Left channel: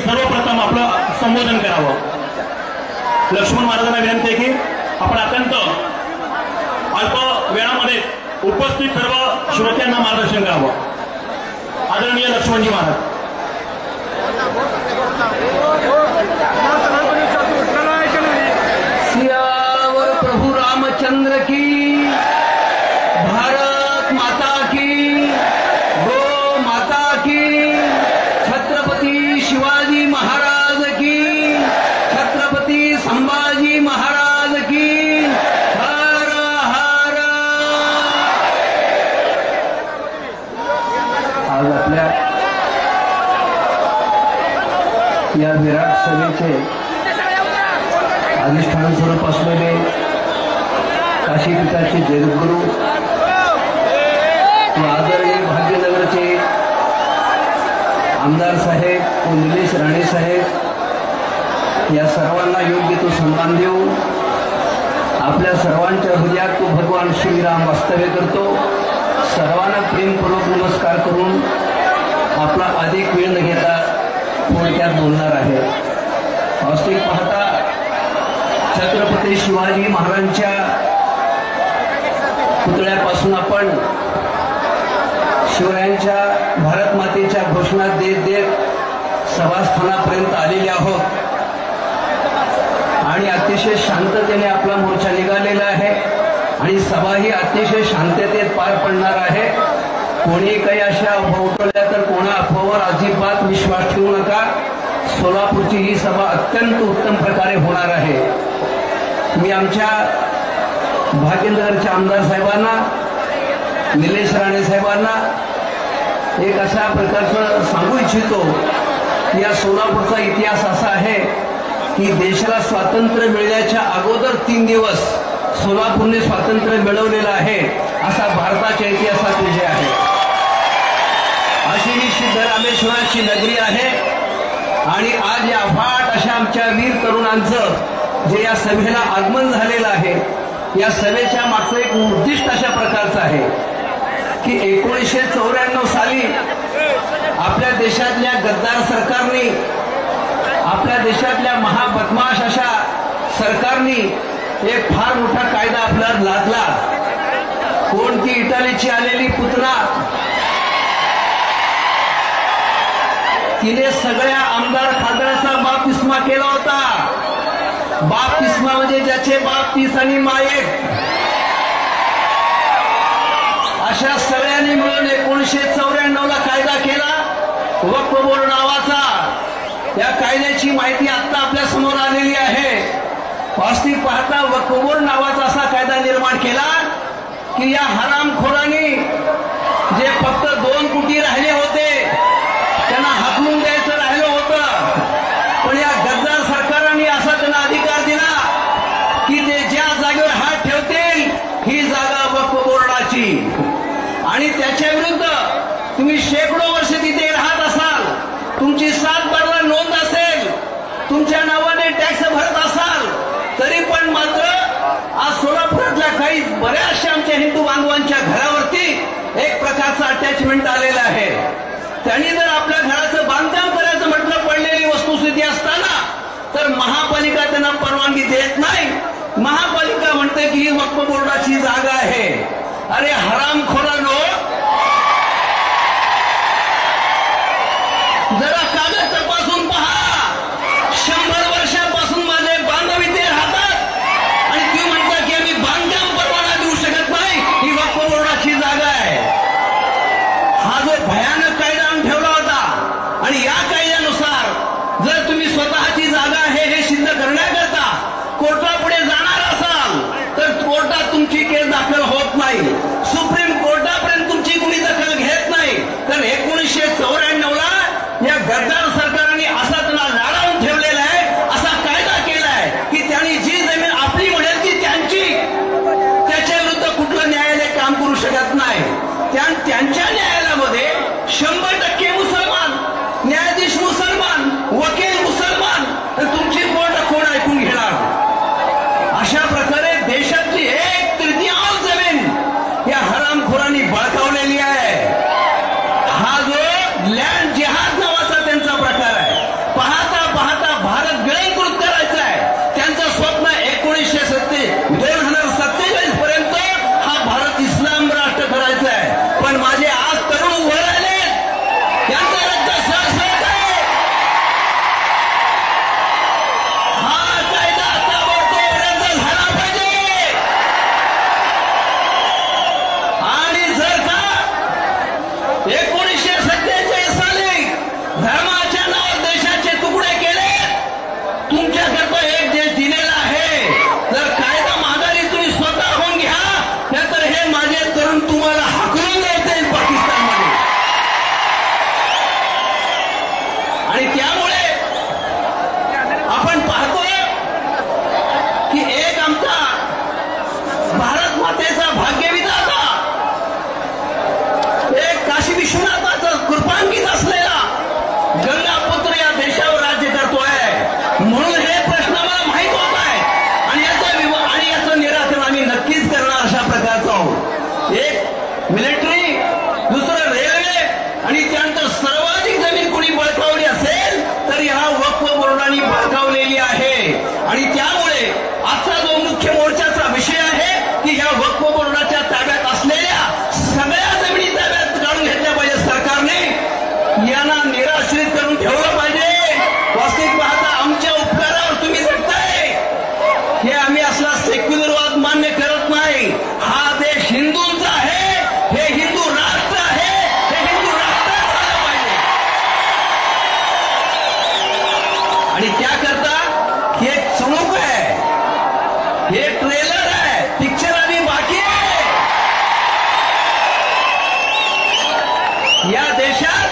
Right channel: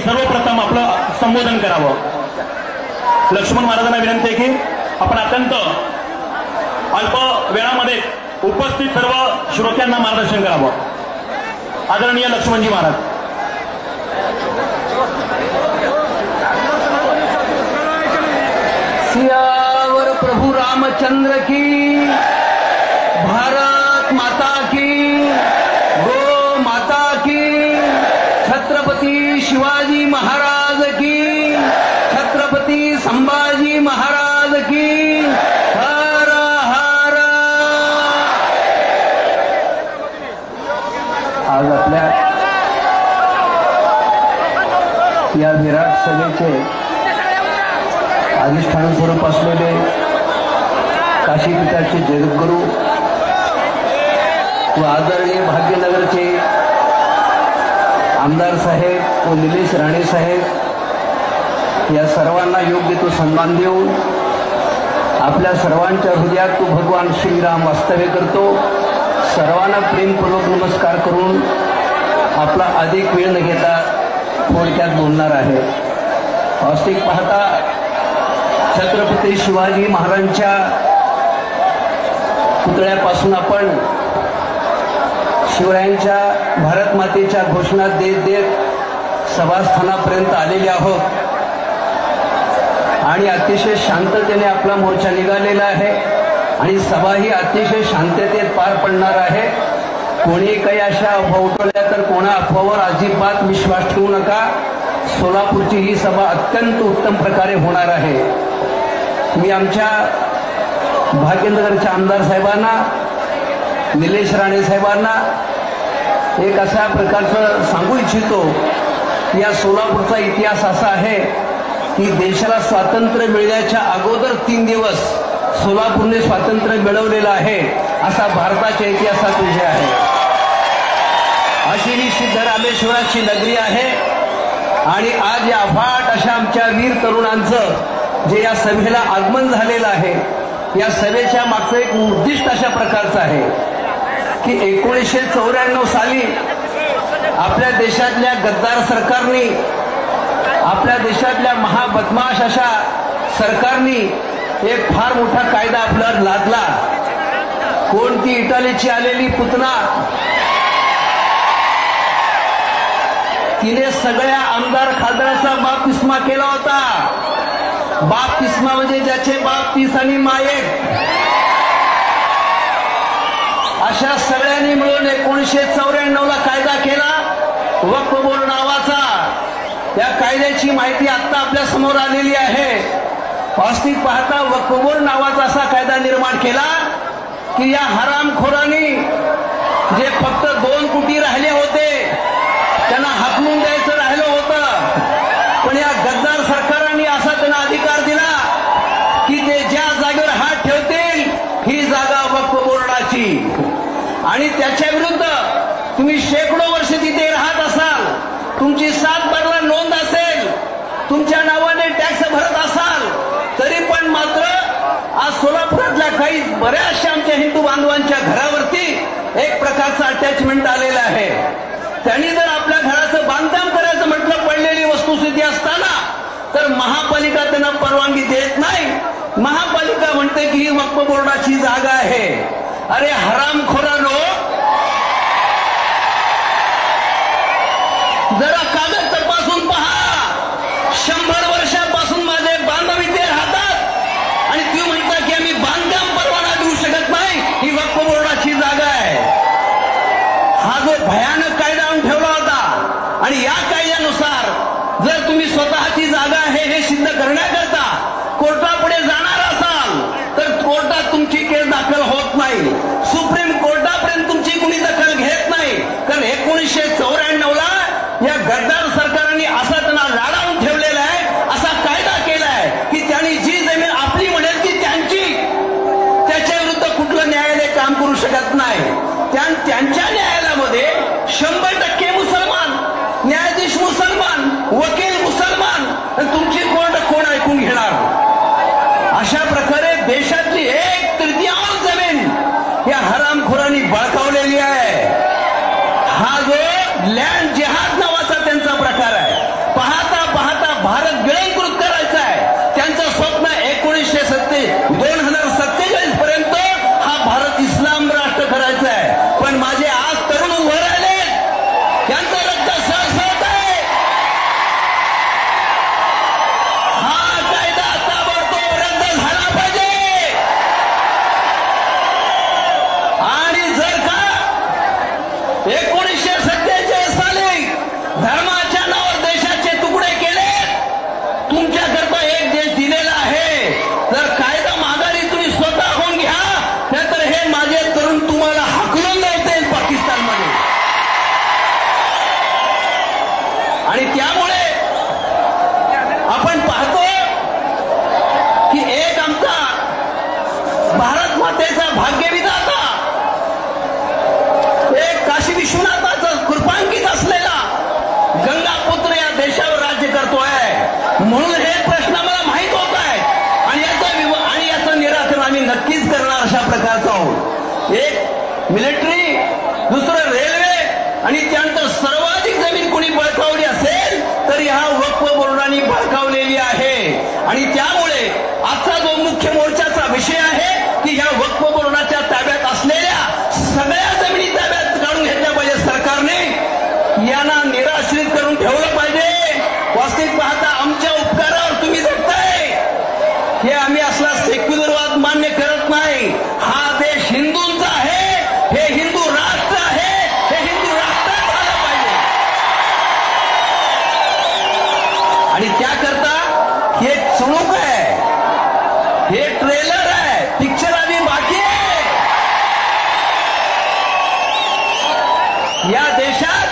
सर्वप्रथम आपलं संबोधन करावं। लक्ष्मण महाराजांना विनंती आहे की आपण अत्यंत अल्प वेळामध्ये उपस्थित सर्व श्रोत्यांना मार्गदर्शन करावं। आदरणीय लक्ष्मणजी महाराज। सियावर प्रभु रामचंद्र की, भारत माता की, गो माता की, छत्रपती शिवाजी महाराज की, छत्रपती संभाजी महाराज की, हर हर। आज आपल्या या विराट सभेचे अधिष्ठान स्वरूप असलेले काशीपीठाचे जगद्गुरू व आदरणीय भाग्यनगरचे आमदार साहेब व निलेश राणे साहेब या सर्वांना योग्य तो सन्मान देऊन आपल्या सर्वांच्या हृदयात तो भगवान श्रीराम वास्तव्य करतो। सर्वांना प्रेमपूर्वक नमस्कार करून आपला अधिक वेळ न घेता थोडक्यात बोलणार आहे। वास्तविक पाहता छत्रपती शिवाजी महाराजांच्या पुतळ्यापासून आपण शिवरायांच्या भारत मातेच्या घोषणा देत देत सभास्थानापर्यंत आलेले आहोत आणि अतिशय शांततेने आपला मोर्चा निघालेला आहे आणि सभा ही अतिशय शांततेत पार पडणार आहे। कोणी काही अशा अफवा उठवल्या तर कोणा अफवावर अजिबात विश्वास ठेवू नका। सोलापूरची ही सभा अत्यंत उत्तम प्रकारे होणार आहे। मी आमच्या भाग्यनगरच्या आमदार साहेबांना, निलेश राणे साहेबांना एक अशा प्रकारचं सांगू इच्छितो की या सोलापूरचा इतिहास असा आहे की देशाला स्वातंत्र्य मिळण्याच्या अगोदर 3 दिवस सोलापूरने स्वातंत्र्य मिळवलेलं आहे असा भारताच्या इतिहासात विजय आहे। अशी ही सिद्धरामेश्वराची नगरी आहे आणि आज या अफाट अशा आमच्या वीर तरुणांचं जे या सभेला आगमन झालेलं आहे, या सभेच्या मागचं एक उद्दिष्ट अशा प्रकारचं आहे की 1994 साली आपल्या देशातल्या गद्दार सरकारने, आपल्या देशातल्या महाबदमाश अशा सरकारने एक फार मोठा कायदा आपल्यावर लादला। कोणती इटालीची आलेली पुतना, तिने सगळ्या आमदार खासदारांचा बाप्तिस्मा केला होता। बाप्तिस्मा म्हणजे ज्याचे बाप 30 आणि मायेक, अशा सगळ्यांनी मिळून 1994 कायदा केला वक्फ बोर्ड नावाचा। या कायद्याची माहिती आता आपल्या समोर आलेली आहे। वास्तविक पाहता वक्फ बोर्ड नावाचा असा कायदा निर्माण केला की या हरामखोरांनी जे फक्त 2 कोटी राहिले होते त्यांना हाकलून द्यायचं राहिलं होतं, पण या गद्दार सरकारांनी असा त्यांना अधिकार दिला की ते ज्या जागेवर हात ठेवतील ही जागा वक्फ बोर्डाची। आणि त्याच्या विरुद्ध तुम्ही शेकडो वर्ष तिथे राहत असाल, तुमची 7 बारला नोंद असेल, तुमच्या नावाने टॅक्स भरत असाल, तरी पण मात्र आज सोलापुरातल्या काही बऱ्याचशा आमच्या हिंदू बांधवांच्या घरावरती एक प्रकारचं अटॅचमेंट आलेलं आहे। त्यांनी जर आपल्या घराचं बांधकाम करायचं म्हटलं पडलेली वस्तुस्थिती असताना तर महापालिका त्यांना परवानगी देत नाही। महापालिका म्हणते की ही वक्फ बोर्डाची जागा आहे। अरे हरामखोरांनो, जरा कागद तपासून पहा। 100 वर्षापासून माझे बांधव इथे राहतात आणि ती म्हणतात की आम्ही बांधकाम परवाना देऊ शकत नाही, ही वक्फ बोर्डाची जागा आहे। हा जो भयानक कायदा आणून ठेवला होता आणि या कायद्यानुसार जर तुम्ही स्वतःची जागा आहे हे सिद्ध करण्याकरता कोर्टापुढे जाणार असाल तर कोर्टात तुमची केस दाखल होत नाही, सुप्रीम कोर्टापर्यंत तुमची कुणी दखल घेत नाही। कारण 1994 या गद्दार सरकारने असा त्यांना लाडावून ठेवलेला आहे, असा कायदा केलाय की त्यांनी जी जमीन आपली म्हणेल ती त्यांची, त्याच्या विरुद्ध कुठलं न्यायालय काम करू शकत नाही। त्यांच्या न्यायालयामध्ये 100% मुसलमान, न्यायाधीश मुसलमान, वकील मुसलमान, तुमची कोर्ट कोण ऐकून घेणार? अशा प्रकारे देशातली 1/3 जमीन या हरामखोर मिलिटरी, दुसरं रेल्वे आणि त्यानंतर सर्वाधिक जमीन कोणी बळकावली असेल तर ह्या वक्फ बोर्डाने बळकावलेली आहे. आणि त्यामुळे आजचा जो मुख्य मोर्चाचा विषय आहे की ह्या वक्फ बोर्डाच्या ताब्यात असलेल्या सगळ्या जमिनी ताब्यात काढून घेतल्या पाहिजे सरकारने. यांना निराश्रित करून ठेवलं पाहिजे. वास्तविक पाहता आमच्या उपकारावर तुम्ही जगताय हे आम्ही असला सेक्युलरवाद मान्य करत नाही. हा देश हिंदूंचा आहे, हे हिंदू राष्ट्र आहे, हे हिंदू राष्ट्रात झालं पाहिजे. आणि त्याकरता हे चुणूक आहे, हे ट्रेलर आहे, पिक्चर आधी बाकी आहे. या देशात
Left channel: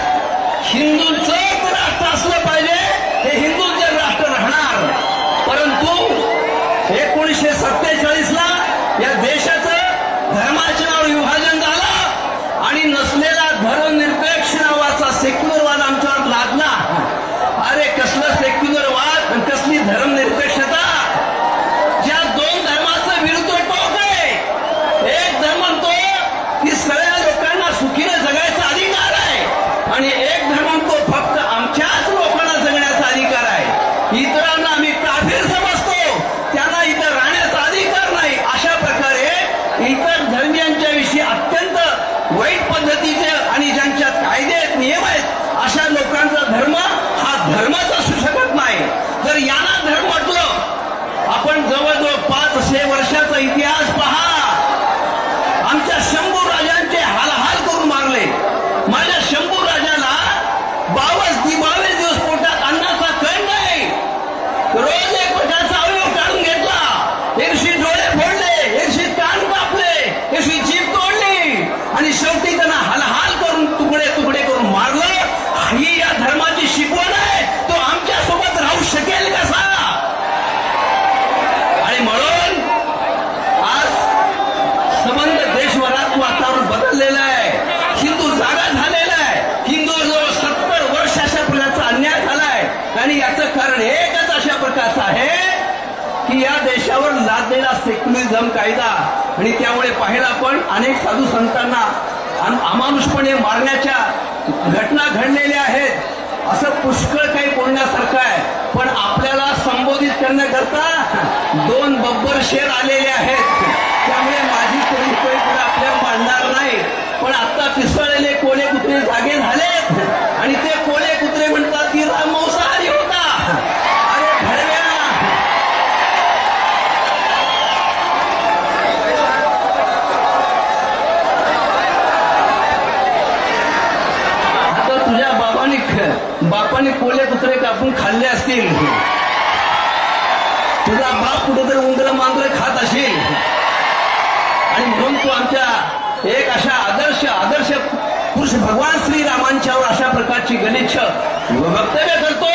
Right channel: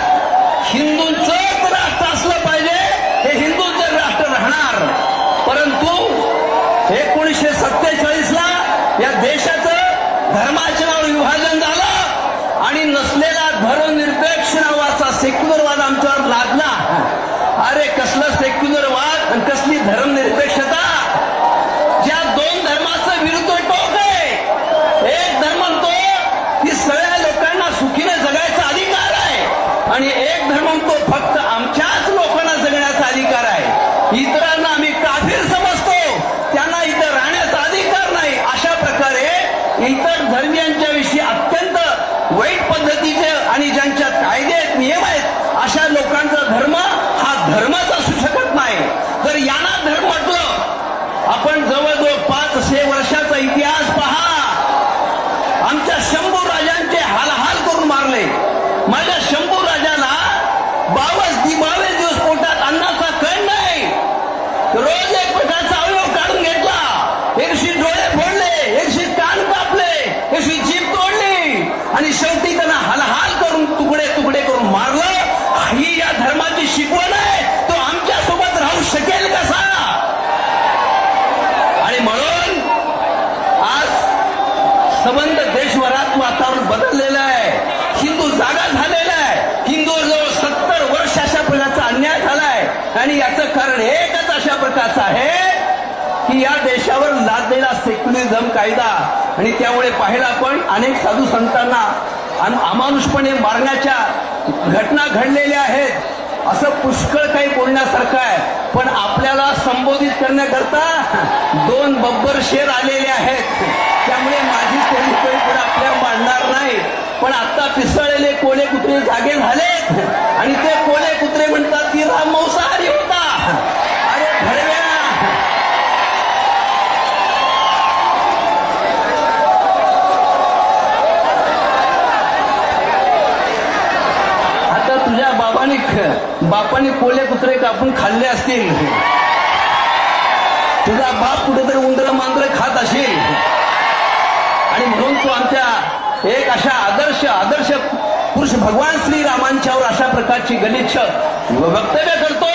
हिंदूंचं राष्ट्र असलं पाहिजे, हे हिंदूंचं राष्ट्र राहणार. परंतु 1947 ला या देशाचं धर्माच्या नावावर विभाजन झालं आणि नसलेला धर्मनिरपेक्ष नावाचा सेक्युलरवाद आमच्यावर लादला. अरे कसलं सेक्युलरवाद आणि कसली धर्मनिरपेक्षता. ज्या दोन धर्माचं विरुद्ध टोक आहे. एक धर्म म्हणतो की सगळ्या लोकांना सुखीने जगायचा अधिकार आहे आणि एक धर्म म्हणतो फक्त आमच्याच लोकांना जगण्याचा अधिकार आहे. इतरांना आम्ही काफीर समजतो, त्यांना इथं राहण्याचा अधिकार नाही. अशा प्रकारे इतर धर्मियांच्या विषयी अत्यंत वाईट पद्धतीचे आणि ज्यांच्यात कायदे आहेत, नियम आहेत, अशा लोकांचा धर्म हा धर्मच असू शकत नाही. जर यांना धर्म म्हटलं, आपण जवळजवळ 500 वर्षाचा इतिहास पहा. आमच्या शंभू राजांचे हालहाल करून मारले. माझ्या शंभू राजाला 22 दिवस पोटात अन्नाचा कण नाही. रोज एक पोटाचा अवयव काढून घेतला. एकशी डोळे फोडले, एकशी कान कापले, एकशी जीभ तोडली आणि शेवटी त्यांना हालहाल करून तुकडे तुकडे करून मारलं. ही या धर्माची शिकवण आहे. तो आमच्या सोबत राहू शकेल कसा. आणि म्हणून आज संबंध देशभरात वातावरण बदललेलं आहे. हिंदू जागा झालेला आहे. हिंदूजवळ 70 वर्ष अशा प्रकारचा अन्याय झालाय आणि याचं कारण एकच अशा प्रकारचं आहे की या देशावर लादलेला सेक्युलरिझम कायदा. आणि त्यामुळे पाहिला आपण अनेक साधू संतांना अमानुषपणे मारण्याच्या घटना घडलेल्या आहेत. असं पुष्कळ काही बोलण्यासारखं आहे. पण आपल्याला संबोधित करण्याकरता 2 बब्बर शेर आलेले आहेत. त्यामुळे माझी कोणी पुढे आपल्या मांडणार नाही. पण आता पिसळलेले कोले कुत्रे जागे झालेत आणि ते कोले कुत्रे म्हणतात की राम मांसाहारी होता. अरे भडव्या, आता तुझ्या बापाने कोले कुत्रे कापून खाल्ले असतील. तुझा बाप कुठेतरी उंदर मांजर खात असेल आणि म्हणून तू आमच्या एक अशा आदर्श पुरुष भगवान श्रीरामांच्यावर अशा प्रकारची गलिच्छ वक्तव्य करतो.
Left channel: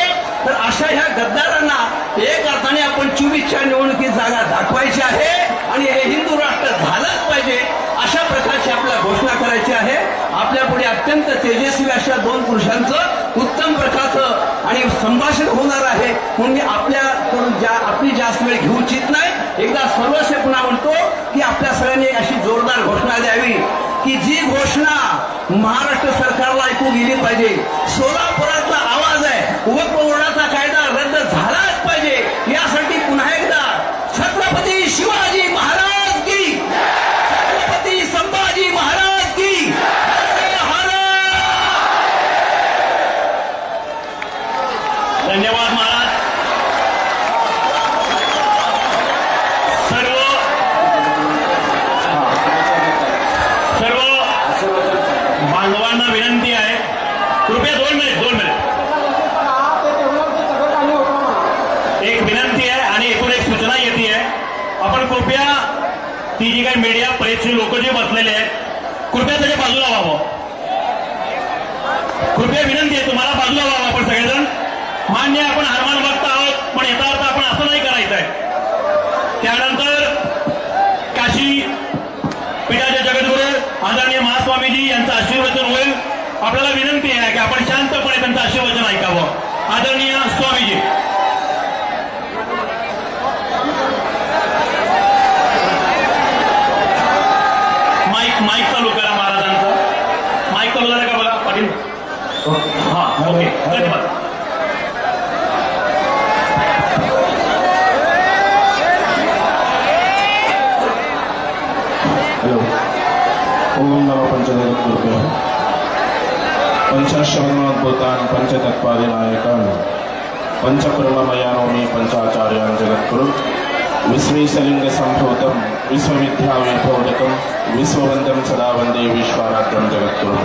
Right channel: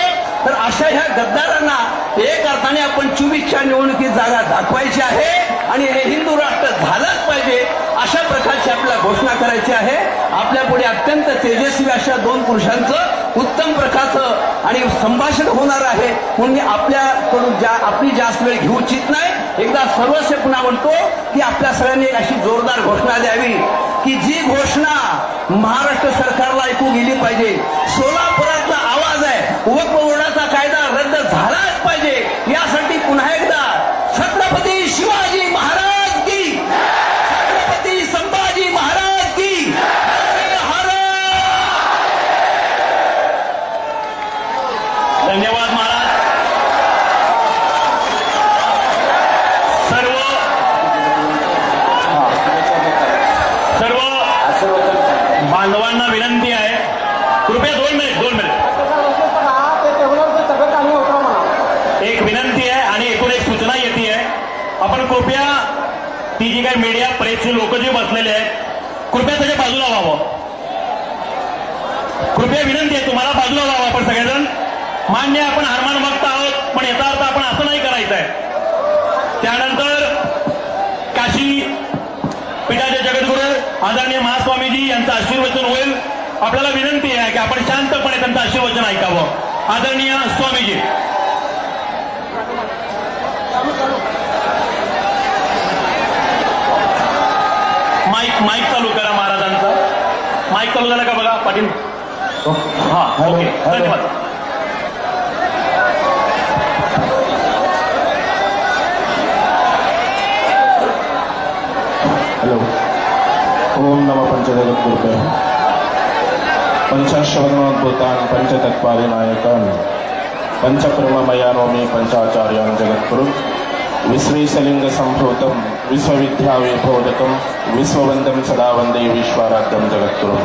तर अशा ह्या गद्दारांना एक अर्थाने आपण 24च्या निवडणुकीत जागा दाखवायची आहे आणि हे हिंदू राष्ट्र झालंच पाहिजे अशा प्रकारची आपल्याला घोषणा करायची आहे. आपल्या पुढे अत्यंत तेजस्वी अशा 2 पुरुषांचं उत्तम प्रकारचं आणि संभाषण होणार आहे. म्हणून मी आपल्याकडून आपली जास्त वेळ घेऊ इच्छित नाही. एकदा सर्वस्व पुन्हा म्हणतो की आपल्या सगळ्यांनी एक अशी जोरदार घोषणा द्यावी की जी घोषणा महाराष्ट्र सरकारला ऐकू गेली पाहिजे. सोलापुरातला आवाज आहे, वक्फ बोर्डाचा कायदा रद्द झालाच पाहिजे. यासाठी पुन्हा एकदा छत्रपती शिवाजी महाराज की, छत्रपती संभाजी महाराज की हर हर. धन्यवाद महाराज. सर्व बांधवांना विनंती आहे, कृपया 2 मिनिट एक विनंती आहे आणि एकूण एक सूचना येते आहे. आपण कृपया ती जी काही मीडिया प्रेसची लोक जे बसलेले आहेत कृपया त्याच्या बाजूला व्हावं. कृपया विनंती आहे तुम्हाला, बाजूला व्हावं आपण सगळेजण. मान्य आपण हनुमान भक्त आहोत पण याचा अर्थ आपण असं नाही करायचं आहे. त्यानंतर काशी पीठाचे जगद्गुरू आदरणीय महास्वामीजी यांचं आशीर्वचन होईल. आपल्याला विनंती आहे की आपण शांतपणे त्यांचं आशीर्वचन ऐकावं. आदरणीय स्वामीजी. माईक चालू करा महाराजांना. माईक चालू झाला का बघा पाटील. हा ओके धन्यवाद. हॅलो. ओम नमः पंचजगद्गुरुभ्यः. पंचाश्रवणोद्भूतान् पंचतत्त्वादिनायकान् पंचकर्ममयानोमि पंचाचार्यान् जगद्गुरुं विश्वेशलिङ्गसम्भूतं विश्वविद्यावैभवोदकं विश्ववन्दं सदा वन्दे विश्वाराध्यं जगद्गुरुं.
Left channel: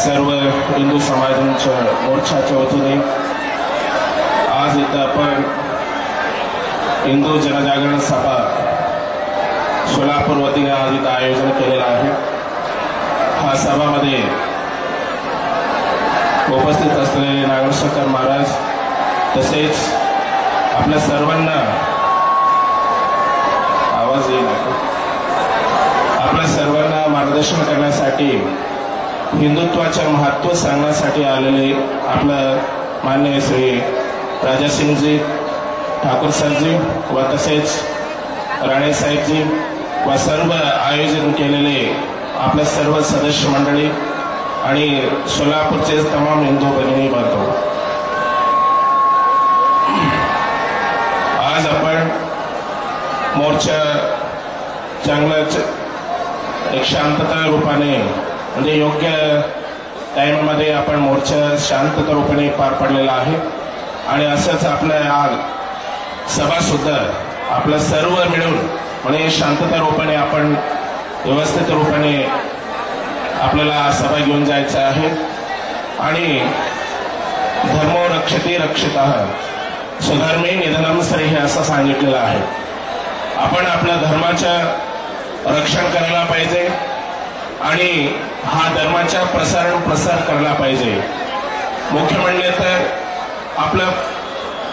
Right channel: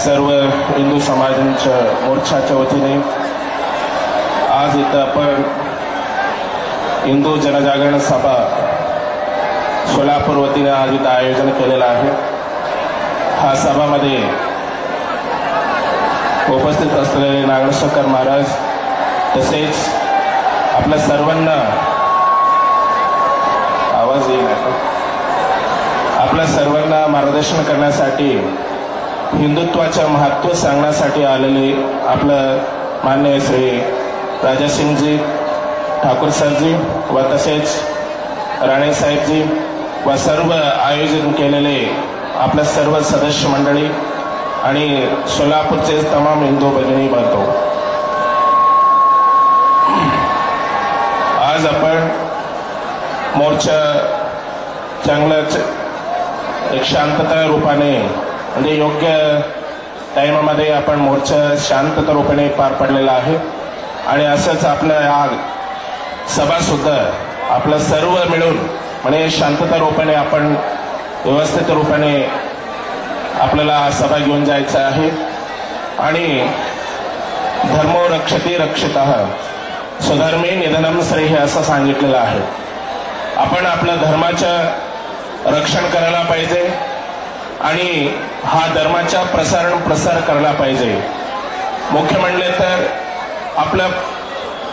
सर्व हिंदू समाजांच्या मोर्चाच्या वतीने आज इथं आपण हिंदू जनजागरण सभा सोलापूर वतीने आज इथं आयोजन केलेलं आहे. हा सभामध्ये उपस्थित असलेले नागेश्वर महाराज तसेच आपल्या सर्वांना आवाज येईल आपल्या सर्वांना मार्गदर्शन करण्यासाठी हिंदुत्वाचे महत्त्व सांगण्यासाठी आलेले आपलं माननीय श्री राजासिंगजी ठाकूर सरजी व तसेच राणे साहेबजी व सर्व आयोजन केलेले आपल्या सर्व सदस्य मंडळी आणि सोलापूरचे तमाम हिंदू भगिनी बांधव. आज आपण मोर्चा चांगलं एक शांतता रूपाने म्हणजे योग्य टाइममध्ये आपण मोर्चा शांतता रूपाने पार पडलेला आहे. आणि असंच आपलं आज सभा सुद्धा आपलं सर्व मिळून म्हणजे शांतता रूपाने आपण व्यवस्थित रूपाने आपल्याला सभा घेऊन जायचं आहे. आणि धर्मो रक्षते रक्षितः स्वधर्मे निधनम श्रेय असं सांगितलेलं आहे. आपण आपल्या धर्माचं रक्षण करायला पाहिजे आणि हा धर्माचा प्रसार करायला पाहिजे. मुख्य म्हणले तर आपल्या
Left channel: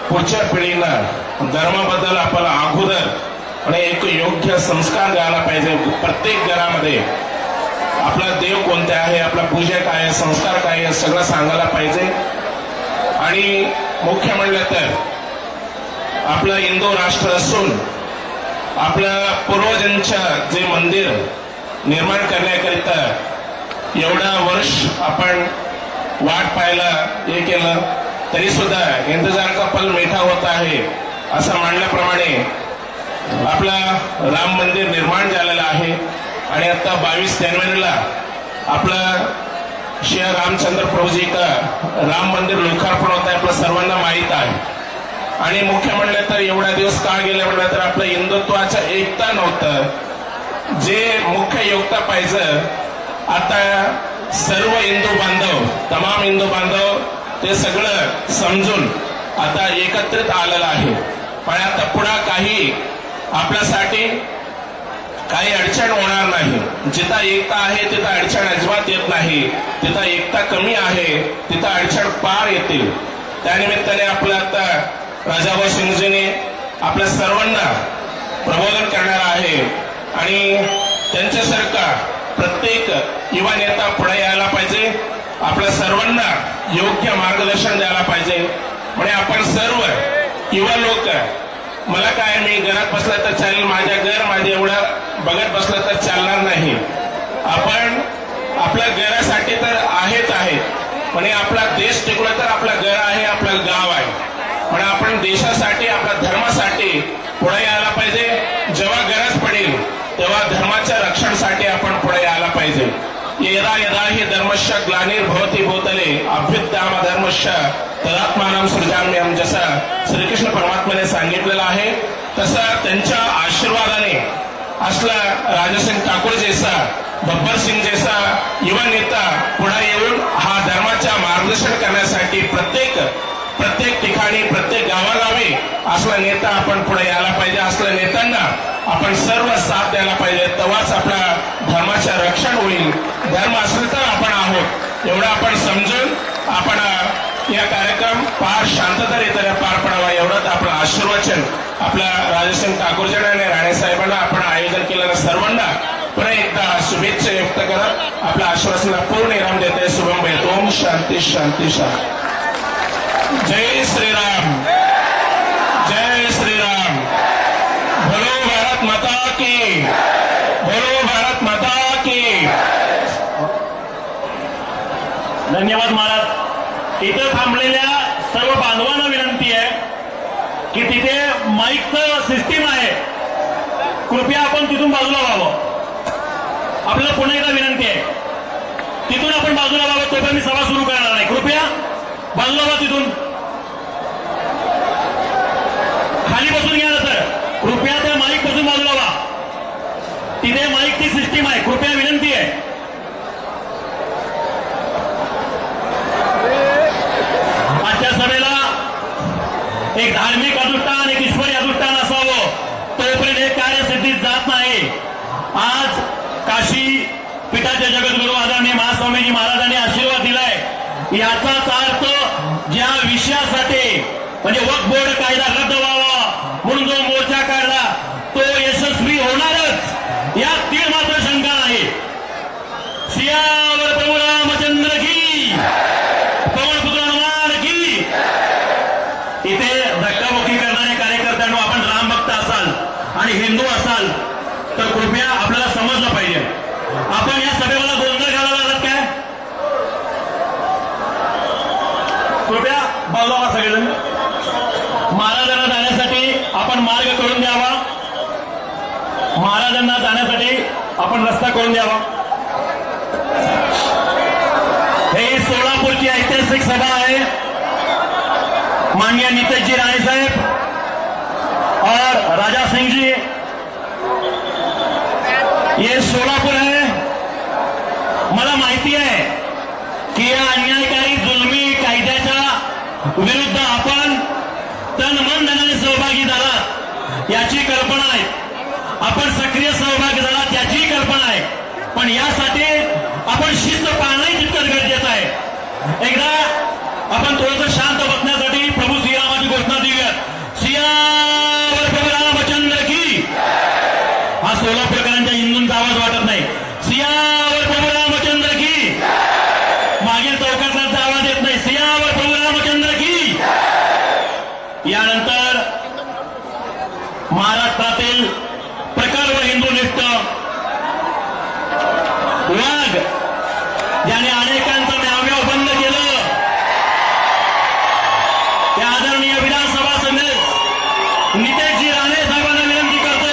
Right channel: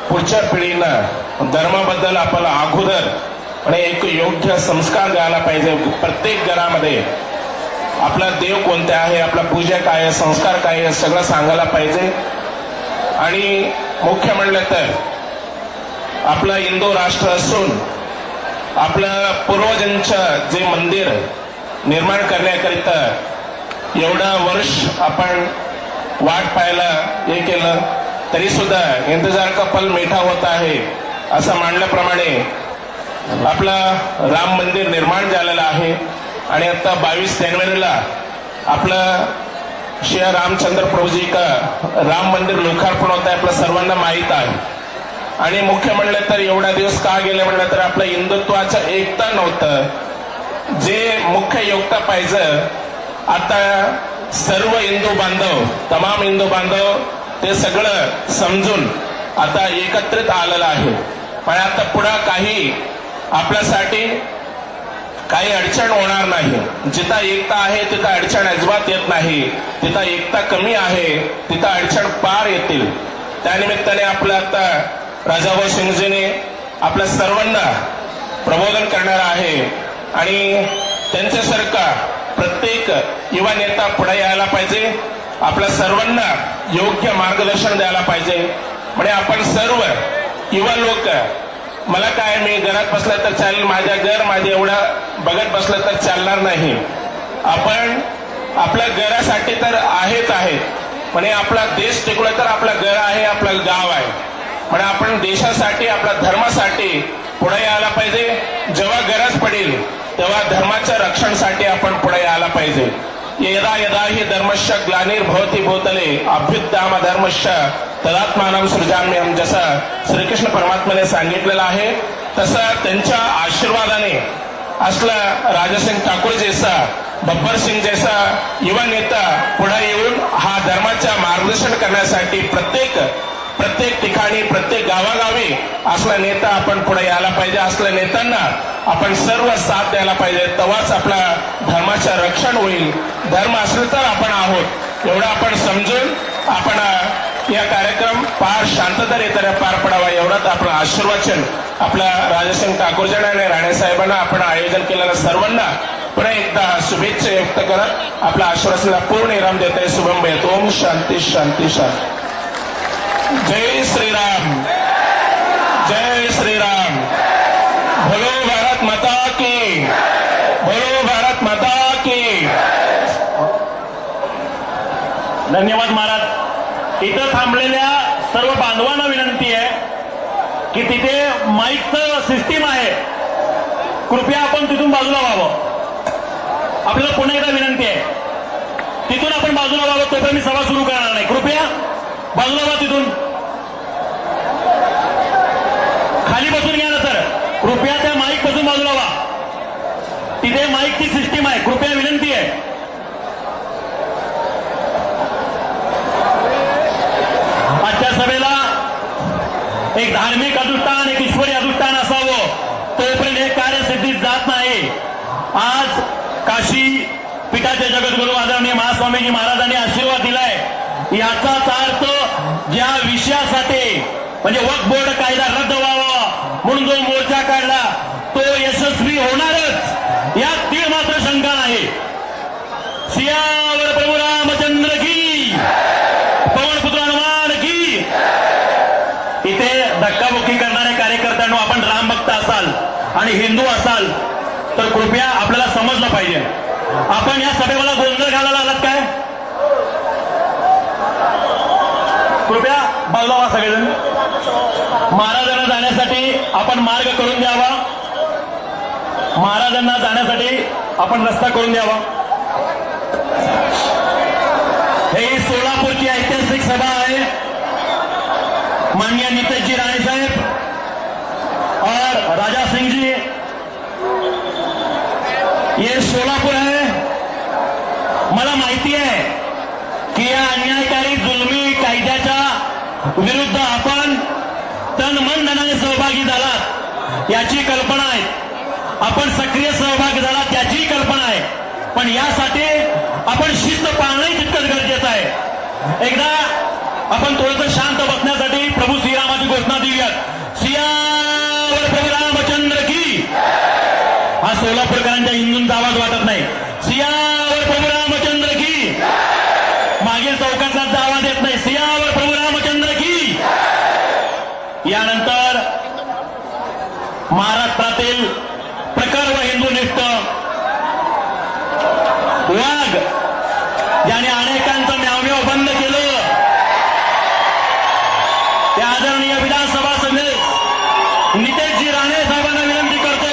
पुढच्या पिढीनं धर्माबद्दल आपल्याला अगोदर आणि एक योग्य संस्कार द्यायला पाहिजे. प्रत्येक घरामध्ये आपला देव कोणते आहे, आपला पूजा काय आहे, संस्कार काय आहे सगळं सांगायला पाहिजे. आणि मुख्य म्हणलं तर आपलं हिंदू राष्ट्र असून आपल्या पूर्वजांचं जे मंदिर निर्माण करण्याकरिता एवढा वर्ष आपण वाट पाहायला हे केलं तरी सुद्धा इंतजार का पल मीठा होत आहे असं मानल्याप्रमाणे आपला राम मंदिर निर्माण झालेलं आहे. आणि आता 22 जानेवारीला आपलं श्री रामचंद्र प्रभूजी का राम मंदिर लोकार्पण होत आहे आपल्या सर्वांना माहीत आहे. आणि मुख्य म्हणलं तर एवढा दिवस का गेले म्हणलं तर आपलं हिंदुत्वाचं एकता नव्हतं. जे मुख्य योगता पाहिजे आता सर्व हिंदू बांधव तमाम हिंदू बांधव ते सगळं समजून आता एकत्रित आलेलं आहे. पण आता पुढे काही आपल्यासाठी काही अडचण होणार नाही. जिथं एकता आहे तिथं अडचण अजिबात येत नाही. तिथं एकता कमी आहे तिथं अडचण पार येतील. त्यानिमित्ताने आपलं आता राजाभाऊ सिंगजीने आपल्या सर्वांना प्रबोधन करणार आहे. आणि त्यांच्यासारखा प्रत्येक युवा नेता पुढे यायला पाहिजे. आपल्या सर्वांना योग्य मार्गदर्शन द्यायला पाहिजे. म्हणजे आपण सर्व युवा लोक मला काय मी घरात बसलं तर चालेल, माझ्या घर माझे एवढं बघत बसलं तर चालणार नाही. आपण आपल्या घरासाठी तर आहेच आहे म्हणजे आपला देश टिकवला तर आपलं घर आहे आपलं गाव आहे. म्हणजे आपण देशासाठी आपल्या धर्मासाठी पुढे यायला पाहिजे. जेव्हा गरज पडेल तेव्हा धर्माच्या रक्षणासाठी आपण पुढे यायला पाहिजे. यदा यदा हि धर्मश्च ग्लानिर्भवति भूतले अभ्युत्थान धर्मश्च तदात्मानं सृजाम्यहं जसं श्रीकृष्ण परमात्म्याने सांगितलेलं आहे तसं त्यांच्या आशीर्वादाने असला राजासिंग ठाकूर जैसा बब्बर सिंग जैसा युवा नेता पुढे येऊन हा धर्माचा मार्गदर्शन करण्यासाठी प्रत्येक ठिकाणी प्रत्येक गावागावी असला नेता आपण पुढे यायला पाहिजे. असल्या नेत्यांना आपण सर्व साथ द्यायला पाहिजे. तेव्हाच आपल्या धर्माचं रक्षण होईल. धर्म असले तर आपण आहोत एवढं आपण समजून आपण या कार्यक्रम फार शांततेने पार पडावा एवढंच आपलं आशीर्वचन आपल्या राजासिंग ठाकूरजी आणि राणे साहेबांना आपण आयोजन केलेल्या सर्वांना पुन्हा एकदा शुभेच्छा व्यक्त करत आपल्या आश्वासनाला पूर्ण विराम देत आहे. शुभम भयत. ओम शांती शांती शांती. जय श्रीराम जय श्रीराम. बोलो भारत माता की बोलो भारत माता की. धन्यवाद महाराज. इथं थांबलेल्या सर्व बांधवांना विनंती आहे की तिथे माईकचं सिस्टीम आहे, कृपया आपण तिथून बाजूला व्हावं. आपल्याला पुन्हा एकदा विनंती आहे, तिथून आपण बाजूला व्हावं. तोपर्यंत मी सभा सुरू करणार नाही. कृपया बाजूला व्हा, तिथून खाली बसून घ्या ना सर. कृपया त्या माईक पासून बाजूला व्हा. तिथे माईकची सिस्टीम आहे, कृपया विनंती आहे. आजच्या सभेला एक धार्मिक अनुष्ठान, एक ईश्वरी अनुष्ठान असावं, तोपर्यंत हे कार्यसिद्धीत जात नाही. आज काशी पीठाचे जगद्गुरू आदरणीय महास्वामीजी महाराजांनी आशीर्वाद दिलाय. याचाच अर्थ ज्या विषयासाठी म्हणजे वक्फ बोर्ड कायदा रद्द व्हावा म्हणून जो मोर्चा काढला तो यशस्वी होणारच, यात तीळ मात्र शंका नाही. सियावर प्रभू रामचंद्र की, पवनपुत्र हनुमान की. इथे धक्काबुक्की करणाऱ्या कार्यकर्त्यांना आपण रामभक्त असाल आणि हिंदू असाल तर कृपया आपल्याला समजलं पाहिजे. आपण या सभेला गोंधळ घालायला आलात काय? कृपया बाजूला व्हा सगळेजण. महाराजांना जाण्यासाठी आपण मार्ग करून द्यावा. महाराजांना जाण्यासाठी आपण रस्ता करून द्यावा. हे सोलापूरची ऐतिहासिक सभा आहे. माननीय नितेशजी राणे साहेब और राजा सिंह जी, ये सोलापूर है. मला माहिती आहे की या अन्यायकारी जुलमी कायद्याच्या विरुद्ध आपण तन मन धनाने सहभागी झालात याची कल्पना आहे. आपण सक्रिय सहभागी झालात याची कल्पना आहे. पण यासाठी आपण शिस्त पाळणंही तितकंच गरजेचं आहे. एकदा आपण थोडंसं शांत बसण्यासाठी प्रभू श्रीरामाची घोषणा देऊयात. सियावर प्रभू रामचंद्र की. हा सोलापूरकरांच्या हिंदूंचा आवाज वाटत नाही. सियावर प्रभू रामचंद्र की. मागील चौकातला आवाज येत नाही. सियावर प्रभू रामचंद्र की. यानंतर महाराष्ट्रातील प्रखर व हिंदूनिष्ठ वाघ ज्याने अनेकांचं म्यावम्याव बंद केलं, त्या आदरणीय विधानसभा सदस्य नितेशजी राणे साहेबांना विनंती करतो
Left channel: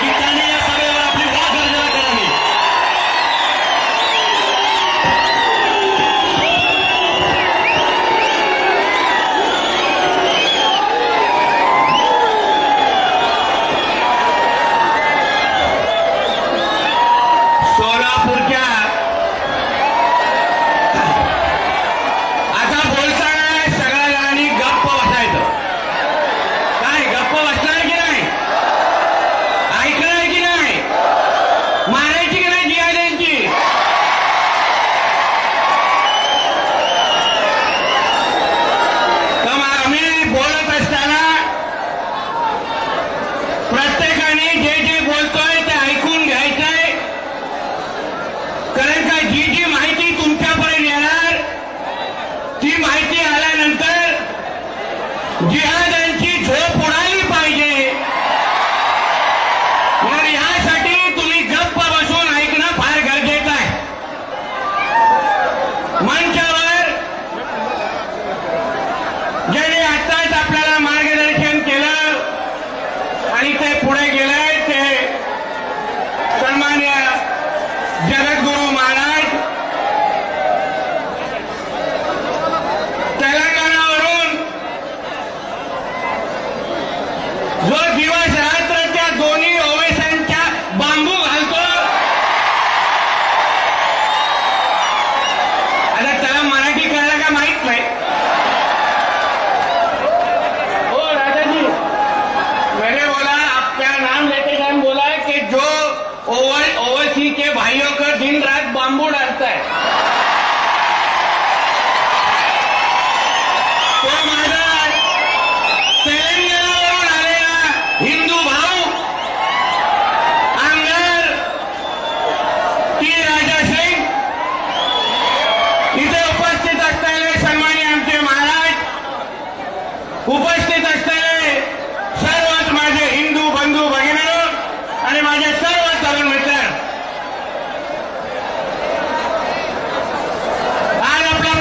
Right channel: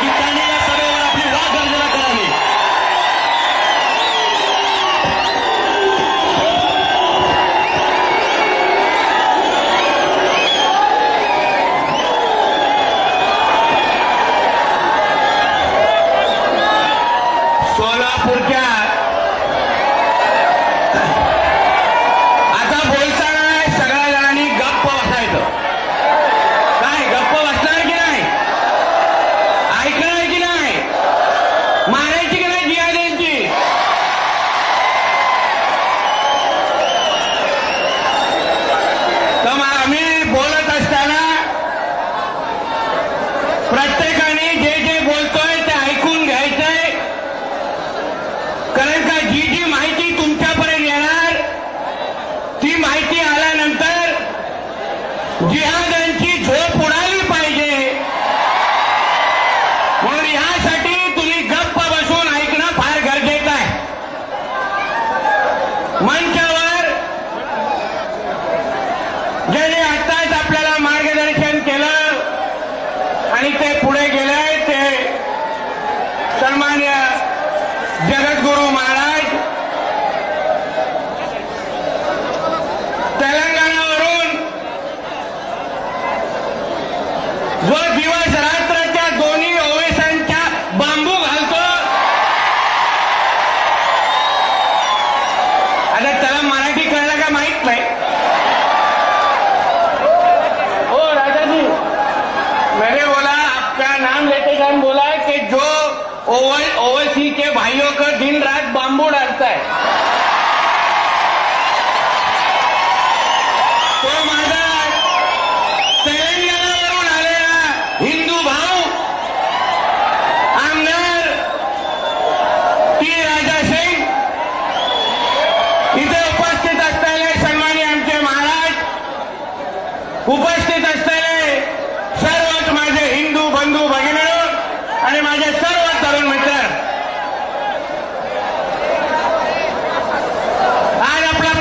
की त्यांनी या सभेवर आपली वाघ गर्जना करावी. सोलापूरच्या आता बोलताना सगळ्या जणांनी गप्प बसायचं. काय गप्प बसणार की नाही? ऐकणार की नाही? मारायची की नाही जिया द्यायची? तर मग आम्ही बोलत असताना प्रत्येकाने जे जे बोलतोय ते ऐकून घ्यायचंय. कारण का जी जी माहिती तुमच्यापर्यंत येणार ती माहिती आल्यानंतर जिहादांची झोप उडाली पाहिजे. म्हणून यासाठी तुम्ही गप्प बसून ऐकणं फार गरजेचं आहे. मंचावर ज्याने आत्ताच आपल्याला मार्गदर्शन केलं आणि ते पुढे गेले ते सन्मान्य जगद्गुरू महाराज तेलंगणावरून जो दिवस रात्र त्या दोन्ही ओवेसांच्या बांबू घालतो. आता त्याला मराठी कळलं का माहित नाही. हो राजाजी, मेरे बोला आपका नाम लेते टाइम बोला है कि जो ओवैसी के भाइयों को दिन रात बांबू डालता है तो माझा तेलंगणावरून आलेला हिंदू भाऊ आमदार टी राजा सिंग इथे उपस्थित असलेले सन्माननीय आमचे महाराज, उपस्थित असलेले सर्वच माझे हिंदू बंधू भगिनी आणि माझे सर्व तरुण मित्र, आज आपल्या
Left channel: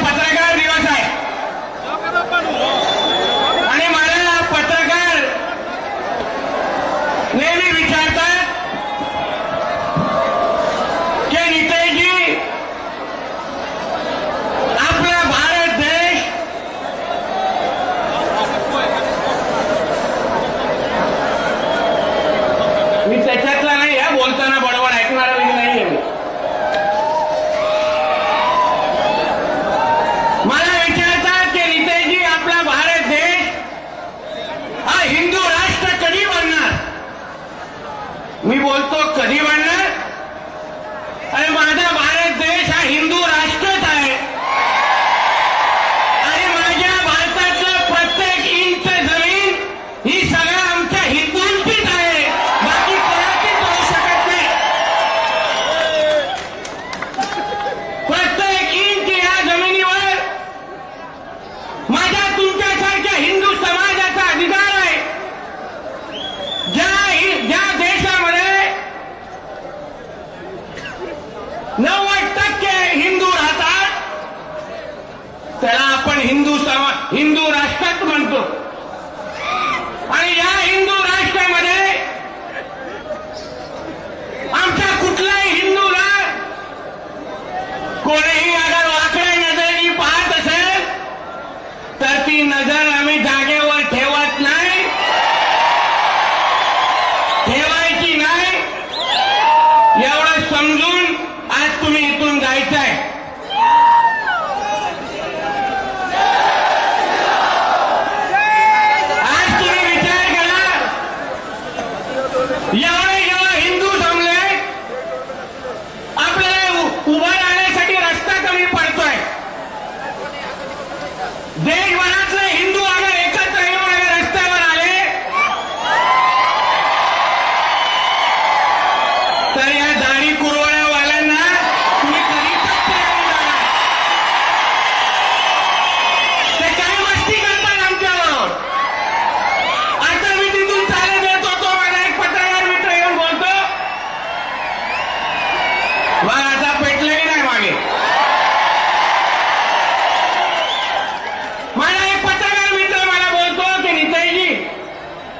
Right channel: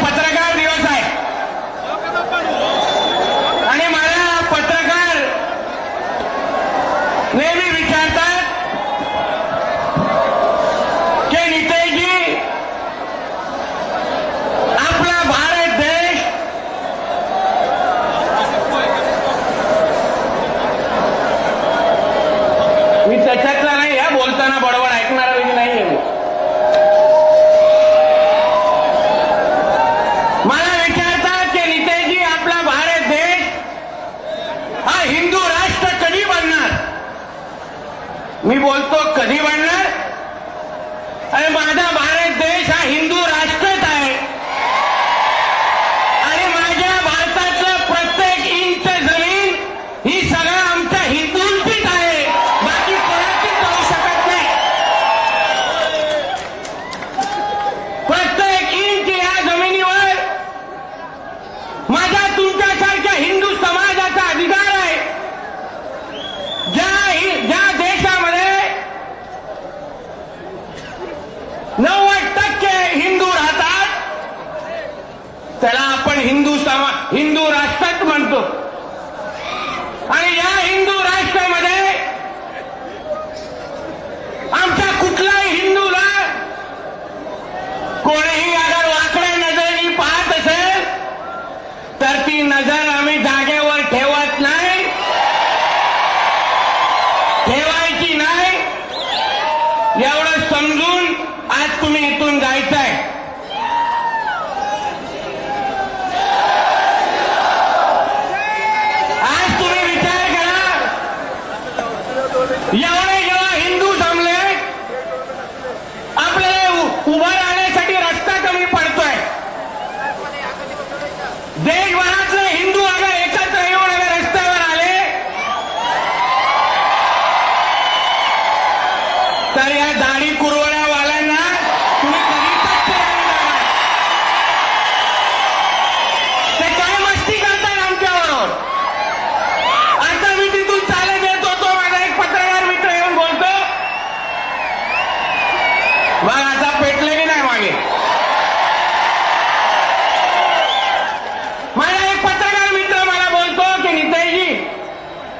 बोलतो कधी बनणार? अरे माझा भारत देश हा हिंदू राष्ट्रच आहे आणि माझ्या भारताचं प्रत्येक इंच जमीन ही सगळं आमच्या हिंदूंचीच आहे, बाकी कोणाचीच पाहू शकत नाही. प्रत्येक इंच या जमिनीवर माझ्या तुमच्यासारख्या हिंदू समाजाचा अधिकार आहे. ज्या देशामध्ये 90% हिंदू राहतात त्याला आपण हिंदू राष्ट्र म्हणतो. आणि या हिंदू राष्ट्रामध्ये आमच्या कुठल्याही हिंदूला कोणीही अगर वाकड्या नजरेने पाहत असेल तर ती नजर आम्ही जागेवर ठेवत नाही, ठेवायची नाही. एवढं समजून आज तुम्ही इथून जायचंय. आज तुम्ही विचार करा, एवढे जेव्हा हिंदू जमले आपल्याला उभं राहण्यासाठी रस्ता कमी पडतोय. देशभरातले हिंदू अगर एकत्र येऊन अगर रस्त्यावर आले तर या दाढी कुरवड्यावाल्यांना तुम्ही कधी ते काय मस्ती करतात आमच्याबरोबर. आता मी तिथून चालत येत होतो, माझा एक पत्रकार मित्र येऊन बोलतो, मग आता पेटले की नाही मागे. माझा एक पत्रकार मित्र मला बोलतो की नितेशजी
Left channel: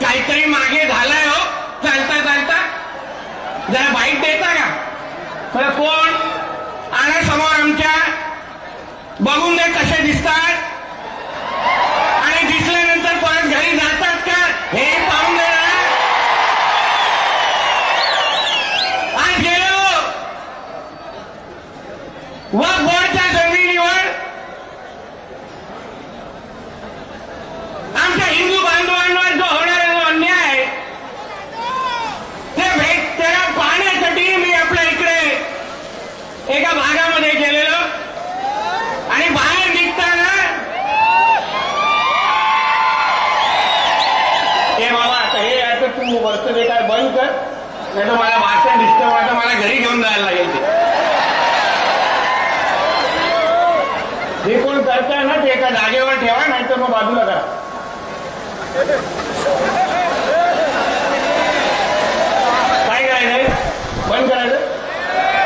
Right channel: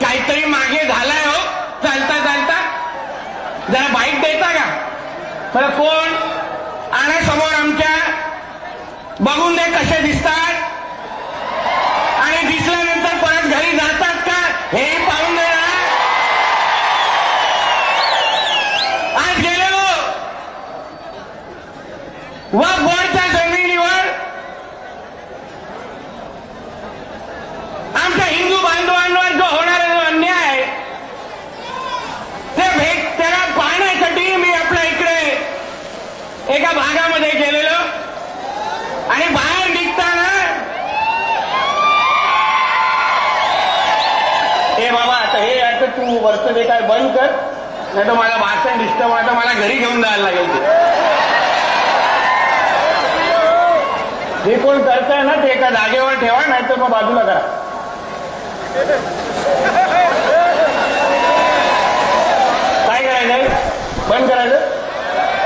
काहीतरी मागे झालाय हो, चालता चालता जरा बाईक देता का? मला कोण आणा समोर आमच्या, बघून दे कसे दिसतात आणि दिसल्यानंतर परत घरी जातात का हे पाहून दे ना. आज गेलो व बोर्डच्या जमिनीवर आमच्या हिंदू बांधवांवर जो होणारा जो अन्याय आहे त्याला पाहण्यासाठी मी आपल्या इकडे एका भागामध्ये गेलेलो आणि बाहेर निघताना हे बाबा आता हे आता तू वरचं ते काय बंद कर, नाही तर मला भाषण डिस्टर्ब होतं, मला घरी घेऊन जायला लागेल. जे कोण करताय ना ते एका जागेवर ठेवा, नाही तर मग बाजूला करा. काय करायचंय? बंद करायचं?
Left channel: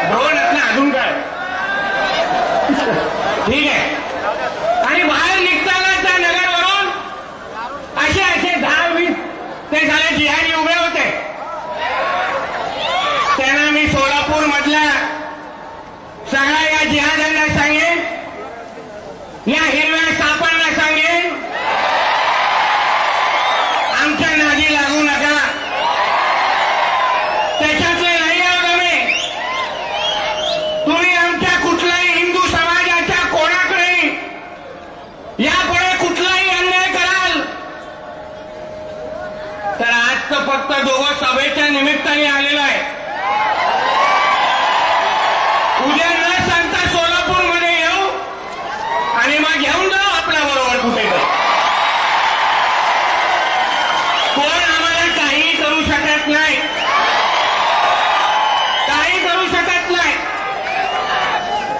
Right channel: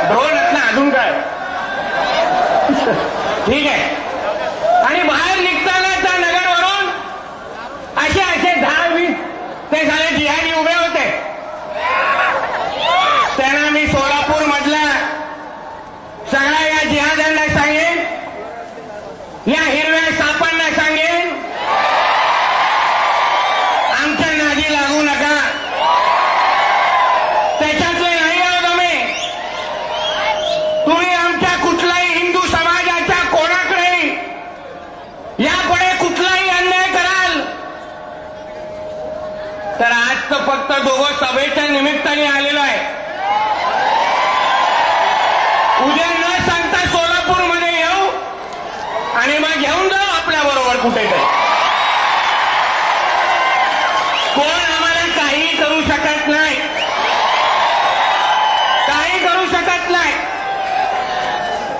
ड्रोन आहेत ना, अजून काय? ठीक आहे. आणि बाहेर निघताना त्या नगरवरून असे 10-20 ते झाले जिहादी उभे होते. त्यांना मी सोलापूर मधल्या सगळ्या या जिहाद्यांना सांगेन, या हिरव्या सापांना सांगेन, आमच्या नादी लागू नका. त्याच्यातले नाही आहोत आम्ही. तुम्ही आमच्या कुठल्याही हिंदू समाजाच्या कोणाकडे यापुढे कुठलाही अन्याय कराल तर आज तर फक्त दोघं सभेच्या निमित्ताने आलेलो आहे. उद्या न सांगता सोलापूरमध्ये येऊ आणि मग घेऊन जाऊ आपल्या बरोबर कुठेतरी. कोण आम्हाला काही करू शकत नाही, काही करू शकत नाही.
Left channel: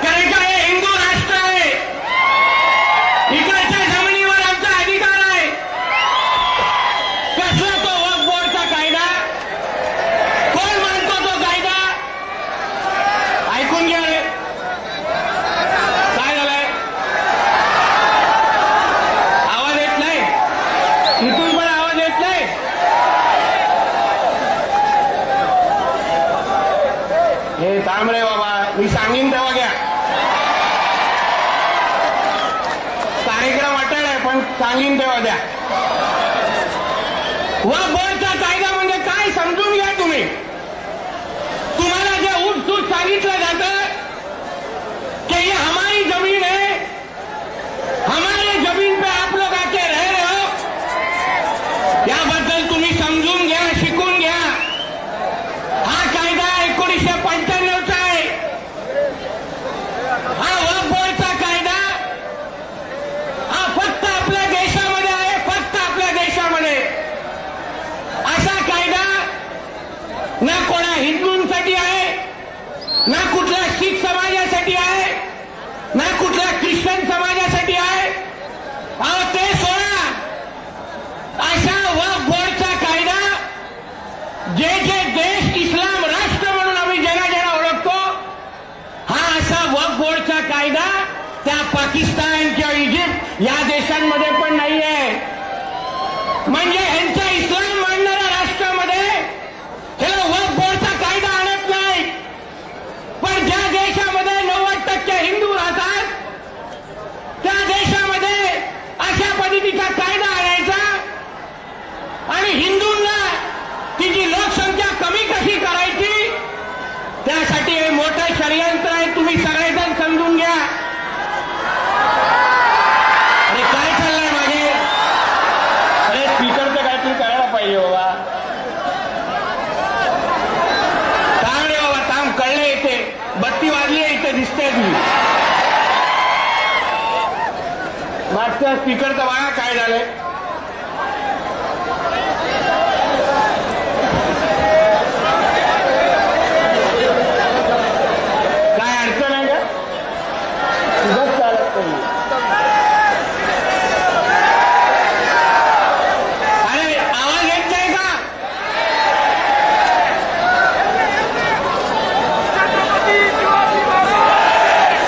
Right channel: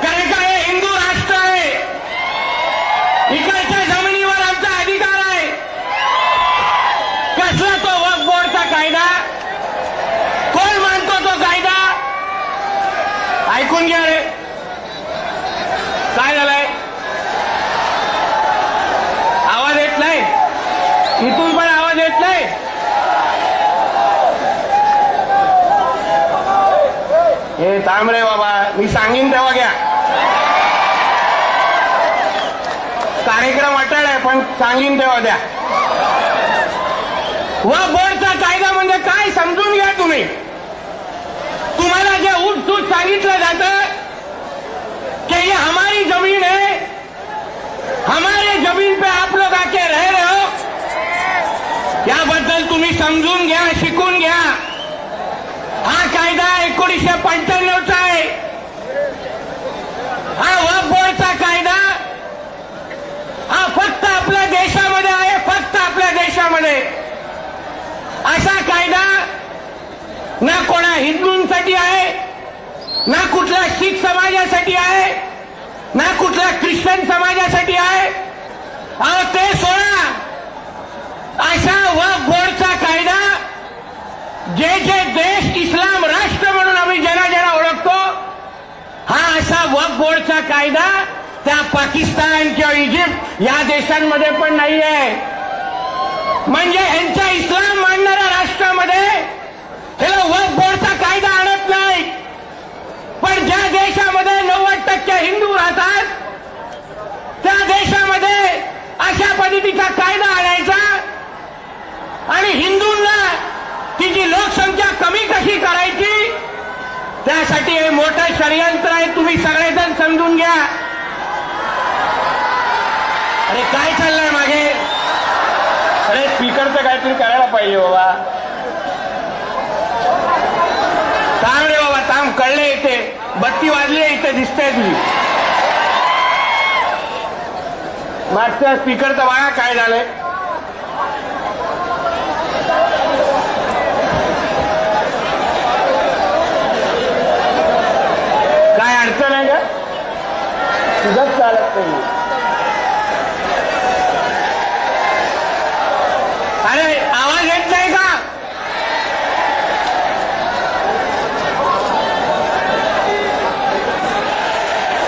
कारण का हे हिंदू राष्ट्र आहे, इकडच्या जमिनीवर आमचा अधिकार आहे. कसला तो वक्फ बोर्डचा कायदा? कोण मानतो तो कायदा? ऐकून घ्या रे, काय झालंय? आवाज येत नाही, इथून पण आवाज येत नाही. हे थांब रे बाबा, मी सांगीन तेव्हा घ्या. कार्यक्रम अटळ आहे पण सांगीन तेव्हा द्या. वक्फ बोर्डचा कायदा म्हणजे काय समजून घ्या तुम्ही. तुम्हाला जे उठसूट सांगितलं जातं कि ये हमारी जमीन है, हमारे जमीन पे आप लोग आके रह रहे हो, याबद्दल तुम्ही समजून घ्या, शिकून घ्या. 1995चा आहे हा वक्फ बोर्डचा कायदा. हा फक्त आपल्या देशामध्ये आहे, फक्त आपल्या देशामध्ये. असा कायदा ना कोणा हिंदूंसाठी आहे, ना कुठल्या शीख समाजासाठी आहे, ना कुठल्या ख्रिश्चन समाजासाठी आहे. अहो ते सोडा, अशा वक्फ बोर्डचा कायदा जे जे देश इस्लाम राष्ट्र म्हणून आम्ही ज्यांना ओळखतो, हा असा वक्फ बोर्डचा कायदा त्या पाकिस्तान किंवा इजिप्त या देशांमध्ये पण नाही आहे. म्हणजे ह्यांच्या इस्लाम मानणाऱ्या राष्ट्रामध्ये ह्याला वक्फ बोर्डचा कायदा आणत नाही. पण ज्या देशामध्ये 90% हिंदू राहतात त्या देशामध्ये अशा पद्धतीचा कायदा आणायचा आणि हिंदूंना तिची लोकसंख्या कमी कशी करायची, त्यासाठी हे मोठं षडयंत्र आहे. तुम्ही सगळेजण समजून घ्या. अरे काय चाललंय मागे? अरे स्पीकरचं काहीतरी करायला पाहिजे बाबा. थांब रे बाबा, थांब. कळले, इथे बत्ती वाजली आहे, इथे दिसते तुझी. मागच्या स्पीकरचं बघा काय झालंय. काय अडचण आहे का? तुझंच चालत नाही. अरे आवाज येत नाही का?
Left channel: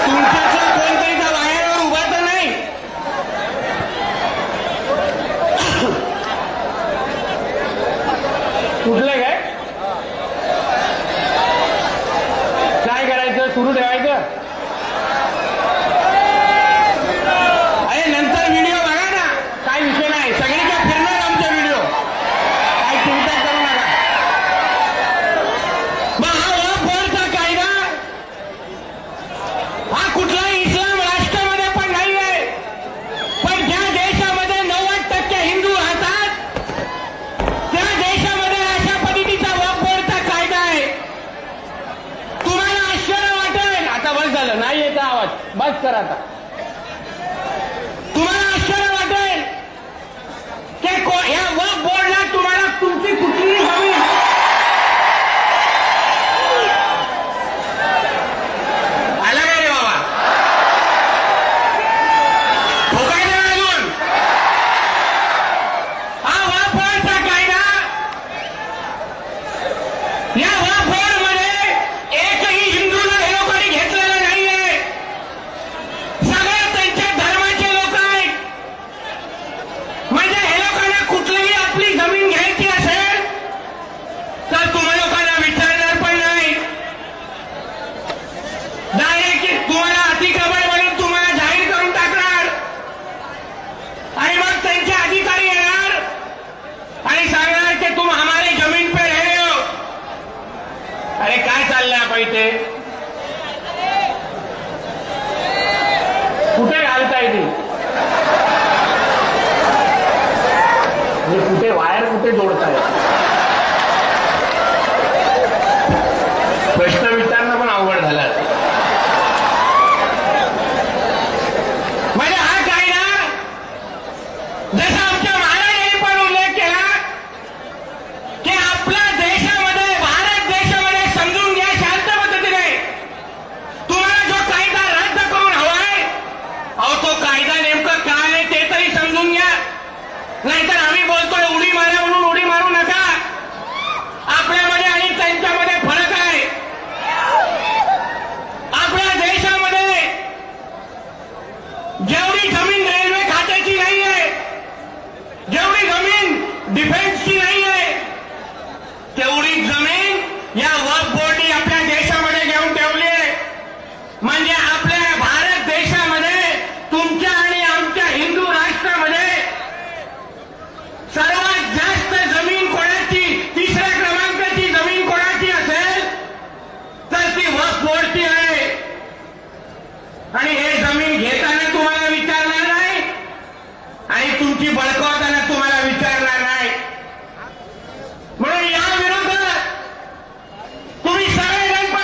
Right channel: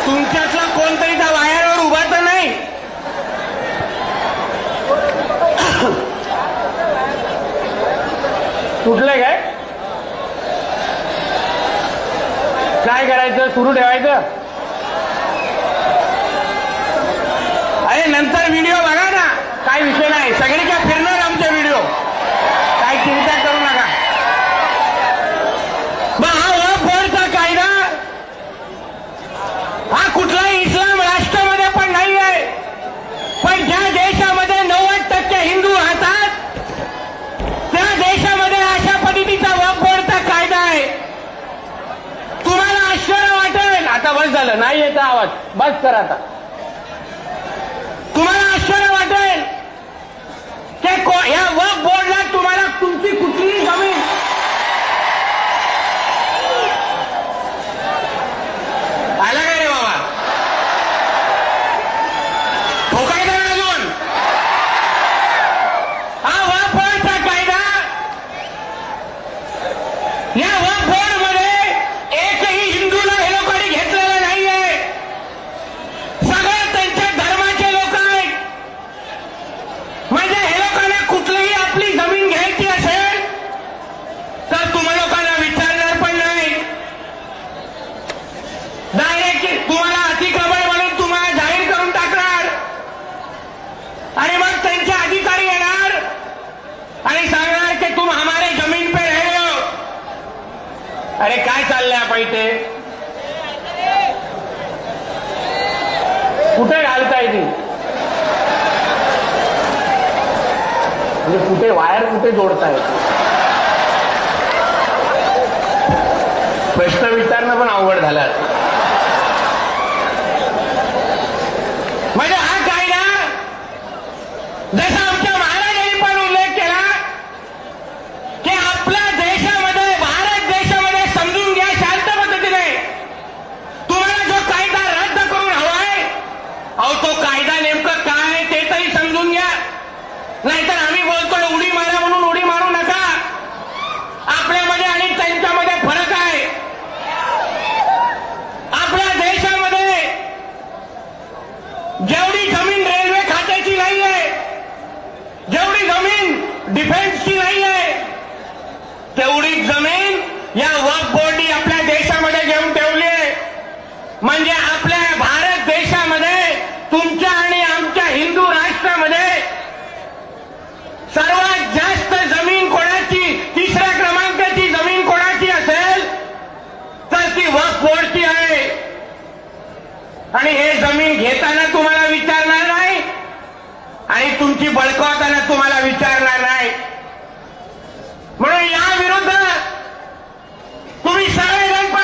तुमच्यातला कोणतरी त्या वायरवर उभा तर नाही? कुठले काय करायचं? सुरू ठेवायचं? अरे नंतर व्हिडिओ बघा ना, काय विषय नाही. सगळीकडे फिरणार आमचे व्हिडिओ, काय चिंता करू नका. मग हा वक्फ बोर्डचा कायदा हा कुठलाही इस्लाम राष्ट्रामध्ये पण नाही आहे. पण ज्या देशामध्ये 90% हिंदू राहतात त्या देशामध्ये अशा पद्धतीचा वक्फ बोर्डचा कायदा आहे. तुम्हाला आश्चर्य वाटेल. आता बस झालं, नाही येत आवाज, बस करा आता. तुम्हाला आश्चर्य वाटेल की या वक्फ बोर्डला तुम्हाला तुमची कुठलीही जमीन आला का रे बाबा? ठोकायचं नाही अजून. हा वक्फ बोर्डचा कायदा, या वक्फ बोर्डमध्ये एकही हिंदूला हे लोकांनी घेतलेलं नाहीये. सगळे त्यांच्या धर्माचे लोक आहेत. म्हणजे हे लोकांना कुठलीही आपली जमीन घ्यायची असेल तर तुम्हा लोकांना विचारणार पण नाही. डायरेक्ट तुम्हाला अतिक्रमण म्हणून तुम्हाला जाहीर करून टाकणार आणि मग त्यांचे अधिकारी येणार आणि सांगणार की तुम हमारे जमीन पे रहे हो. अरे काय चाललंय आपण इथे? कुठे घालताय ती? म्हणजे कुठे वायर कुठे जोडताय? प्रश्न विचारणं पण अवघड झालं. म्हणजे हा कायदा जसा आमच्या महाराजांनी पण उल्लेख केला की आपल्या देशामध्ये, भारत देशामध्ये समजून घ्या शांत पद्धतीने, तुम्हाला जो कायदा रद्द करून हवाय, अहो तो कायदा नेमकं काय आहे ते तरी समजून घ्या. नाहीतर आम्ही बोलतोय उडी मारा म्हणून उडी मारू नका. आपल्यामध्ये आणि त्यांच्यामध्ये फरक आहे. आपल्या देशामध्ये जेवढी जमीन रेल्वे खात्याची नाहीये, जेवढी जमीन डिफेन्सची नाहीये, तेवढी जमीन या वक्फ बोर्डनी आपल्या देशामध्ये घेऊन ठेवली आहे. म्हणजे आपल्या भारत देशामध्ये, तुमच्या आणि आमच्या हिंदू राष्ट्रामध्ये सर्वात जास्त जमीन कोणाची, तिसऱ्या क्रमांकाची जमीन कोणाची असेल तर ती वक्फ बोर्डची आहे. आणि हे जमीन घेताना तुम्हाला विचारणार नाही आणि तुमची बळकावताना तुम्हाला विचारणार नाही. म्हणून या विरुद्ध तुम्ही सगळेजण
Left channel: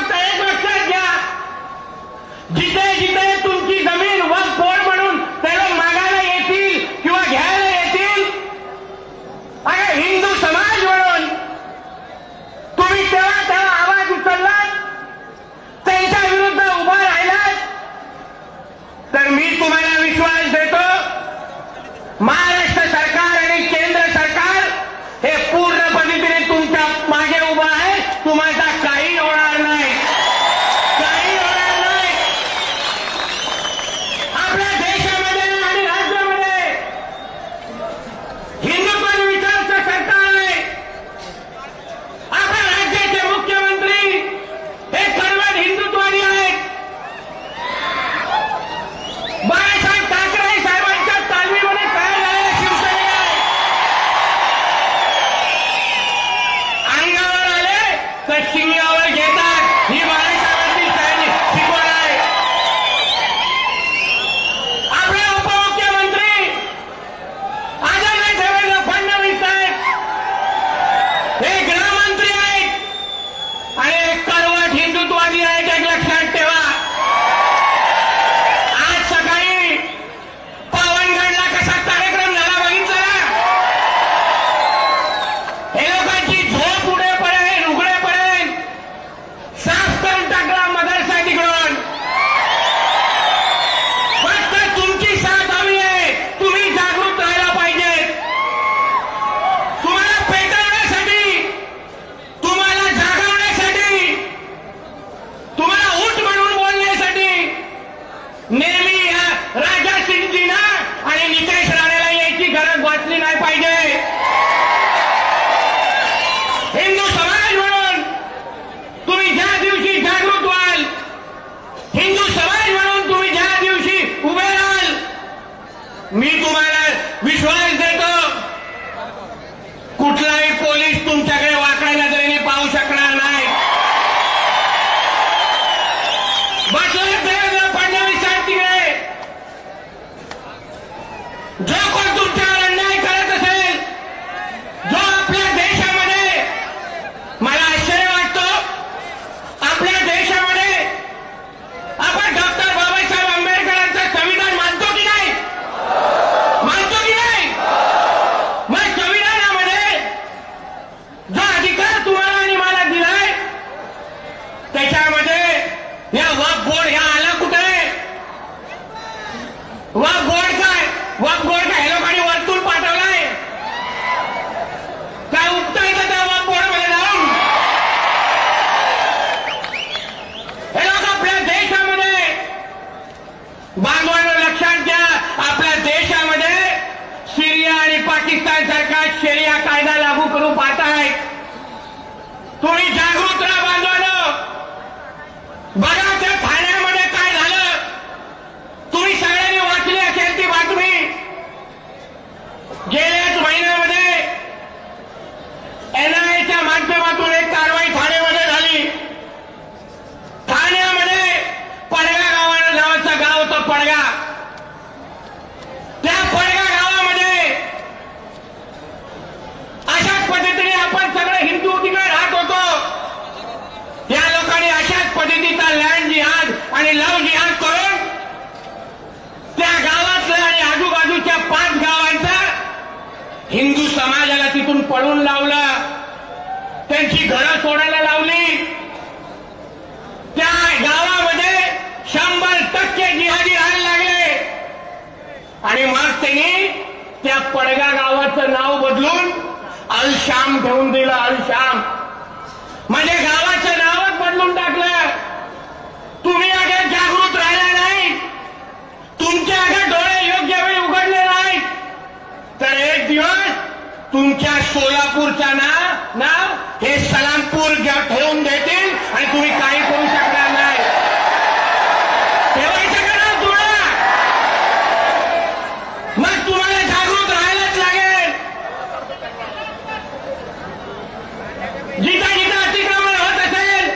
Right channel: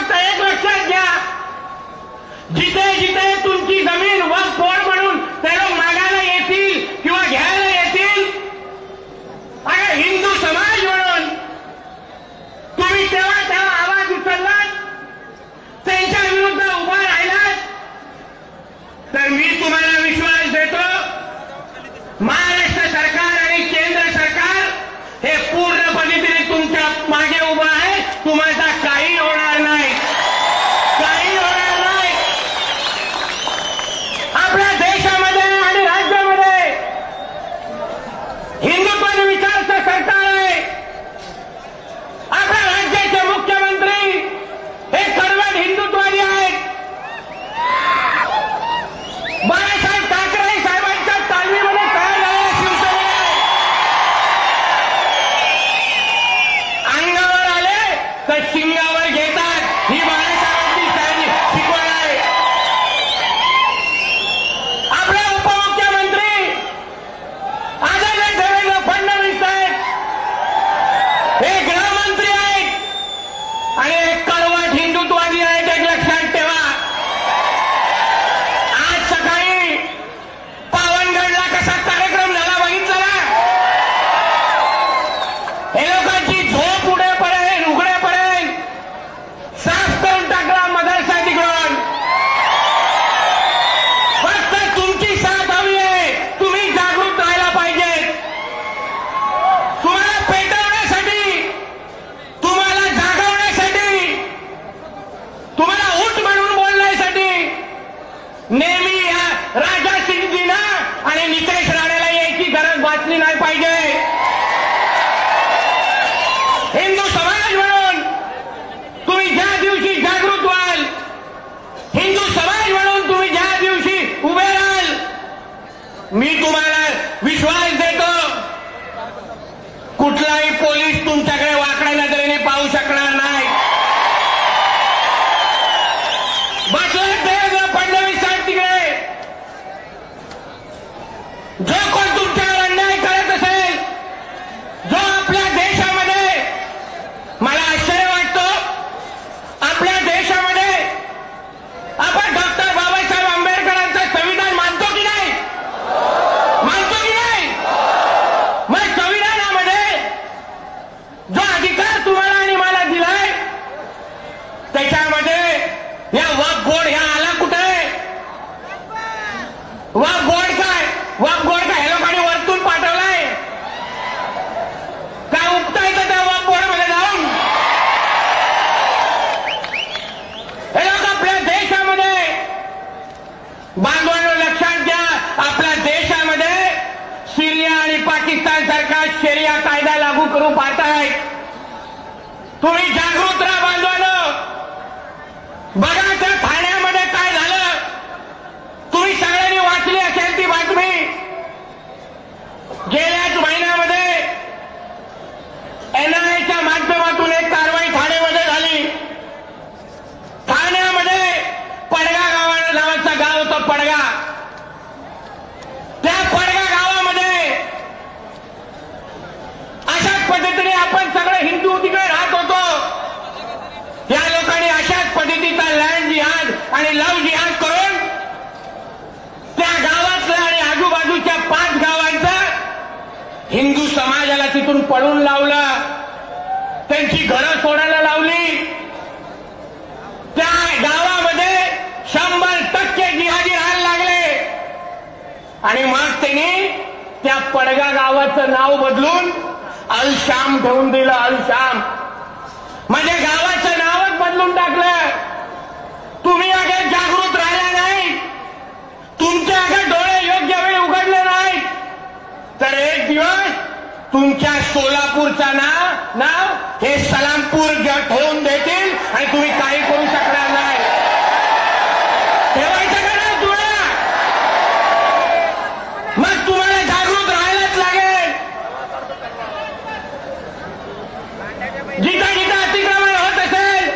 महाराष्ट्र सरकार आणि केंद्र सरकार हे पूर्ण पद्धतीने तुमच्या मागे उभं आहे. तुम्हाला काही होणार नाही, काही होणार नाही. आपल्या देशामध्ये आणि राज्यामध्ये हिंदुत्व विचाराचं सरकार आहे. आपल्या राज्याचे मुख्यमंत्री हे कडवट हिंदुत्ववादी आहेत. बाळासाहेब ठाकरे साहेबांच्या तालमीमध्ये काय झालेल्या शिवसेनेला अंगावर आले तर शिंगावर घेतात. ही बाळासाहेबांची शिकवण आहे. आपले उपमुख्यमंत्री आदरणीय देवेंद्र फडणवीस साहेब हे गृहमंत्री आहेत आणि एक कडवट हिंदुत्ववादी आहेत. एक लक्षात ठेवा. आज सकाळी पावनगडला कसा कार्यक्रम झाला बघितला ना. हे लोकांची झोप उघडेपर्यंत साफ करून टाकला मदरसा तिकडून. फक्त तुमची साथ हवी आहे. तुम्ही जागृत राहायला पाहिजे. तुम्हाला पेटवण्यासाठी, तुम्हाला जागवण्यासाठी, तुम्हाला उठ म्हणून बोलण्यासाठी नेहमी या राजा सिंगजीना आणि नितेश राणेला यायची गरज वाचली नाही पाहिजे. हिंदू समाज म्हणून तुम्ही ज्या दिवशी जागृत व्हाल, हिंदू समाज म्हणून तुम्ही ज्या दिवशी उभे राहाल, मी तुम्हाला विश्वास देतो कुठलाही पोलीस तुमच्याकडे वाकड्या नजरेने पाहू शकणार नाही. बसले देवेंद्र फडणवीस साहेब तिकडे. जो कोण तुमच्यावर अन्याय करत असेल, जो आपल्या देशामध्ये, मला आश्चर्य वाटतं आपल्या देशामध्ये आपण डॉक्टर बाबासाहेब आंबेडकरांचं संविधान मानतो की नाही? मानतो की नाही? मग संविधानामध्ये जो अधिकार तुम्हाला आणि मला दिलाय त्याच्यामध्ये या वक्फ बोर्ड ह्या आला कुठे? वक्फ बोर्ड काय? वक्फ बोर्ड काय? हे लोकांनी वरतून पाठवलाय काय? उपता येतं त्या वक्फ बोर्ड मध्ये जाऊन? हे लोक आपल्या देशामध्ये, बांधवांनो लक्षात घ्या, आपल्या देशामध्ये सिरिया आणि पाकिस्तान सारखा शरिया कायदा लागू करू पाहतायत. तुम्ही जागृत राहा बांधवांनो. बघा त्या ठाण्यामध्ये काय झालं. तुम्ही सगळ्यांनी वाचली असेल ती बातमी. गेल्याच महिन्यामध्ये एनआयएच्या माध्यमातून एक कारवाई ठाण्यामध्ये झाली. ठाण्यामध्ये पडगा नावाचं गाव होतं. पडगा. त्या पडगा गावामध्ये अशाच पद्धतीने आपण सगळे हिंदू तिकडे राहत होतो. या लोकांनी अशाच पद्धतीचा लँड जिहाद आणि लव्ह जिहाद करून त्या गावातल्या आणि आजूबाजूच्या 5 गावांचा हिंदू समाजाला तिथून पळून लावलं. त्यांची घरं सोडायला लावली. त्या गावामध्ये 100% जिहादी राहायला लागले. आणि मग त्यांनी त्या पडगा गावाचं नाव बदलून अल शाम ठेवून दिलं. अल शाम म्हणजे गावाचं नावच बदलून टाकलं. तुम्ही अगर जागृत राहिला नाही, तुमचे अगर डोळे योग्य वेळी उघडले नाही, तर एक दिवस तुमच्या सोलापूरचा नाव हे सलामपूर ठेवून देतील आणि तुम्ही काही करू शकणार नाही. ठेवायचं का नाही तुला? मग तुम्हाला जागृत राहायलाच लागेल. जिथं जिथं अतिक्रमण होत असेल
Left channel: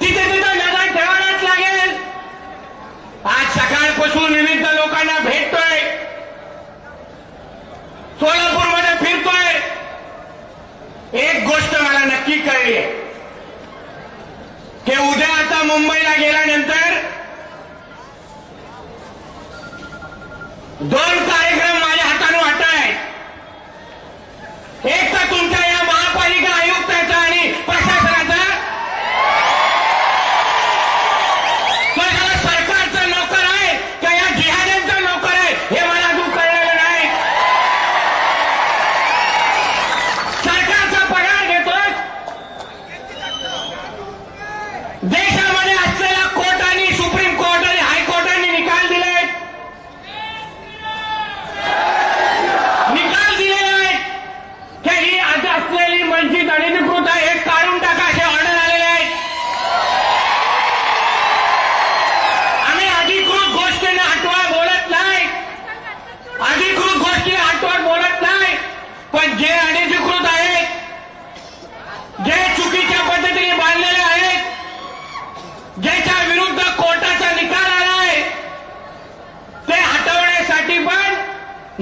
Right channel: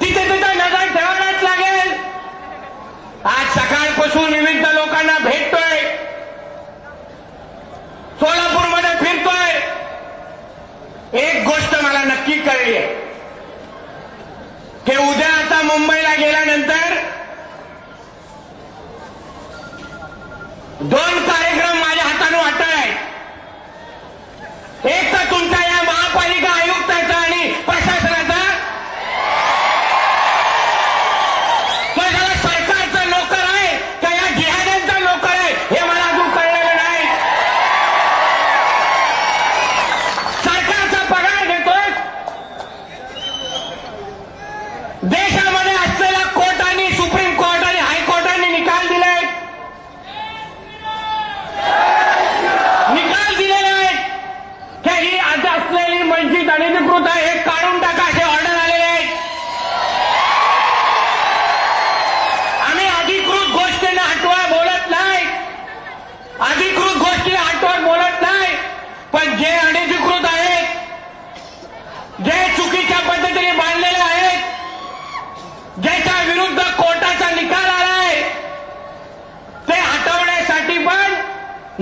तिथे तिथं नजर ठेवायलाच लागेल. आज सकाळपासून विविध लोकांना भेटतोय, सोलापूरमध्ये फिरतोय. एक गोष्ट मला नक्की कळली आहे की उद्या आता मुंबईला गेल्यानंतर 2 कार्यक्रम माझ्या हाताने वाटत आहेत. एक तर तुमच्या या महापालिका आयुक्ताचा आणि प्रशासनाचा, तो याला सरकारचा नोकर आहे का या जिहाद्यांचा नोकर आहे हे मला अजून कळलेलं नाही.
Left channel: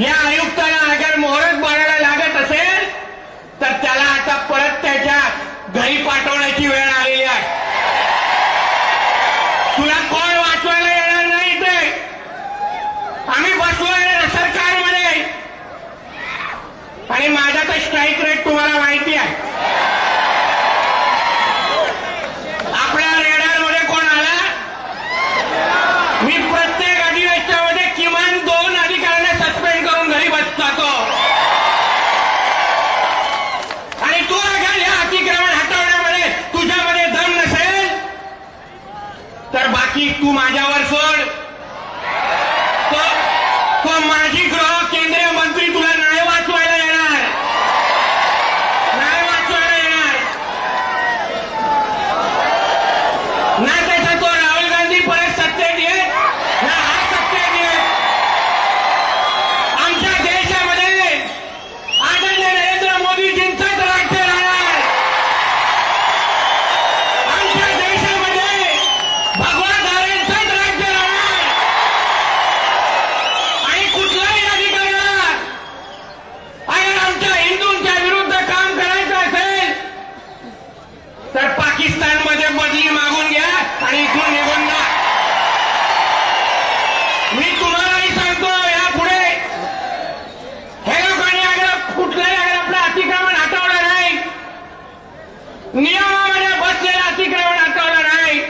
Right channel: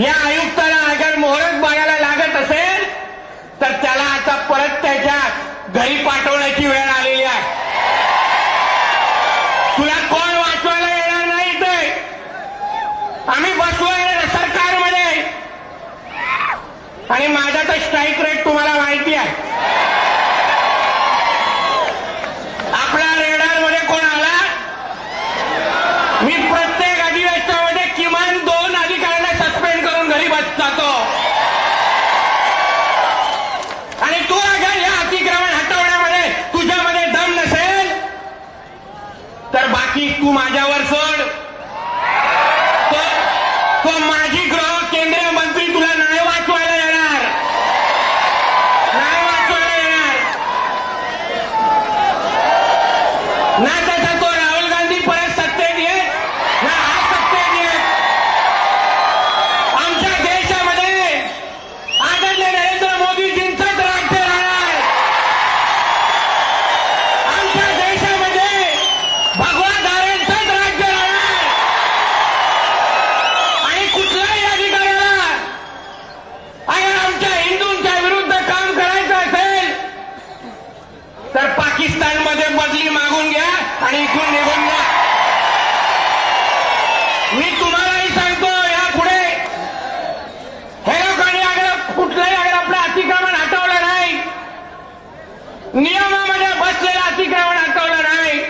या आयुक्ताला अगर मोहरच बाळायला लागत असेल तर त्याला आता परत त्याच्या घरी पाठवण्याची वेळ आलेली आहे. तुला कोण वाचवायला येणार नाही. ते आम्ही बसलोय सरकारमध्ये आणि माझा तर स्ट्राईक रेट तुम्हाला माहिती आहे. आपल्या रेडारमध्ये कोण आला? मी प्रत्येक अधिवेशनामध्ये किमान 2 अधिकाऱ्यांना सस्पेंड करून घरी बसतो. आणि तू अगर या अतिक्रमण हटवण्यामध्ये तुझ्यामध्ये दम नसेल तर बाकी तू माझ्यावर सोड. तो माजी गृह केंद्रीय मंत्री तुला नाही वाचवायला येणार. नाही वाचवायला येणार. ना त्याचा तो राहुल गांधी परत सत्तेत येत ना हा सत्तेत येत. आमच्या देशामध्ये आदरणीय नरेंद्र मोदीजींचंच राज्य राहणार. आमच्या देशामध्ये भगवा धाऱ्यांचंच राज्य राहणार. आणि कुठल्याही अधिकाऱ्याला अगर आमच्या हिंदूंच्या विरुद्ध काम करायचं असेल तर पाकिस्तानमध्ये बदली मागून घ्या आणि इथून निघून जा. मी तुम्हालाही सांगतो यापुढे हे लोकांनी अगर कुठलंही अगर आपलं अतिक्रमण हटवलं नाही, नियमामध्ये बसलेलं अतिक्रमण हटवलं नाही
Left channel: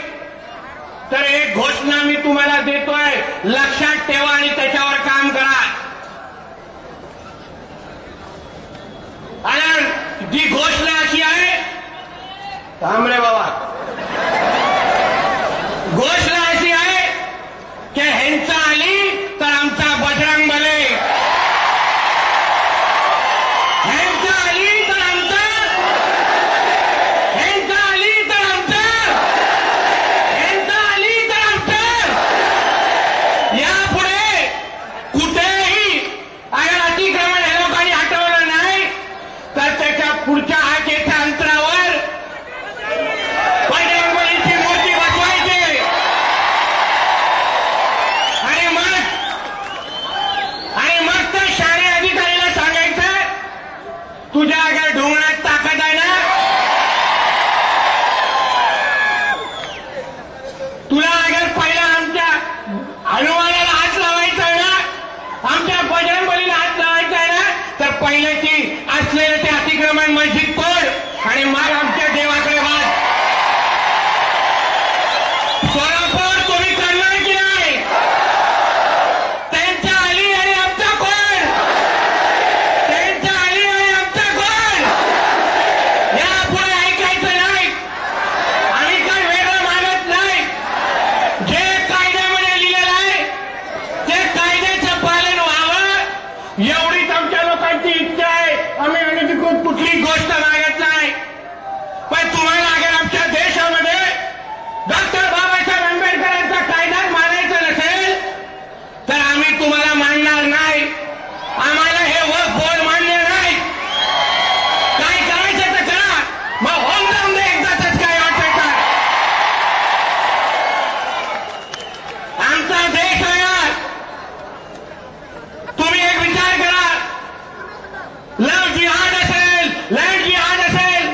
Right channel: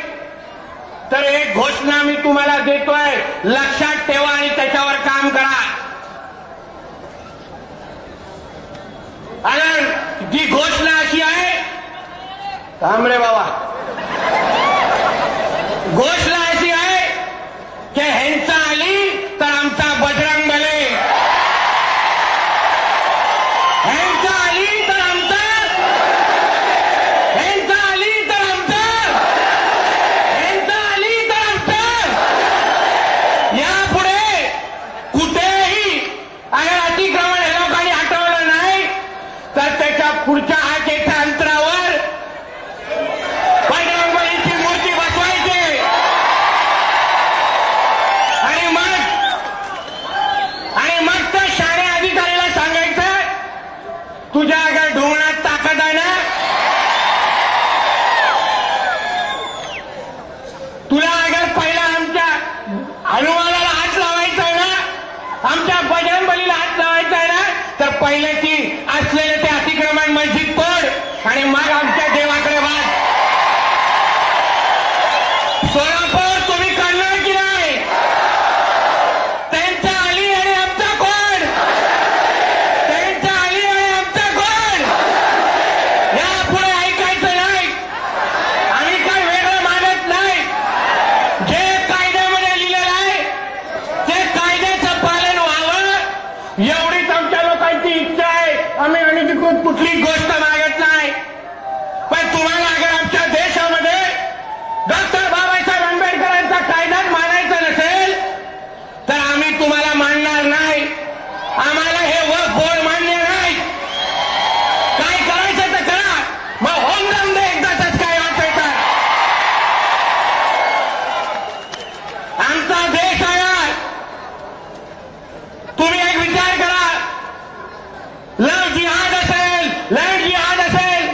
तर एक घोषणा मी तुम्हाला देतोय, लक्षात ठेवा आणि त्याच्यावर काम करा. आणि जी घोषणा अशी आहे, थांब रे बाबा, घोषणा अशी आहे की ह्यांचा आली तर आमचा बजरंग बले, ह्यांचा आली तर आमचा, ह्यांचा आली तर आमचा, ह्यांचा आली तर आमचा. यापुढे कुठेही अगर अतिक्रमण हे लोकांनी हटवलं नाही तर त्याच्या पुढच्या आकेच्या अंतरावर बजरंगबलीची मूर्ती बसवायची. आणि मग त्या शाळे अधिकाऱ्याला सांगायचं, तुझ्या अगर ढोंगणात ताकद आहे ना, तुला अगर पहिला आमच्या हनुमानाला हात लावायचा आहे ना, आमच्या बजरंगबलीला हात लावायचा आहे ना, तर पहिले ती असलेले ते अतिक्रमण मस्जिद तोड आणि मग आमच्या देवाकडे वाद. सोलापूर तुम्ही करणार की नाही? त्यांच्या आली आणि आमचा कोण? त्यांच्या आली आणि आमचा कोण? यापुढे ऐकायचं नाही. आम्ही काही वेगळं मानत नाही. जे कायद्यामध्ये लिहिलेलं आहे ते कायद्याचं पालन व्हावं एवढीच आमच्या लोकांची इच्छा आहे. आम्ही अनधिकृत कुठली गोष्ट मागत नाही. पण तुम्हाला अगर आमच्या देशामध्ये डॉक्टर बाबासाहेब आंबेडकरांचा कायदाच मानायचा नसेल तर आम्ही तुम्हाला मानणार नाही. आम्हाला हे वक्फ बोर्ड मान्य नाही. काय करायचं तर करा, मग होऊन जाऊन दे एकदाच. काय वाटायचं आमचा देश आहे. तुम्ही एक विचार करा, लव जिहाद असेल, लँड जिहाद असेल,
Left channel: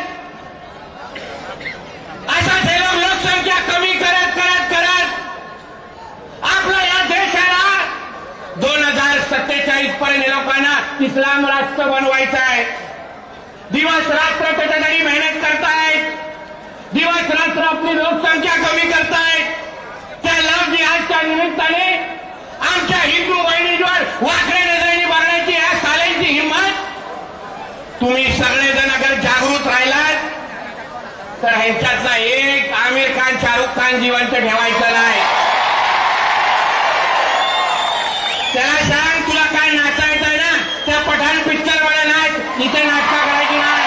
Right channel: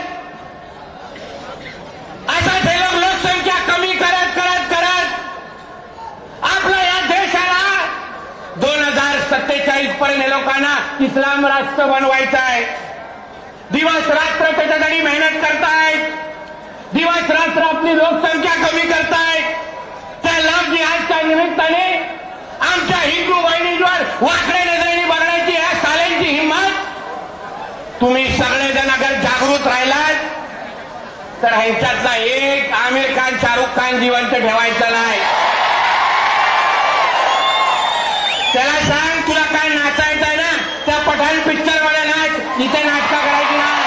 असाच हे लोक लोकसंख्या कमी करत करत करत आपल्या या देशाला 2047 पर्यंत हे लोकांना इस्लाम राष्ट्र बनवायचं आहे. दिवस रात्र त्याच्यासाठी मेहनत करतायत. दिवस रात्र आपली लोकसंख्या कमी करतायत. त्या लव जिहादच्या निमित्ताने आमच्या हिंदू बहिणींवर वाकड्या नजरेने बघण्याची या साल्यांची हिंमत. तुम्ही सगळेजण अगर जागृत राहिलात तर ह्यांच्यातला एक आमिर खान, शाहरुख खान जिवंत ठेवायचं नाही. त्याला सांग, तुला काय नाचायचं आहे ना, त्या पठाण पिक्चर मध्ये नाच, इथे नाटकं करायची नाही.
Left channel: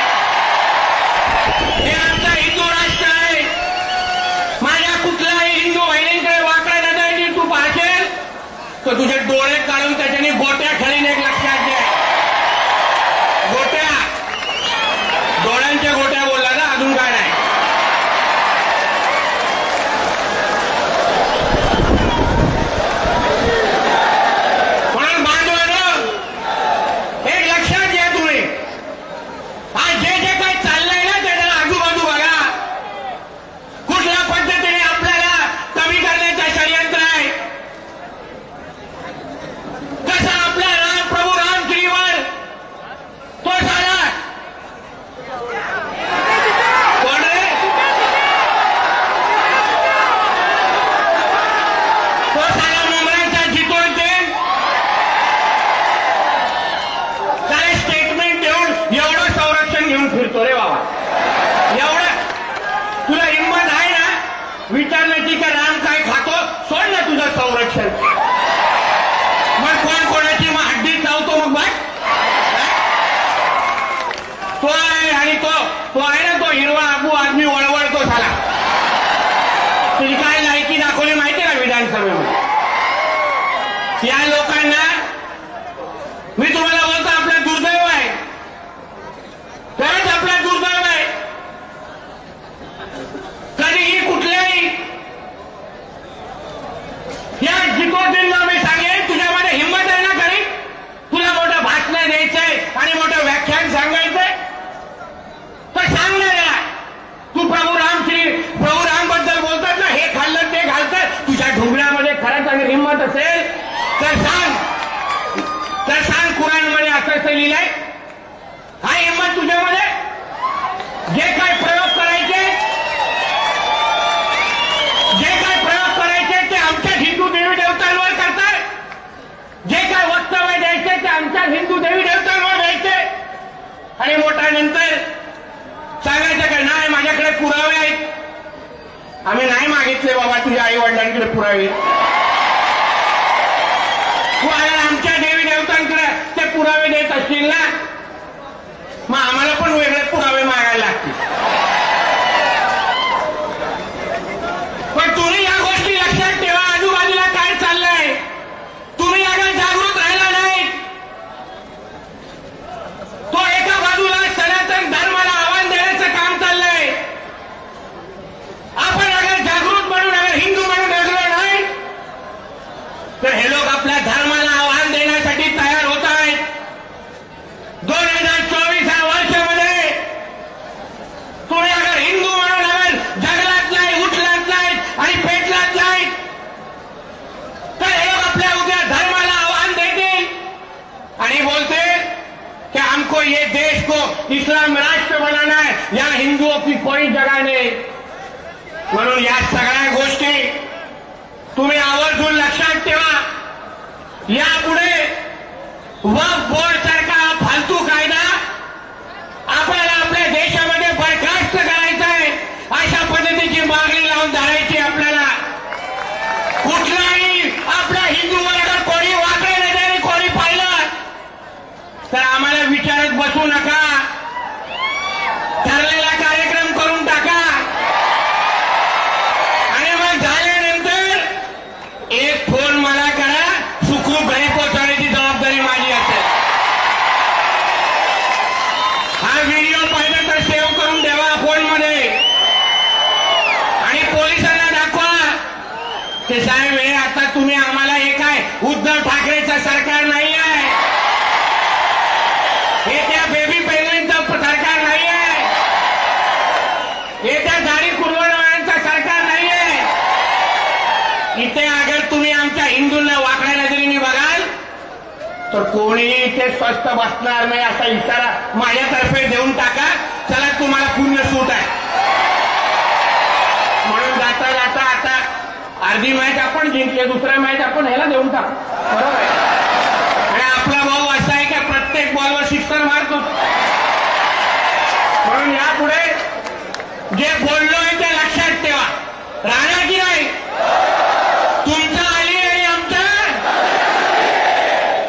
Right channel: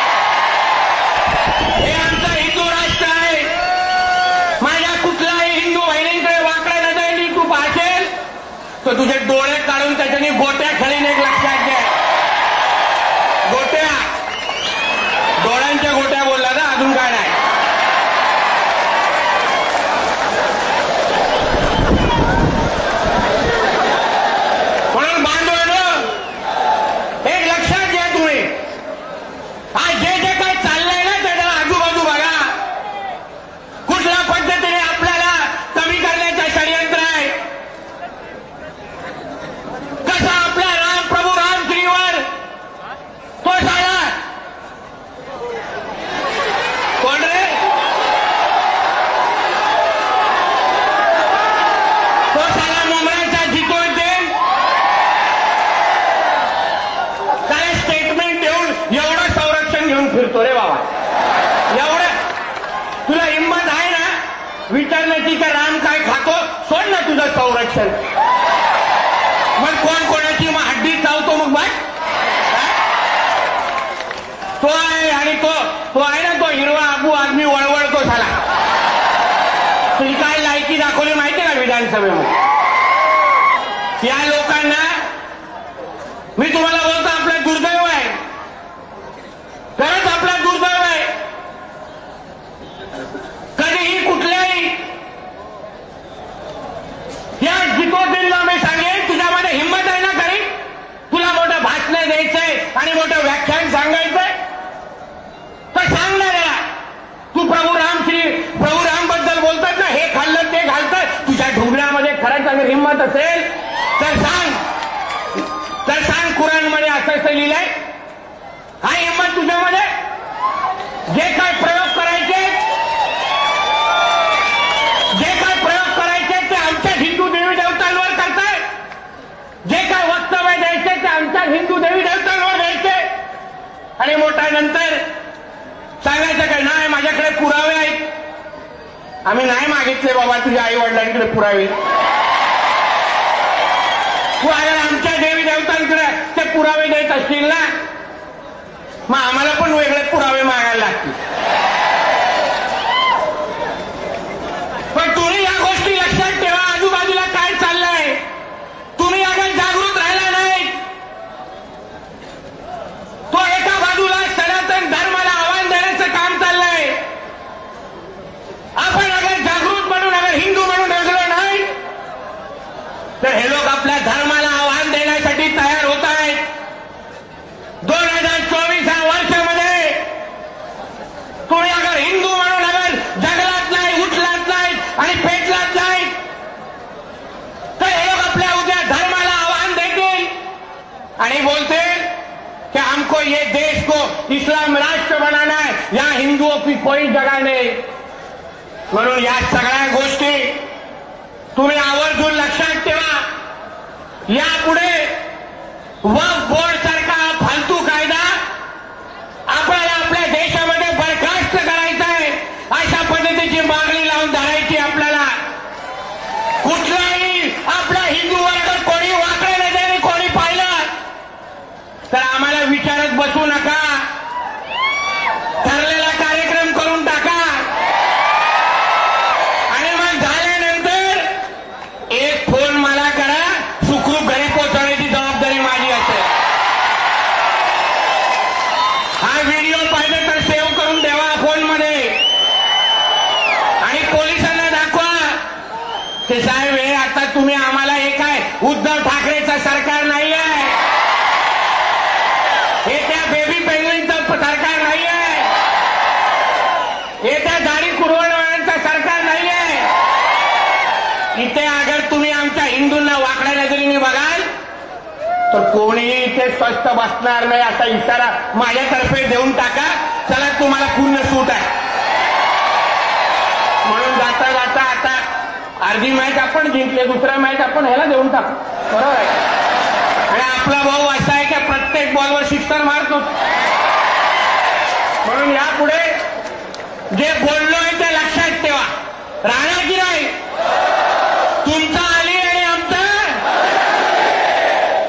हे आमचा हिंदू राष्ट्र आहे. माझ्या कुठल्याही हिंदू बहिणींकडे वाकड्या नजरेने तू पाहशील तर तुझे डोळे काढून त्याच्याने गोट्या खेळीन. एक लक्षात घ्या, गोट्या, डोळ्यांच्या गोट्या बोलला ना, अजून काय नाही. म्हणून बांधवांनो, विचारण्याची का राम काय खातो सोड ना तुझं संरक्षण. मग कोण कोणाची मग हड्डी चावतो मग बाय तो आहे. आणि तो आहे ना तो हिरवा अबू आदमी वळवळतो झाला. तुझी काय लायकी दाखवली माहिती का विधानसभेमध्ये. या लोकांना मी तुम्हाला बोलतो आपलं दुर्दैव आहे. खरंच आपलं दुर्दैव आहे. कधीही कुठल्याही या जितोजींना मी सांगेन तुझ्यामध्ये हिंमत आहे ना खरी. तुला मोठं भाषण द्यायचंय आणि मोठं व्याख्यान सांगायचंय तर सांग ना रे. तू प्रभू राम बद्दल बोलतात ना हे खाल्लं ते घालतात तुझ्या ढुंगळ्यामध्ये खरंच आणि हिंमत असेल तर सांग. कुराणमध्ये असं लिहिलंय. हा हिंमत तुझ्यामध्ये जे काय प्रयोग करायचे ते आमच्या हिंदू देवी देवतांवर करताय. जे काय वक्तव्य द्यायचे ते आमच्या हिंदू देवी देवतांवर द्यायचे आणि मोठा नंतर सांगायचं काय नाही माझ्याकडे पुरावे आहेत. आम्ही नाही मागितले बाबा तुझ्या आई वडिलांकडे पुरावे. तू अगर आमच्या देवी देवतांकडे ते पुरावे देत असतील ना मग आम्हाला पण वेगळे पुरावे मागायला लागतील. पण तुम्ही या गोष्टी लक्षात ठेवा. आजूबाजूला काय चाललंय तुम्ही अगर जागृत राहिला नाही तो एका बाजूला सनातन धर्माला आव्हान देण्याचं काम चाललंय. आपण अगर जागृत म्हणून अगर हिंदू म्हणून राहिलो नाही तर हे लोक आपल्या धर्माला आव्हान देण्यासाठी तयार होत आहेत. 2024 या वर्षामध्ये तुम्ही अगर हिंदू म्हणून अगर जगलात नाही उठलात नाही आणि पेटलात नाही तर हे लोक आपल्या उद्या धर्माला आव्हान देतील आणि बोलतील कि हमको ये देश को इस्लाम राष्ट्र बनाना है यहाँ हिंदुओं की कोई जगह नहीं. म्हणून या सगळ्या गोष्टी तुम्ही आवर्जून लक्षात ठेवा. यापुढे वक्फ बोर्ड सारखा फालतू कायदा आपल्याला आपल्या देशामध्ये बरखास्त करायचा आहे. अशा पद्धतीची मागणी लावून धरायची आपल्याला. कुठलाही आपल्या हिंदूवर अगर कोणी वाकडे नजरेने कोणी पाहिलं तर आम्हाला विचारत बसू नका. ठरलेला कार्यक्रम करून टाका आणि मग झाल्यानंतर एक फोन मला करा. सुखरूप घरी पोहोचवण्याची जबाबदारी माझी असेल. हा व्हिडिओ पाहिजे तर सेव्ह करून ठेवा फोनमध्ये आणि पोलिसांना दाखवा की साहेब हे आता तुम्ही आम्हाला हे काय उद्धव ठाकरेचं सरकार नाही आहे. हे त्या बेबी पेंगुइनचं सरकार नाही आहे. हे त्या दाढी कुरवणाऱ्यांचं सरकार नाही आहे. इथे अगर तुम्ही आमच्या हिंदूंना वाकड्या नजरेने बघाल तर कोणीही इथे स्वस्थ बसणार नाही असा इशारा माझ्यातर्फे देऊन टाका. चला तुम्हाला पूर्ण सूट आहे. म्हणून जाता जाता आता अर्धी मॅच आपण जिंकले दुसरा मॅच आपण ह्याला देऊन टाकू. बरोबर आहे. आणि आपला भाऊ असा आहे की प्रत्येक बॉलवर सिक्सर मारतो. म्हणून यापुढे जे बोललोय ते लक्षात ठेवा. राहणार की नाही तुमचा आली आणि आमचा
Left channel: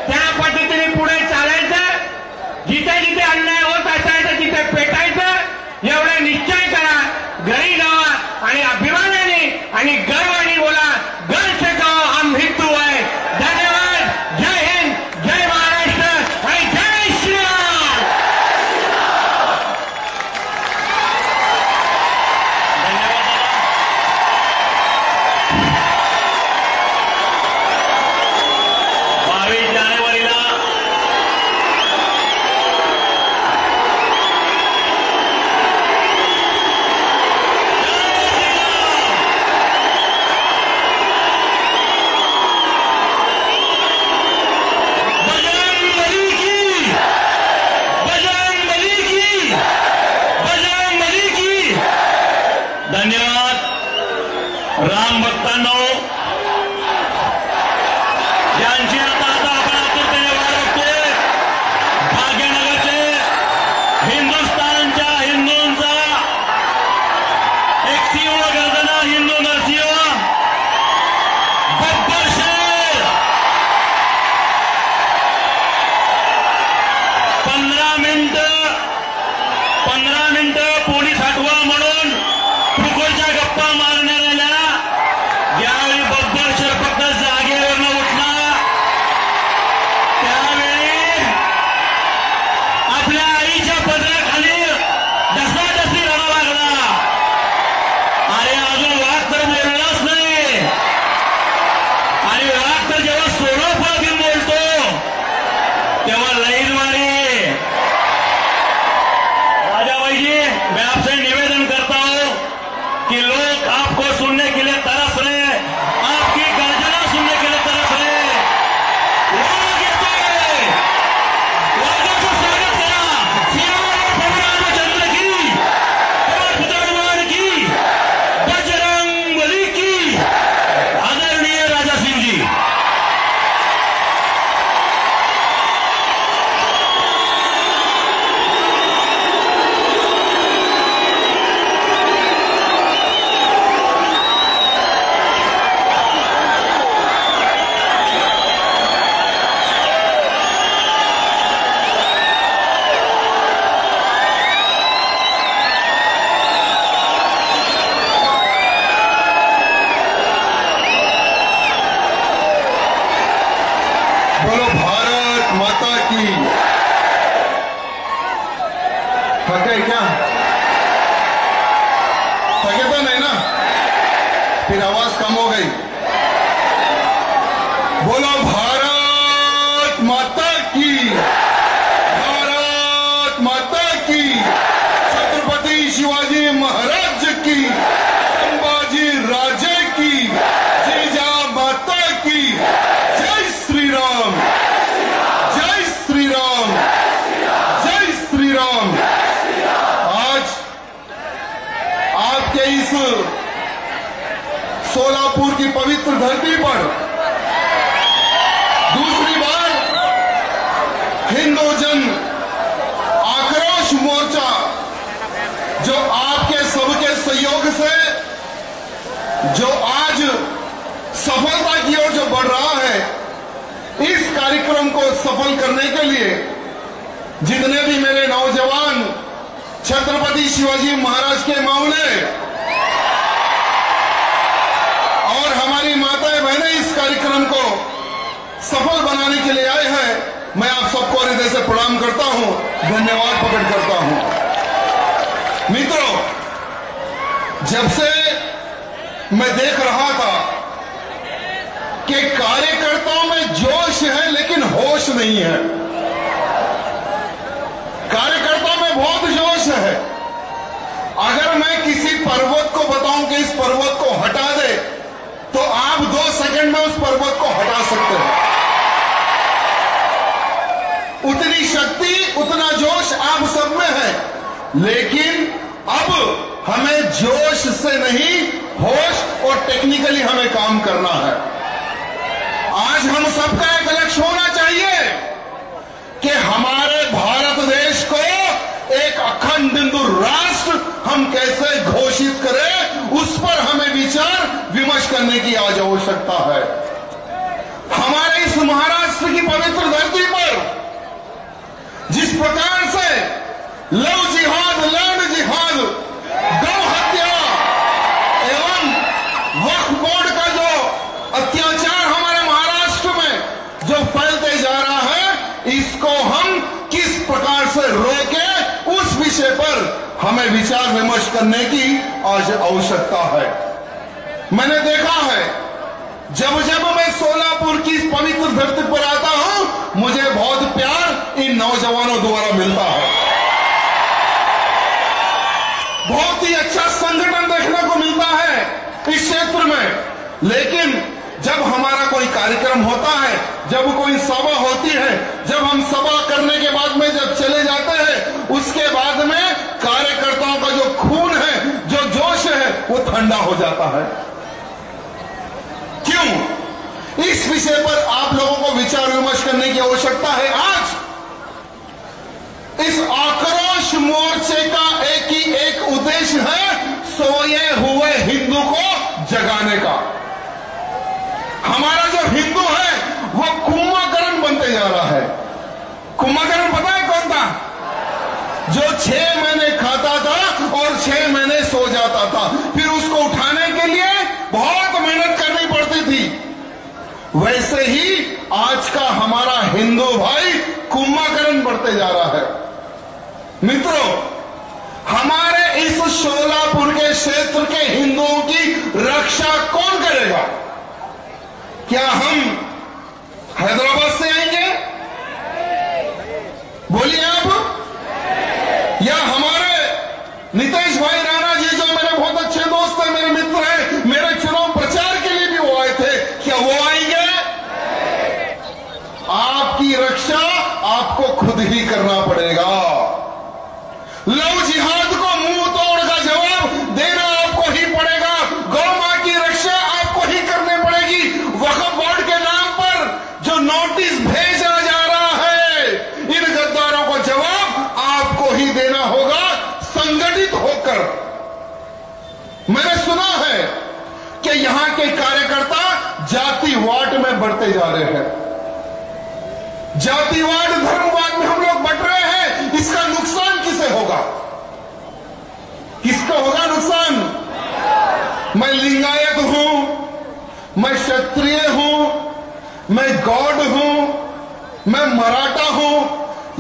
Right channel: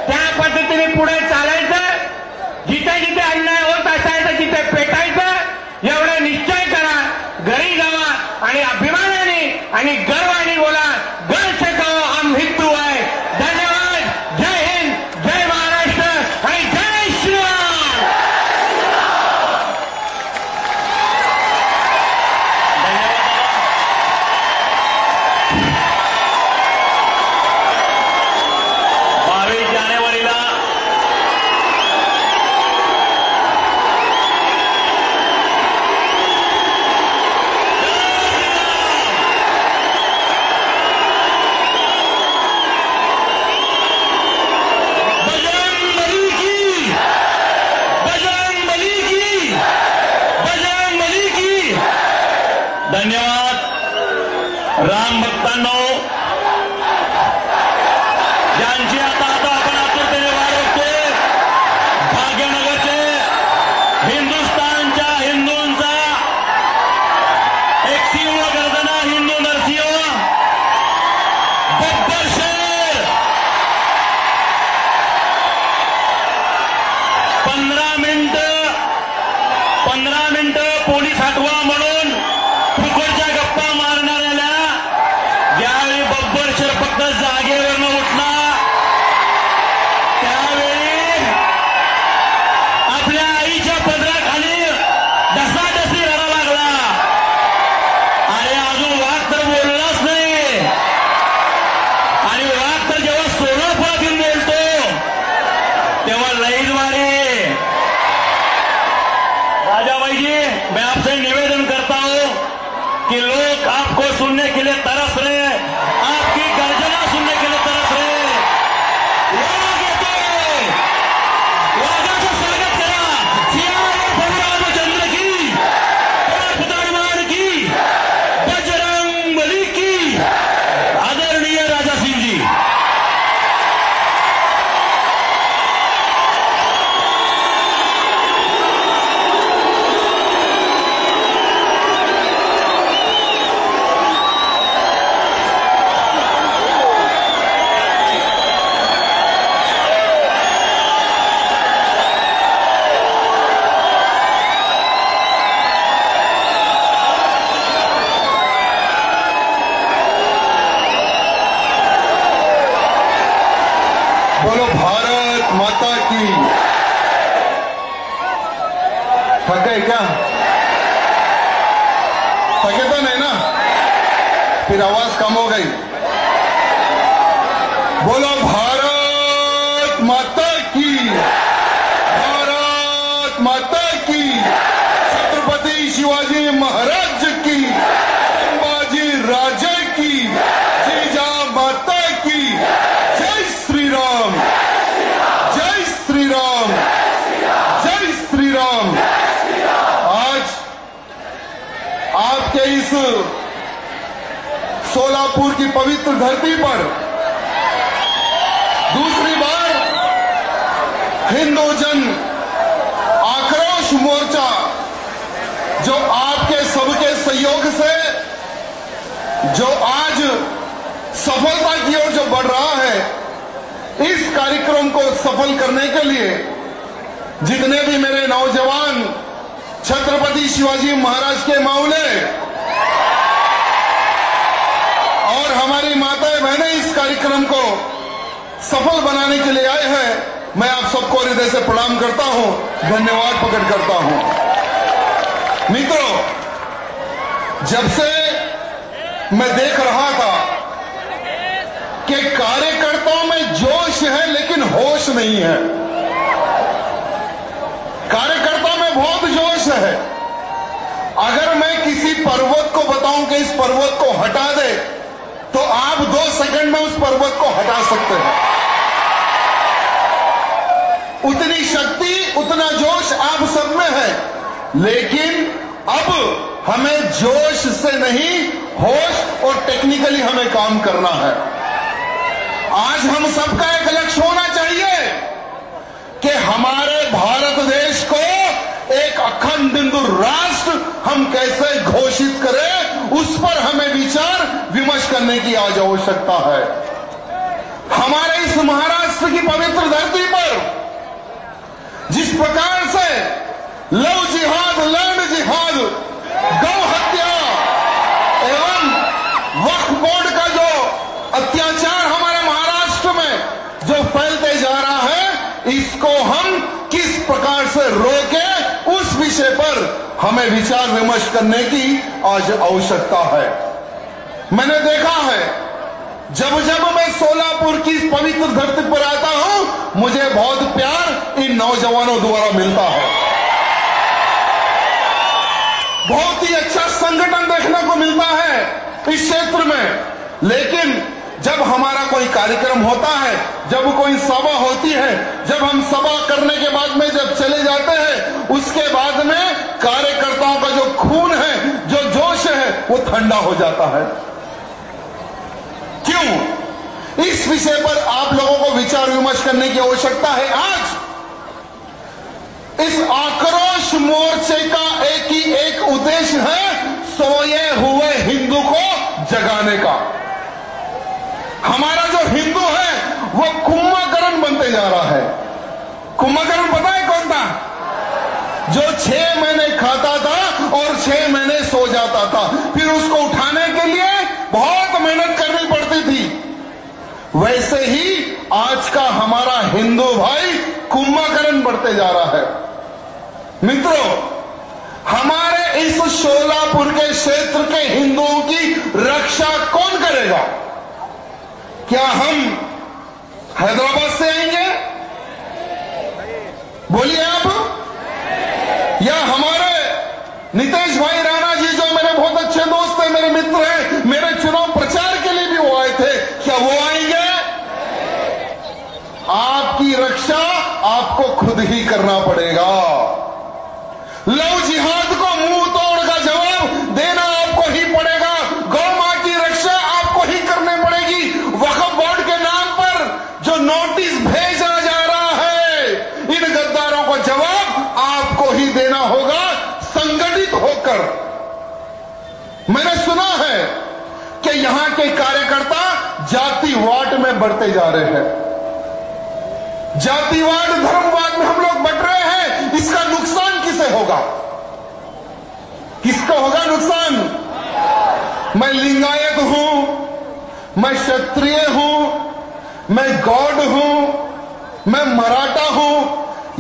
त्या पद्धतीने पुढे चालायचं. जिथे जिथे अन्याय होत असायचं तिथे पेटायचं एवढं निश्चय करा. घरी जावा आणि अभिमानाने आणि गर्वाने बोला गर्व से कहो हम हिंदू आहे. धन्यवाद. जय हिंद, जय महाराष्ट्र आणि जय श्रीराम. 15 मिनिटं पोलीस हटवा म्हणून फुकटच्या गप्पा मारणाऱ्याला ज्यावेळी बब्बर फक्त जागेवरनं उठला त्यावेळी आपल्या आईच्या पदराखाली ढसाढसी रडा लागला. अरे अजून वाघ तर बोललाच नाही आणि वाघ तर जेव्हा सोलापुरात येऊन बोलतो तेव्हा लईच मारे. राजा जी, मैं आपसे निवेदन करता हूं कि लोग आपको सुनने के लिए तरस रहे, आपकी गर्जना सुनने के लिए तरस रहे. वाघ येतोय, वाघाचं स्वागत करा. सियावर प्रभू रामचंद्र की, हनुमान की, बजरंग बली की. आदरणीय राजा सिंह जी. बोलो भारत माता की. थक गए क्या? थके तो नहीं ना? फिर आवाज कम हो गई. बोलो भारत माता की. भारत माता की. छत्रपति शिवाजी महाराज की. संभाजी राजे की. जीजा माता की. जय श्री राम. जय श्री राम. जय श्री राम. आज आपके इस सोलापुर की पवित्र धरती पर दूसरी बार हिंदू जन आक्रोश मोर्चा जो आपके सबके सहयोग से जो आज सफलता की ओर जो बढ़ रहा है, इस कार्यक्रम को सफल करने के लिए जितने भी मेरे नौजवान छत्रपति शिवाजी महाराज के माउले और हमारी माताएं बहनें इस कार्यक्रम को सफल बनाने के लिए आए हैं, मैं आप सबको हृदय से प्रणाम करता हूं, धन्यवाद प्रकट करता हूं. मित्रों, जब से मैं देख रहा था कि कार्यकर्ताओं में जोश है लेकिन होश नहीं है. कार्यकर्ताओं में बहुत जोश है. अगर मैं किसी पर्वत को बताऊं कि इस पर्वत को हटा दे तो आप 2 सेकंड में उस पर्वत को हटा सकते हैं. उतनी शक्ति, उतना जोश आप सब में है. लेकिन अब हमें जोश से नहीं, होश और टेक्निकली हमें काम करना है. आज हम सबका एक लक्ष्य होना चाहिए कि हमारे भारत देश को एक अखंड हिंदू राष्ट्र हम कैसे घोषित करें, उस पर हमें विचार विमर्श करने की आज आवश्यकता है. हमारे इस महाराष्ट्र की पवित्र धरती पर जिस प्रकार से लव जिहाद, लैंड जिहाद, गौ हत्या एवं वक्फ बोर्ड का जो अत्याचार हमारे महाराष्ट्र में जो फैलते जा रहा है, इसको हम किस प्रकार से रोके, उस विषय पर हमें विचार विमर्श करने की आज आवश्यकता है. मैंने देखा है, जब जब मैं सोलापुर की इस पवित्र धरती पर आता हूं, मुझे बहुत प्यार इन नौजवानों द्वारा मिलता है. बहुत ही अच्छा संगठन देखने को मिलता है इस क्षेत्र में. लेकिन जब हमारा कोई कार्यक्रम होता है, जब कोई सभा होती है, जब हम सभा करने के बाद में जब चले जाते हैं, उसके बाद में कार्यकर्ताओं का जो खून है, जो जोश है, वो ठंडा हो जाता है. क्यों? इस विषय पर आप लोगों को विचार विमर्श करने की आवश्यकता है. आज इस आक्रोश मोर्चे का एक ही एक उद्देश्य है, सोए हुए हिंदू को जगाने का. हमारा जो हिंदू है वो कुंभकर्ण बनते जा रहा है. कुंभकर्ण पता है कौन था? 6 महीने खाता था और 6 महीने सो जाता था। फिर उसको उठाने के लिए बहुत मेहनत करनी पड़ती थी। वैसे ही आज का हमारा हिंदू भाई कुंभकर्ण बढ़ते जा रहा है। मित्रों, हमारे इस शोलापुर के क्षेत्र के हिंदुओं की रक्षा कौन करेगा? क्या हम हैदराबाद से आएंगे? बोलिए आप। या हमारे नीतीश भाई राणा जी, जो मेरे बहुत अच्छे दोस्त हैं, मेरे मित्र हैं, मेरे चुनाव प्रचार के लिए भी वो आए थे, क्या वो आएंगे? आपकी रक्षा आपको खुद ही करना पड़ेगा। लव जिहाद को मुंह तोड़ का जवाब देना आपको ही पड़ेगा। गौ मां की रक्षा आपको ही करनी पड़ेगी। वक्फ बोर्ड के नाम पर जो नोटिस भेजा जा रहा है, इन गद्दारों को जवाब आपको ही देना होगा, संगठित होकर। मैंने सुना है कि यहां के कार्यकर्ता जातिवाद में बढ़ते जा रहे हैं। जातिवाद, धर्मवाद में हम लोग बढ़ रहे हैं। इसका नुकसान किसे होगा? किसको होगा नुकसान? मैं लिंगायत हूं, मैं क्षत्रिय हूं, मैं गौड़ हूं, मैं मराठा हूं।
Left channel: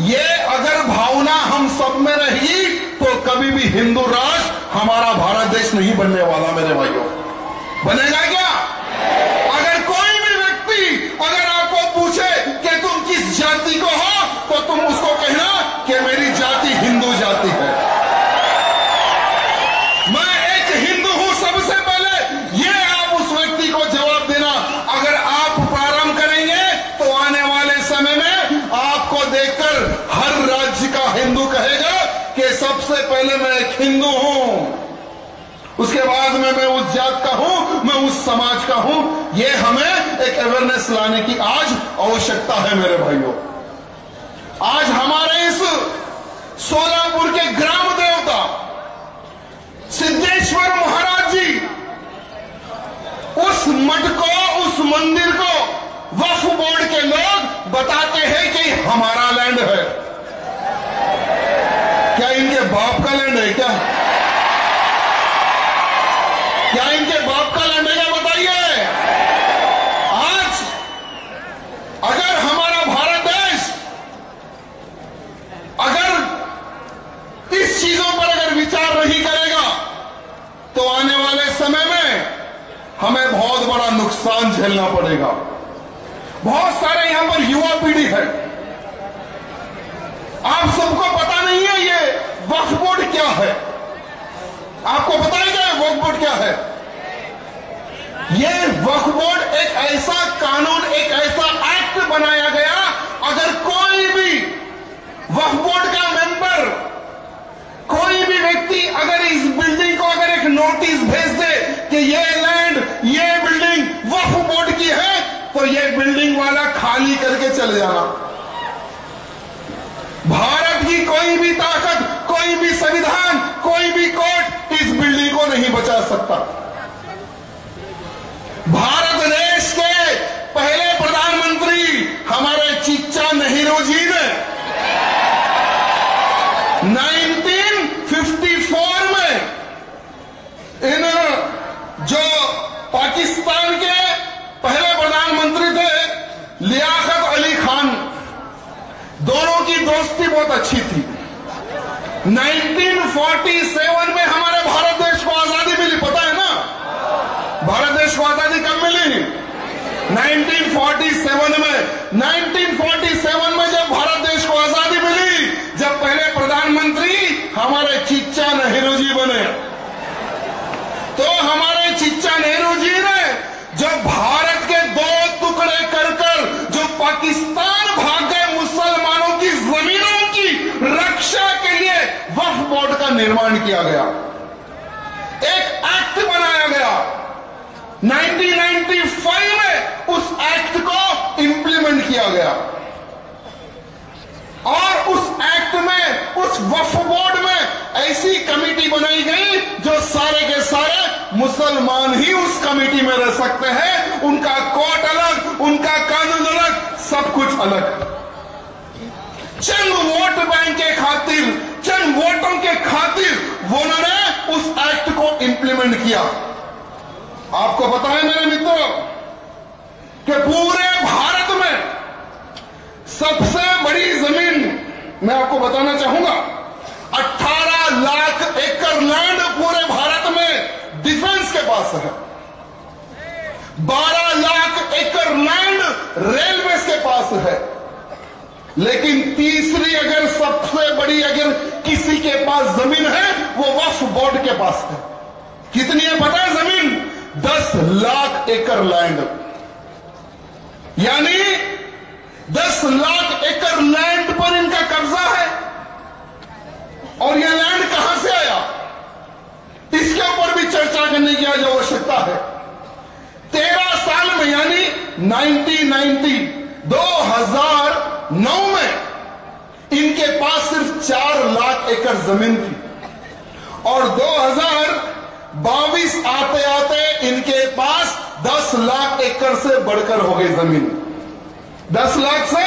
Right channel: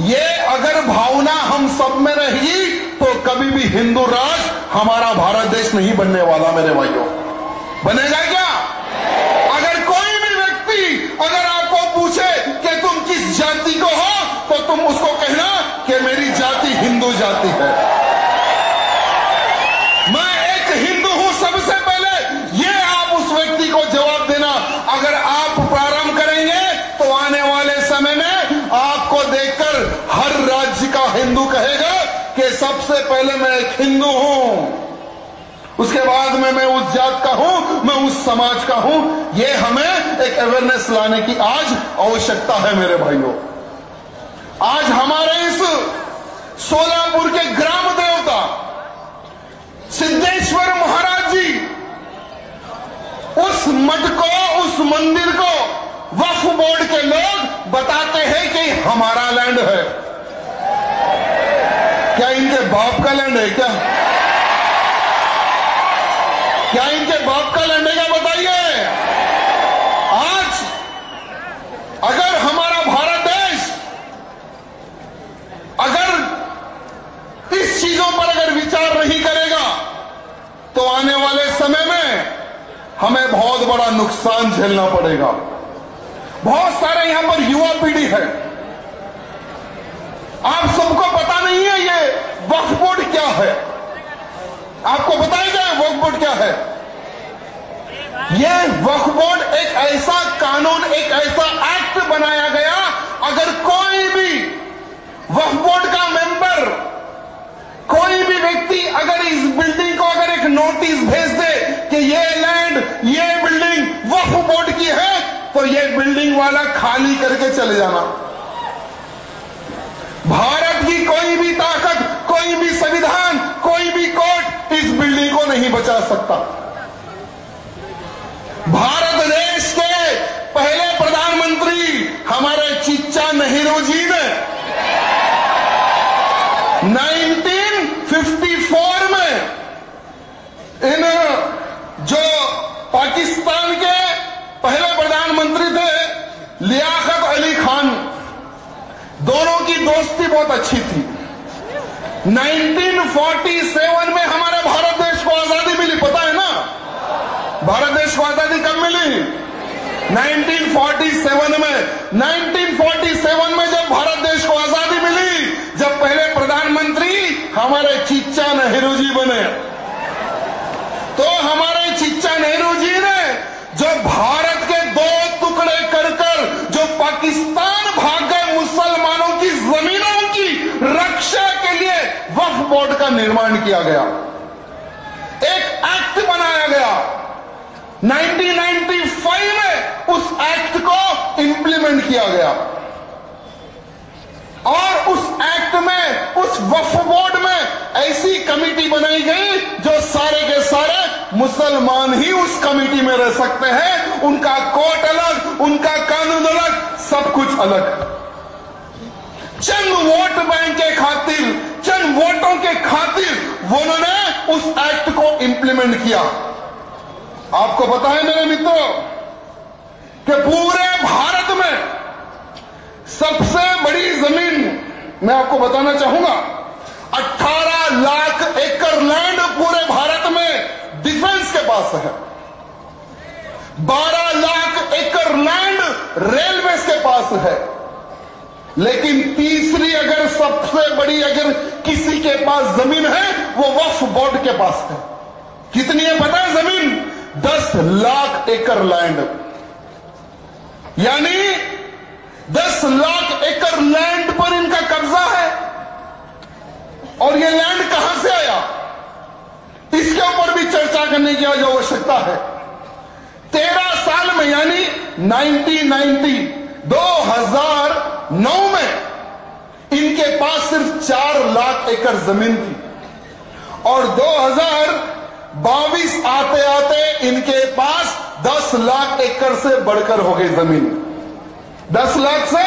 ये अगर भावना हम सब में रहेगी तो कभी भी हिंदू राष्ट्र हमारा भारत देश नहीं बनने वाला। मेरे भाइयों, बनेगा क्या? अगर कोई भी व्यक्ति अगर आपको पूछे कि तुम किस जाति को हो, तो तुम उसको कहना कि मेरी जाति हिंदू जाति है, मैं एक हिंदू हूं। सबसे पहले ये आप उस व्यक्ति को जवाब देना। अगर आप प्रारंभ करेंगे तो आने वाले समय में आपको देखकर हर राज्य का हिंदू कहेगा कि सबसे पहले मैं एक हिंदू हूं, उसके बाद में मैं उस जात का हूं, मैं उस समाज का हूं। ये हमें एक अवेयरनेस लाने की आज आवश्यकता है। मेरे भाइयों, आज हमारे इस सोलापुर के ग्राम देवता सिद्धेश्वर महाराज जी, उस मठ को, उस मंदिर को वक्फ बोर्ड के लोग बताते हैं कि हमारा लैंड है। क्या इनके बाप का लैंड है? क्या इनके बाप का लैंड है? क्या बताइए। आज अगर हमारा भारत देश अगर इस चीजों पर अगर विचार नहीं करेगा तो आने वाले समय में हमें बहुत बड़ा नुकसान झेलना पड़ेगा। बहुत सारे यहां पर युवा पीढ़ी है, आप सबको पता नहीं है ये वक्फ बोर्ड क्या है। आपको बताएगा वक्फ बोर्ड क्या है? ये वक्फ बोर्ड एक ऐसा कानून, एक ऐसा एक्ट बनाया गया, अगर कोई भी वक्फ बोर्ड का मेंबर, कोई भी व्यक्ति अगर इस बिल्डिंग को अगर एक नोटिस भेज दे कि ये लैंड, ये बिल्डिंग वक्फ बोर्ड की है, तो ये बिल्डिंग वाला खाली करके चले जाना। भारत की कोई भी ताकत, कोई भी संविधान, कोई भी कोर्ट इस बिल्डिंग को नहीं बचा सकता। भारत देश के पहले प्रधानमंत्री हमारे चिच्चा नेहरू जी ने 1954 में इन जो पाकिस्तान के पहले प्रधानमंत्री थे लियाकत अली खान, दोनों की दोस्ती बहुत अच्छी थी। 1947 में हमारे भारत देश को आजादी मिली, पता है ना? भारत देश को आजादी कब मिली? 1947 में। 1947 में जब भारत देश को आजादी मिली, जब पहले प्रधानमंत्री हमारे चिच्चा नेहरू जी बने, तो हमारे चिच्चा नेहरू जी ने जो भारत के 2 टुकड़े कर जो पाकिस्तान भाग गए मुसलमानों की जमीनों की रक्षा के लिए वक्फ बोर्ड का निर्माण किया गया, एक एक्ट बनाया गया। 1995 में उस एक्ट को इंप्लीमेंट किया गया और उस एक्ट में, उस वक्फ बोर्ड में ऐसी कमेटी बनाई गई जो सारे के सारे मुसलमान ही उस कमेटी में रह सकते हैं। उनका कोर्ट अलग, उनका कानून अलग, सब कुछ अलग। चंद वोट बैंक के खातिर, चंद वोट इम्प्लीमेंट किया। आपको पता है मेरे मित्रों कि पूरे भारत में सबसे बड़ी जमीन मैं आपको बताना चाहूंगा, 18 लाख एकड़ लैंड पूरे भारत में डिफेंस के पास है। 12 लाख एकड़ लैंड रेलवे के पास है। लेकिन तीसरी अगर सबसे बड़ी अगर किसी के पास जमीन है वो वक्फ बोर्ड के पास है। कितनी है पता है जमीन? 10 लाख एकड़ लैंड, यानी 10 लाख एकड़ लैंड पर इनका कब्जा है। और ये लैंड कहां से आया, इसके ऊपर भी चर्चा करने की आज आवश्यकता है। 13 साल में यानी 2009 में इनके पास सिर्फ 4 लाख एकड़ जमीन थी और 2022 आते आते इनके पास 10 लाख एकड़ से बढ़कर हो गई जमीन। 10 लाख से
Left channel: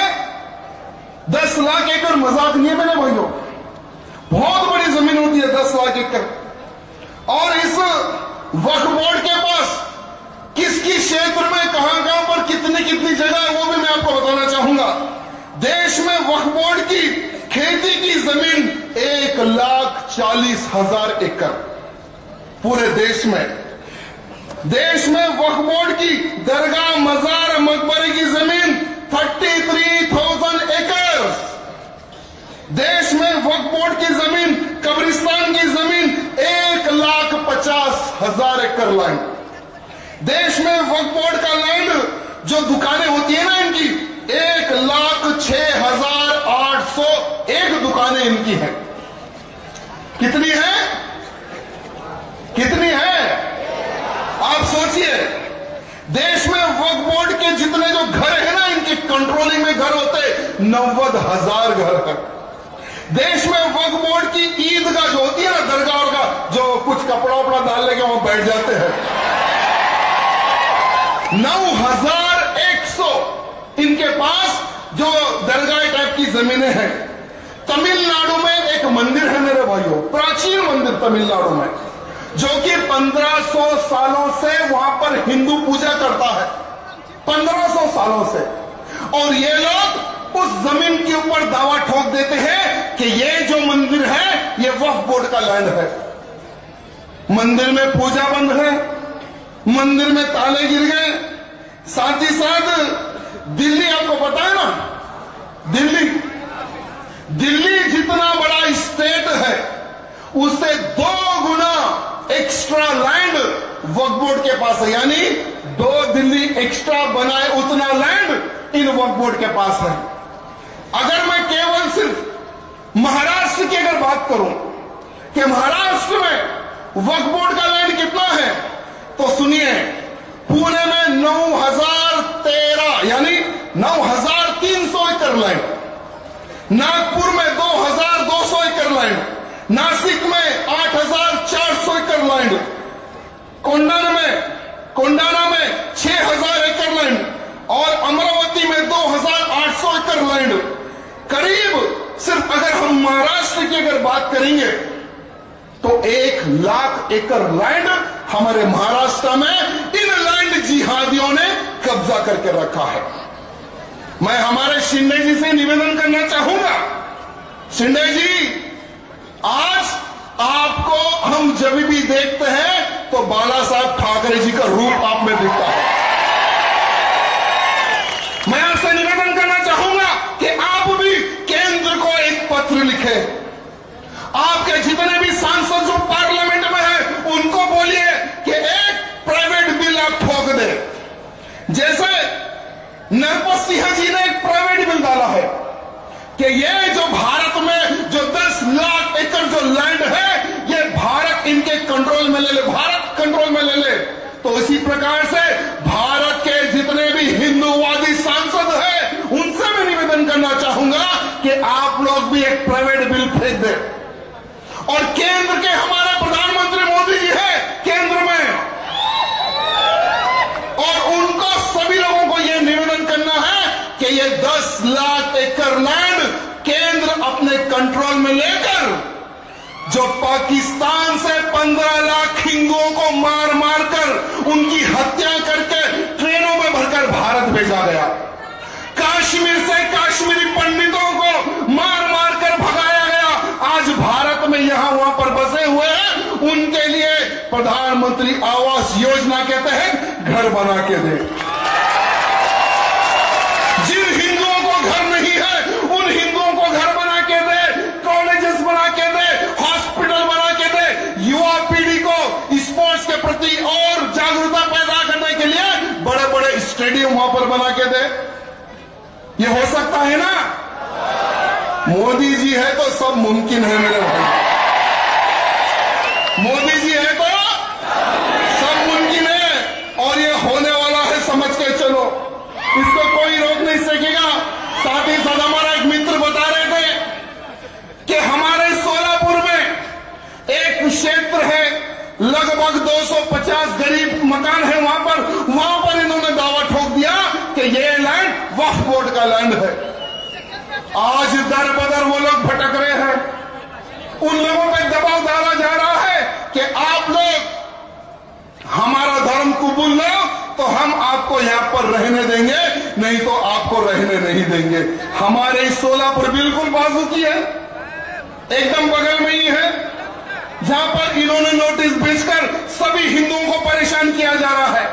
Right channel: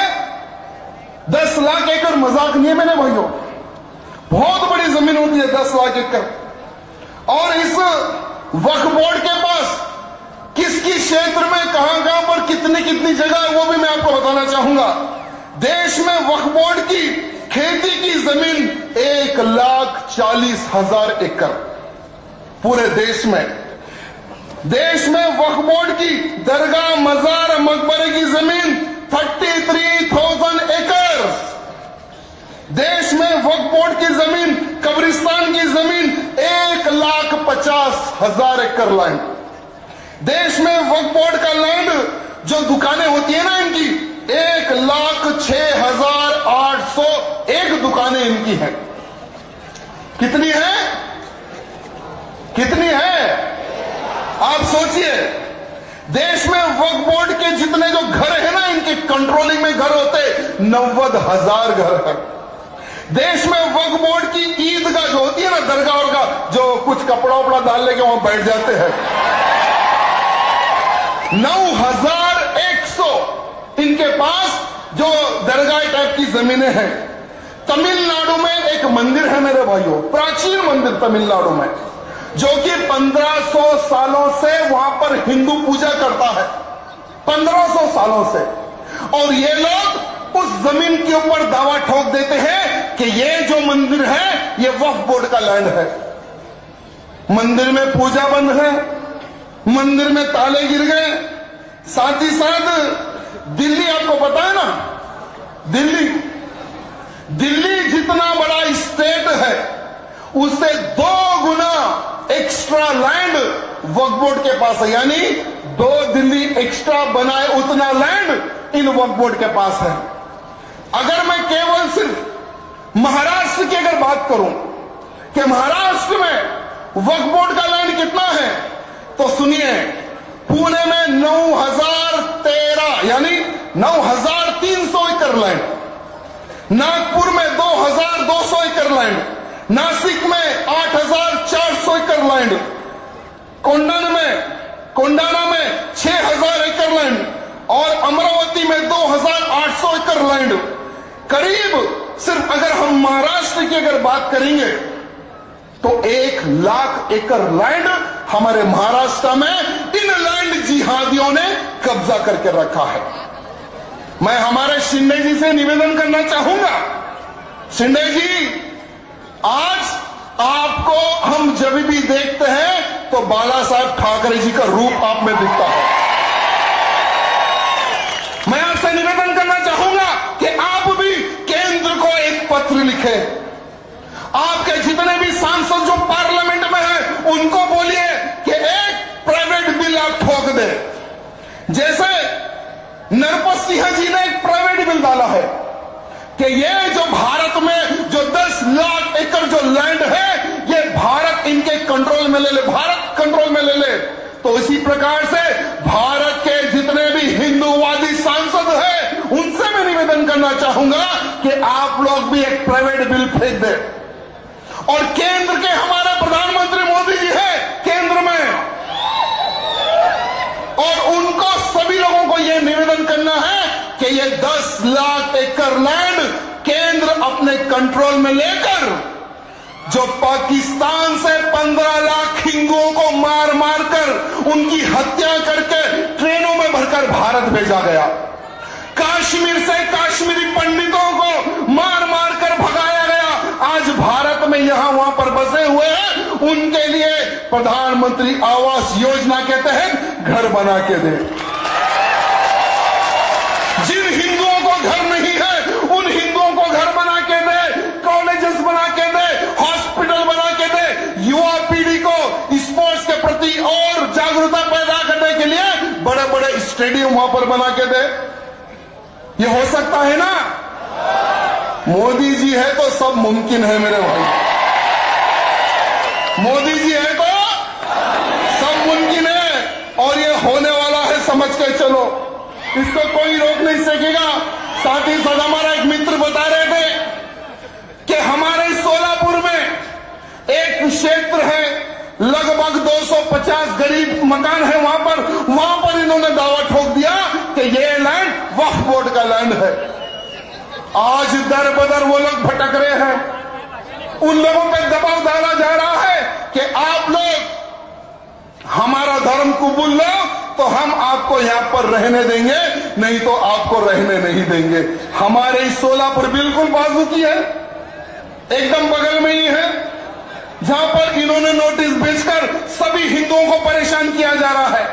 10 लाख एकड़ मजाक नहीं है मेरे भाइयों, बहुत बड़ी जमीन होती है 10 लाख एकड़। और इस वक्फ बोर्ड के पास किस किस क्षेत्र में कहां पर कितनी कितनी जगह है वो भी मैं आपको बताना चाहूंगा। देश में वक्फ बोर्ड की खेती की जमीन 1,40,000 एकड़ पूरे देश में। देश में वक्फ बोर्ड की दरगाह मजार मकबरे की जमीन 33,000 एकड़। देश में वक्फ बोर्ड की जमीन, कब्रिस्तान की जमीन 1,50,000 एकड़ लैंड। देश में वक्फ बोर्ड का लैंड जो दुकानें होती है ना इनकी 1,06,801 दुकानें इनकी हैं। कितनी है? कितनी है? आप सोचिए, देश में वक्फ बोर्ड के जितने जो घर है ना इनके कंट्रोलिंग में घर होते 90,000 घर है। देश में वक्फ बोर्ड की ईदगाह जो होती है ना, दरगाह और का जो कुछ कपड़ा उपड़ा डाल लेके वहां बैठ जाते हैं, 9,100 इनके पास जो दरगाह टाइप की जमीनें हैं। तमिलनाडु में एक मंदिर है मेरे भाइयों, प्राचीन मंदिर तमिलनाडु में, जो कि 1500 सालों से वहां पर हिंदू पूजा करता है, 1500 सालों से। और ये लोग उस जमीन के ऊपर दावा ठोक देते हैं कि ये जो मंदिर है ये वक्फ बोर्ड का लैंड है। मंदिर में पूजा बंद है, मंदिर में ताले गिर गए। साथ ही साथ दिल्ली, आपको पता है ना, दिल्ली जितना बड़ा स्टेट है उससे 2 गुना एक्स्ट्रा लैंड वक्फ बोर्ड के पास है। यानी 2 दिल्ली एक्स्ट्रा बनाए उतना land in Waqf board K pass है। अगर मैं केवल सिर्फ महाराष्ट्र की अगर बात करूं कि महाराष्ट्र में वक्फ बोर्ड का लैंड कितना है, तो सुनिए, पुणे में 9,013 यानी 9,300 एकड़ लैंड, नागपुर में 2,200 एकड़ लैंड, नासिक में 8,400 एकड़ लैंड, कोंडाना में 6,000 एकड़ लैंड और अमरावती में 2,800 एकड़ लैंड। करीब सिर्फ अगर हम महाराष्ट्र की अगर बात करेंगे तो 1 लाख एकड़ लैंड हमारे महाराष्ट्र में इन लैंड जिहादियों ने कब्जा करके रखा है। मैं हमारे शिंदे जी से निवेदन करना चाहूंगा, शिंदे जी, आज आपको हम जब भी देखते हैं तो बाला साहब ठाकरे जी का रूप आप में दिखता है। मैं आपसे निवेदन करना चाहूंगा कि आप भी केंद्र को एक पत्र लिखें। आपके जितने भी सांसद जो पार्लियामेंट में हैं उनको बोलिए कि एक प्राइवेट बिल आप ठोक दें। जैसे नरपत सिंह जी ने एक प्राइवेट बिल डाला है कि ये जो भारत में जो 10 लाख एकड़ जो लैंड है ये भारत इनके कंट्रोल में ले ले, भारत कंट्रोल में ले ले। तो इसी प्रकार से भारत के जितने भी हिंदूवादी सांसद हैं उनसे मैं निवेदन करना चाहूंगा कि आप लोग भी एक प्राइवेट बिल फेंक दें। और केंद्र के हमारे प्रधानमंत्री मोदी जी हैं केंद्र में, और उनको सभी लोगों को यह निवेदन करना है कि ये 10 लाख एकड़ लैंड केंद्र अपने कंट्रोल में लेकर जो पाकिस्तान से 15 लाख हिंदुओं को मार मार कर उनकी हत्या करके ट्रेनों में भरकर भारत भेजा गया, कश्मीर से कश्मीरी पंडितों को मार मार कर भगाया गया, आज भारत में यहां वहां पर बसे हुए हैं, उनके लिए प्रधानमंत्री आवास योजना के तहत घर बना के दे। जिन हिंदुओं को घर नहीं है उन हिंदुओं को घर बना के दे, कॉलेजेस बना के दे, हॉस्पिटल बना के दे, युवा पीढ़ी को स्पोर्ट्स के प्रति और जागरूकता पैदा करने के लिए बड़े बड़े स्टेडियम वहां पर बना के दे। ये हो सकता है ना? मोदी जी है तो सब मुमकिन है मेरे भाई, मोदी जी है तो सब मुमकिन है और ये होने वाला है, समझ के चलो, इसको कोई रोक नहीं सकेगा। साथ ही साथ हमारा एक मित्र बता रहे थे कि हमारे सोलापुर में एक क्षेत्र है, लगभग 250 गरीब मकान है, वहां पर इन्होंने दावा ठोक दिया कि ये लैंड वक्फ बोर्ड का लैंड है। आज दर बदर वो लोग भटक रहे हैं, उन लोगों पर दबाव डाला जा रहा है कि आप लोग हमारा धर्म कबूल लो तो हम आपको यहां पर रहने देंगे, नहीं तो आपको रहने नहीं देंगे। हमारे सोलापुर बिल्कुल बाजू की है, एकदम बगल में ही है, जहां पर इन्होंने नोटिस भेजकर सभी हिंदुओं को परेशान किया जा रहा है।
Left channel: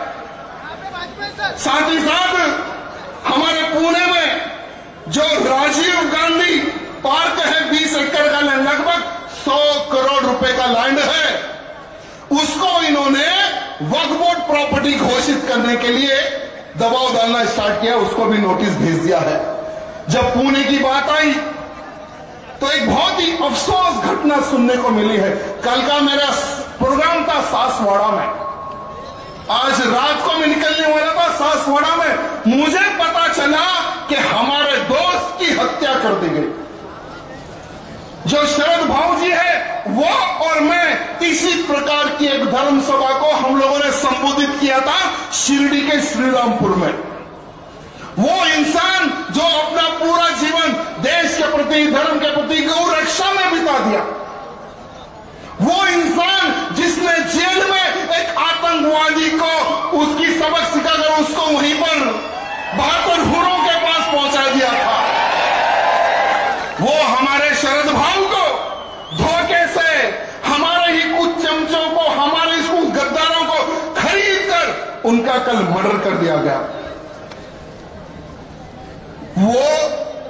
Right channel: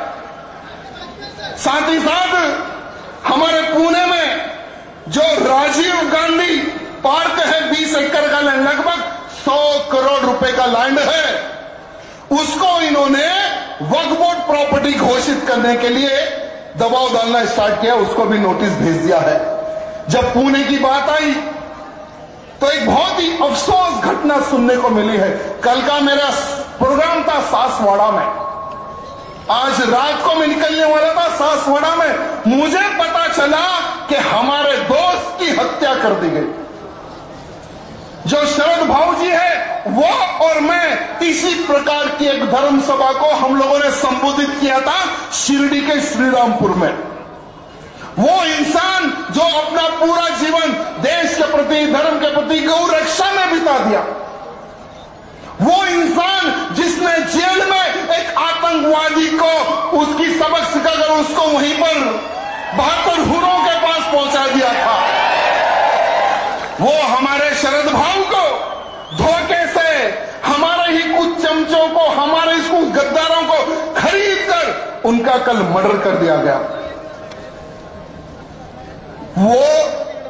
साथ ही साथ हमारे पुणे में जो राजीव गांधी पार्क है, 20 एकड़ का लैंड, लगभग 100 करोड़ रुपए का लैंड है, उसको इन्होंने वक्फ बोर्ड प्रॉपर्टी घोषित करने के लिए दबाव डालना स्टार्ट किया, उसको भी नोटिस भेज दिया है। जब पुणे की बात आई तो एक बहुत ही अफसोस घटना सुनने को मिली है। कल का मेरा प्रोग्राम था सासवाड़ा में, आज रात को मैं निकलने वाला था सासवाड़ा में, मुझे पता चला कि हमारे दोस्त की हत्या कर दी गई। जो शरद भाऊ जी है वो और मैं इसी प्रकार की एक धर्म सभा को हम लोगों ने संबोधित किया था शिरडी के श्रीरामपुर में। वो इंसान जो अपना पूरा जीवन देश के प्रति, धर्म के प्रति, गौ रक्षा में बिता दिया, वो इंसान जिसने जेल में एक आतंकवादी को उसकी सबक सिखाकर उसको वहीं पर 72 हुरों के पास पहुंचा दिया था, वो हमारे शरद भाऊ को धोखे से हमारे ही कुछ चमचों को, हमारे कुछ गद्दारों को खरीद कर उनका कल मर्डर कर दिया गया। वो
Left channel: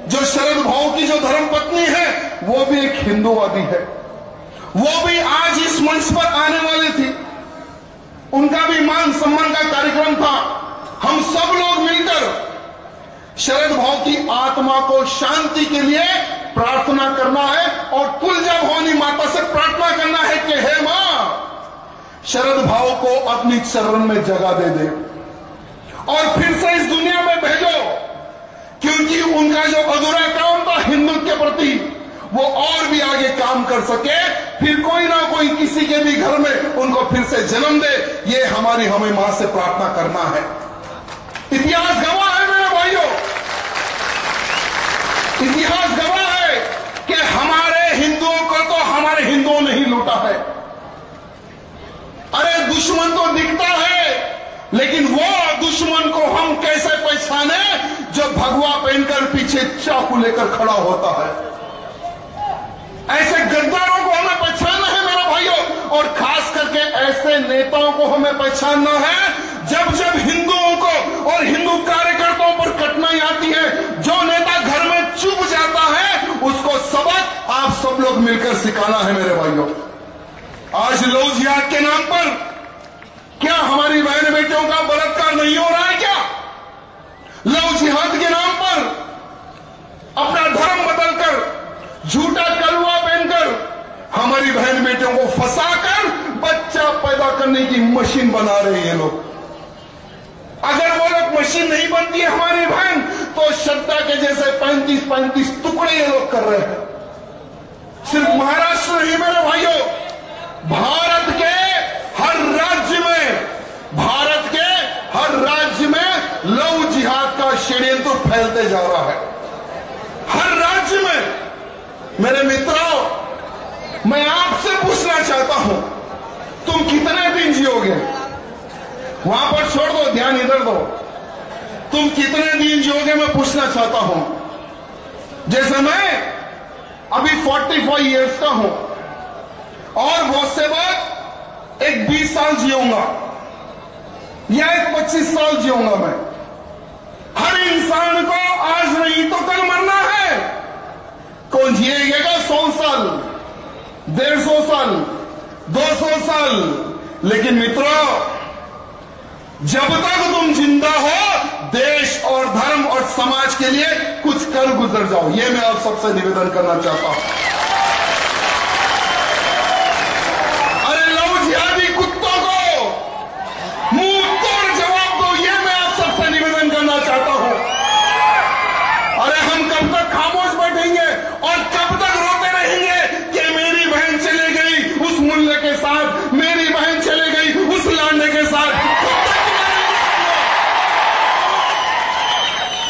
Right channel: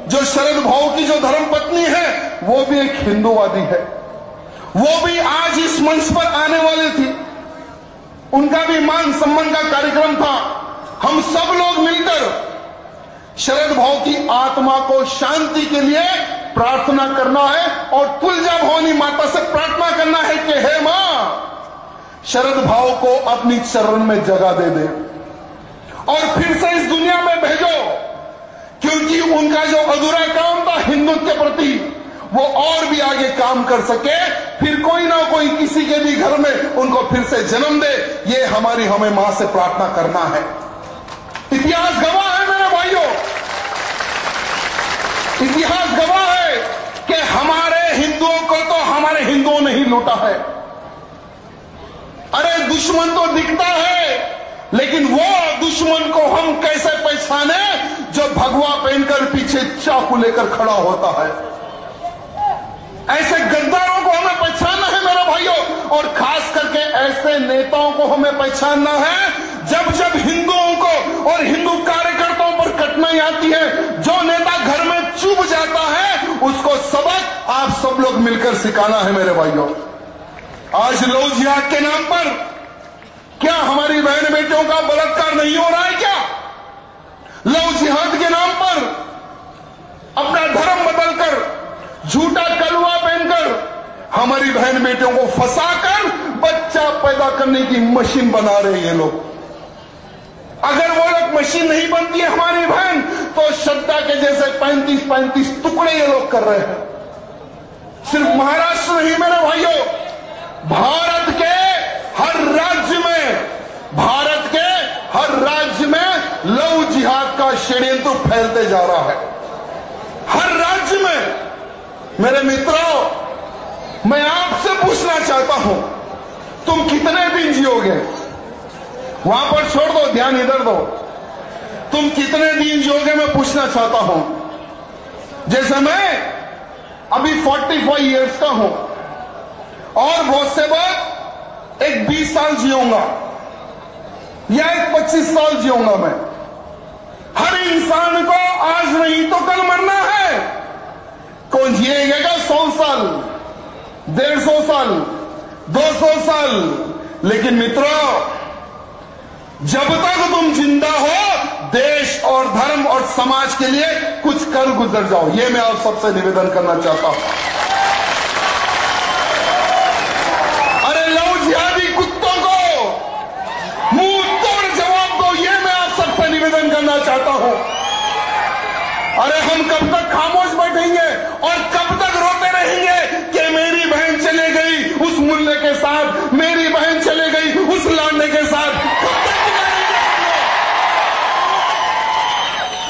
जो शरद भाऊ की जो धर्मपत्नी है वो भी एक हिंदूवादी है, वो भी आज इस मंच पर आने वाली थी, उनका भी मान सम्मान का कार्यक्रम था। हम सब लोग मिलकर शरद भाऊ की आत्मा को शांति के लिए प्रार्थना करना है और तुलजा भवानी माता से प्रार्थना करना है कि हे मां, शरद भाऊ को अपनी चरण में जगह दे दे और फिर से इस दुनिया में भेजो, क्योंकि उनका जो अधूरा काम था हिंदुत्व के प्रति वो और भी आगे काम कर सके, फिर कोई ना कोई किसी के भी घर में उनको फिर से जन्म दे, ये हमें मां से प्रार्थना करना है। इतिहास गवाह है मेरे भाइयों, इतिहास गवाह है कि हमारे हिंदुओं को तो हमारे हिंदुओं ने ही लूटा है। अरे दुश्मन तो दिखता है, लेकिन वो दुश्मन को हम कैसे पहचाने जो भगवा पहनकर पीछे चाकू लेकर खड़ा होता है। ऐसे गद्दारों को हमें पहचानना है मेरे भाइयों, और खास करके ऐसे नेताओं को हमें पहचानना है जब जब हिंदुओं को और हिंदू कार्यकर्ताओं पर कठिनाई आती है, जो नेता घर में चुप जाता है उसको सबक आप सब लोग मिलकर सिखाना है मेरे भाइयों। आज लव जिहाद के नाम पर क्या हमारी बहन बेटियों का बलात्कार नहीं हो रहा है क्या? लव जिहाद के नाम पर अपना धर्म बदलकर, झूठा कलवा पहनकर हमारी बहन बेटियों को फंसाकर बच्चा पैदा करने की मशीन बना रहे हैं लोग। अगर वो लोग मशीन नहीं बनती है हमारी बहन, तो श्रद्धा के जैसे 35-35 टुकड़े ये लोग कर रहे हैं। सिर्फ महाराष्ट्र नहीं मेरे भाइयों, भारत के हर राज्य में लव जिहाद का षड्यंत्र फैलते जा रहा है। हर राज्य में मेरे मित्रों, मैं आपसे पूछना चाहता हूं, तुम कितने दिन जियोगे? वहां पर छोड़ दो, ध्यान इधर दो। तुम कितने दिन जियोगे मैं पूछना चाहता हूं। जैसे मैं अभी 45 इयर्स का हूं और बहुत से बाद एक 20 साल जियूंगा या एक 25 साल जियूंगा। मैं हर इंसान को आज नहीं तो कल मरना है। कौन जिएगा 100 साल, 150 साल, 200 साल? लेकिन मित्रों, जब तक तुम जिंदा हो, देश और धर्म और समाज के लिए कुछ कर गुजर जाओ। ये मैं आप सबसे निवेदन करना चाहता हूं। अरे लव जिहादी कुत्तों को मुंह तोड़ जवाब दो, ये मैं आप सबसे निवेदन करना चाहता हूं। अरे हम कब तक खामोश बैठेंगे और कब तक रोते रहेंगे कि मेरी बहन चले गई उस मुल्ले के साथ, मेरी बहन चले गई उस लांडे के साथ?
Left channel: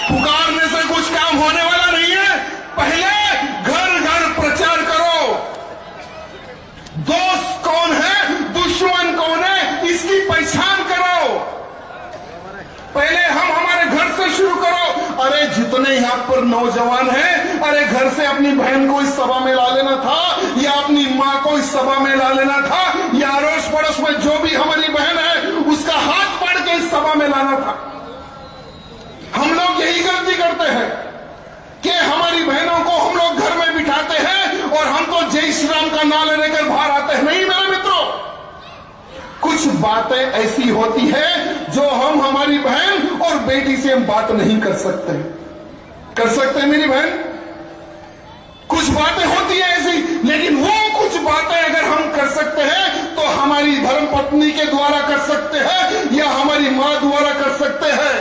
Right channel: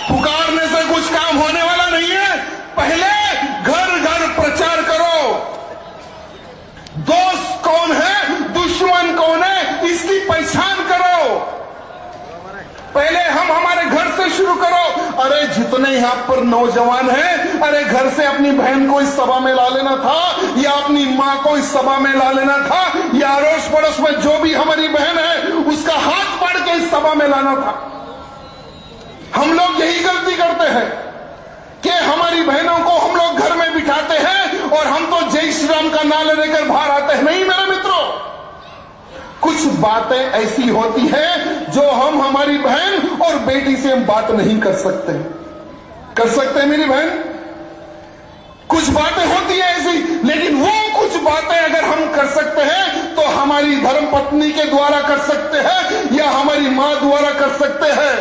पुकारने से कुछ काम होने वाला नहीं है। पहले घर घर प्रचार करो। दोस्त कौन है, दुश्मन कौन है, इसकी पहचान करो। पहले हम हमारे घर से शुरू करो। अरे जितने यहां पर नौजवान हैं, अरे घर से अपनी बहन को इस सभा में ला लेना था, या अपनी मां को इस सभा में ला लेना था, या अड़ोस पड़ोस में जो भी हमारी बहन है उसका हाथ पकड़ के इस सभा में लाना था। हम लोग यही गलती करते हैं कि हमारी बहनों को हम लोग घर में बिठाते हैं और हम तो जय श्री राम का नारा लेकर बाहर आते हैं। नहीं मेरे मित्रों, कुछ बातें ऐसी होती है जो हम हमारी बहन और बेटी से हम बात नहीं कर सकते। कर सकते हैं मेरी बहन? कुछ बातें होती है ऐसी, लेकिन वो कुछ बातें अगर हम कर सकते हैं तो हमारी धर्म पत्नी के द्वारा कर सकते हैं, या हमारी मां द्वारा कर सकते हैं,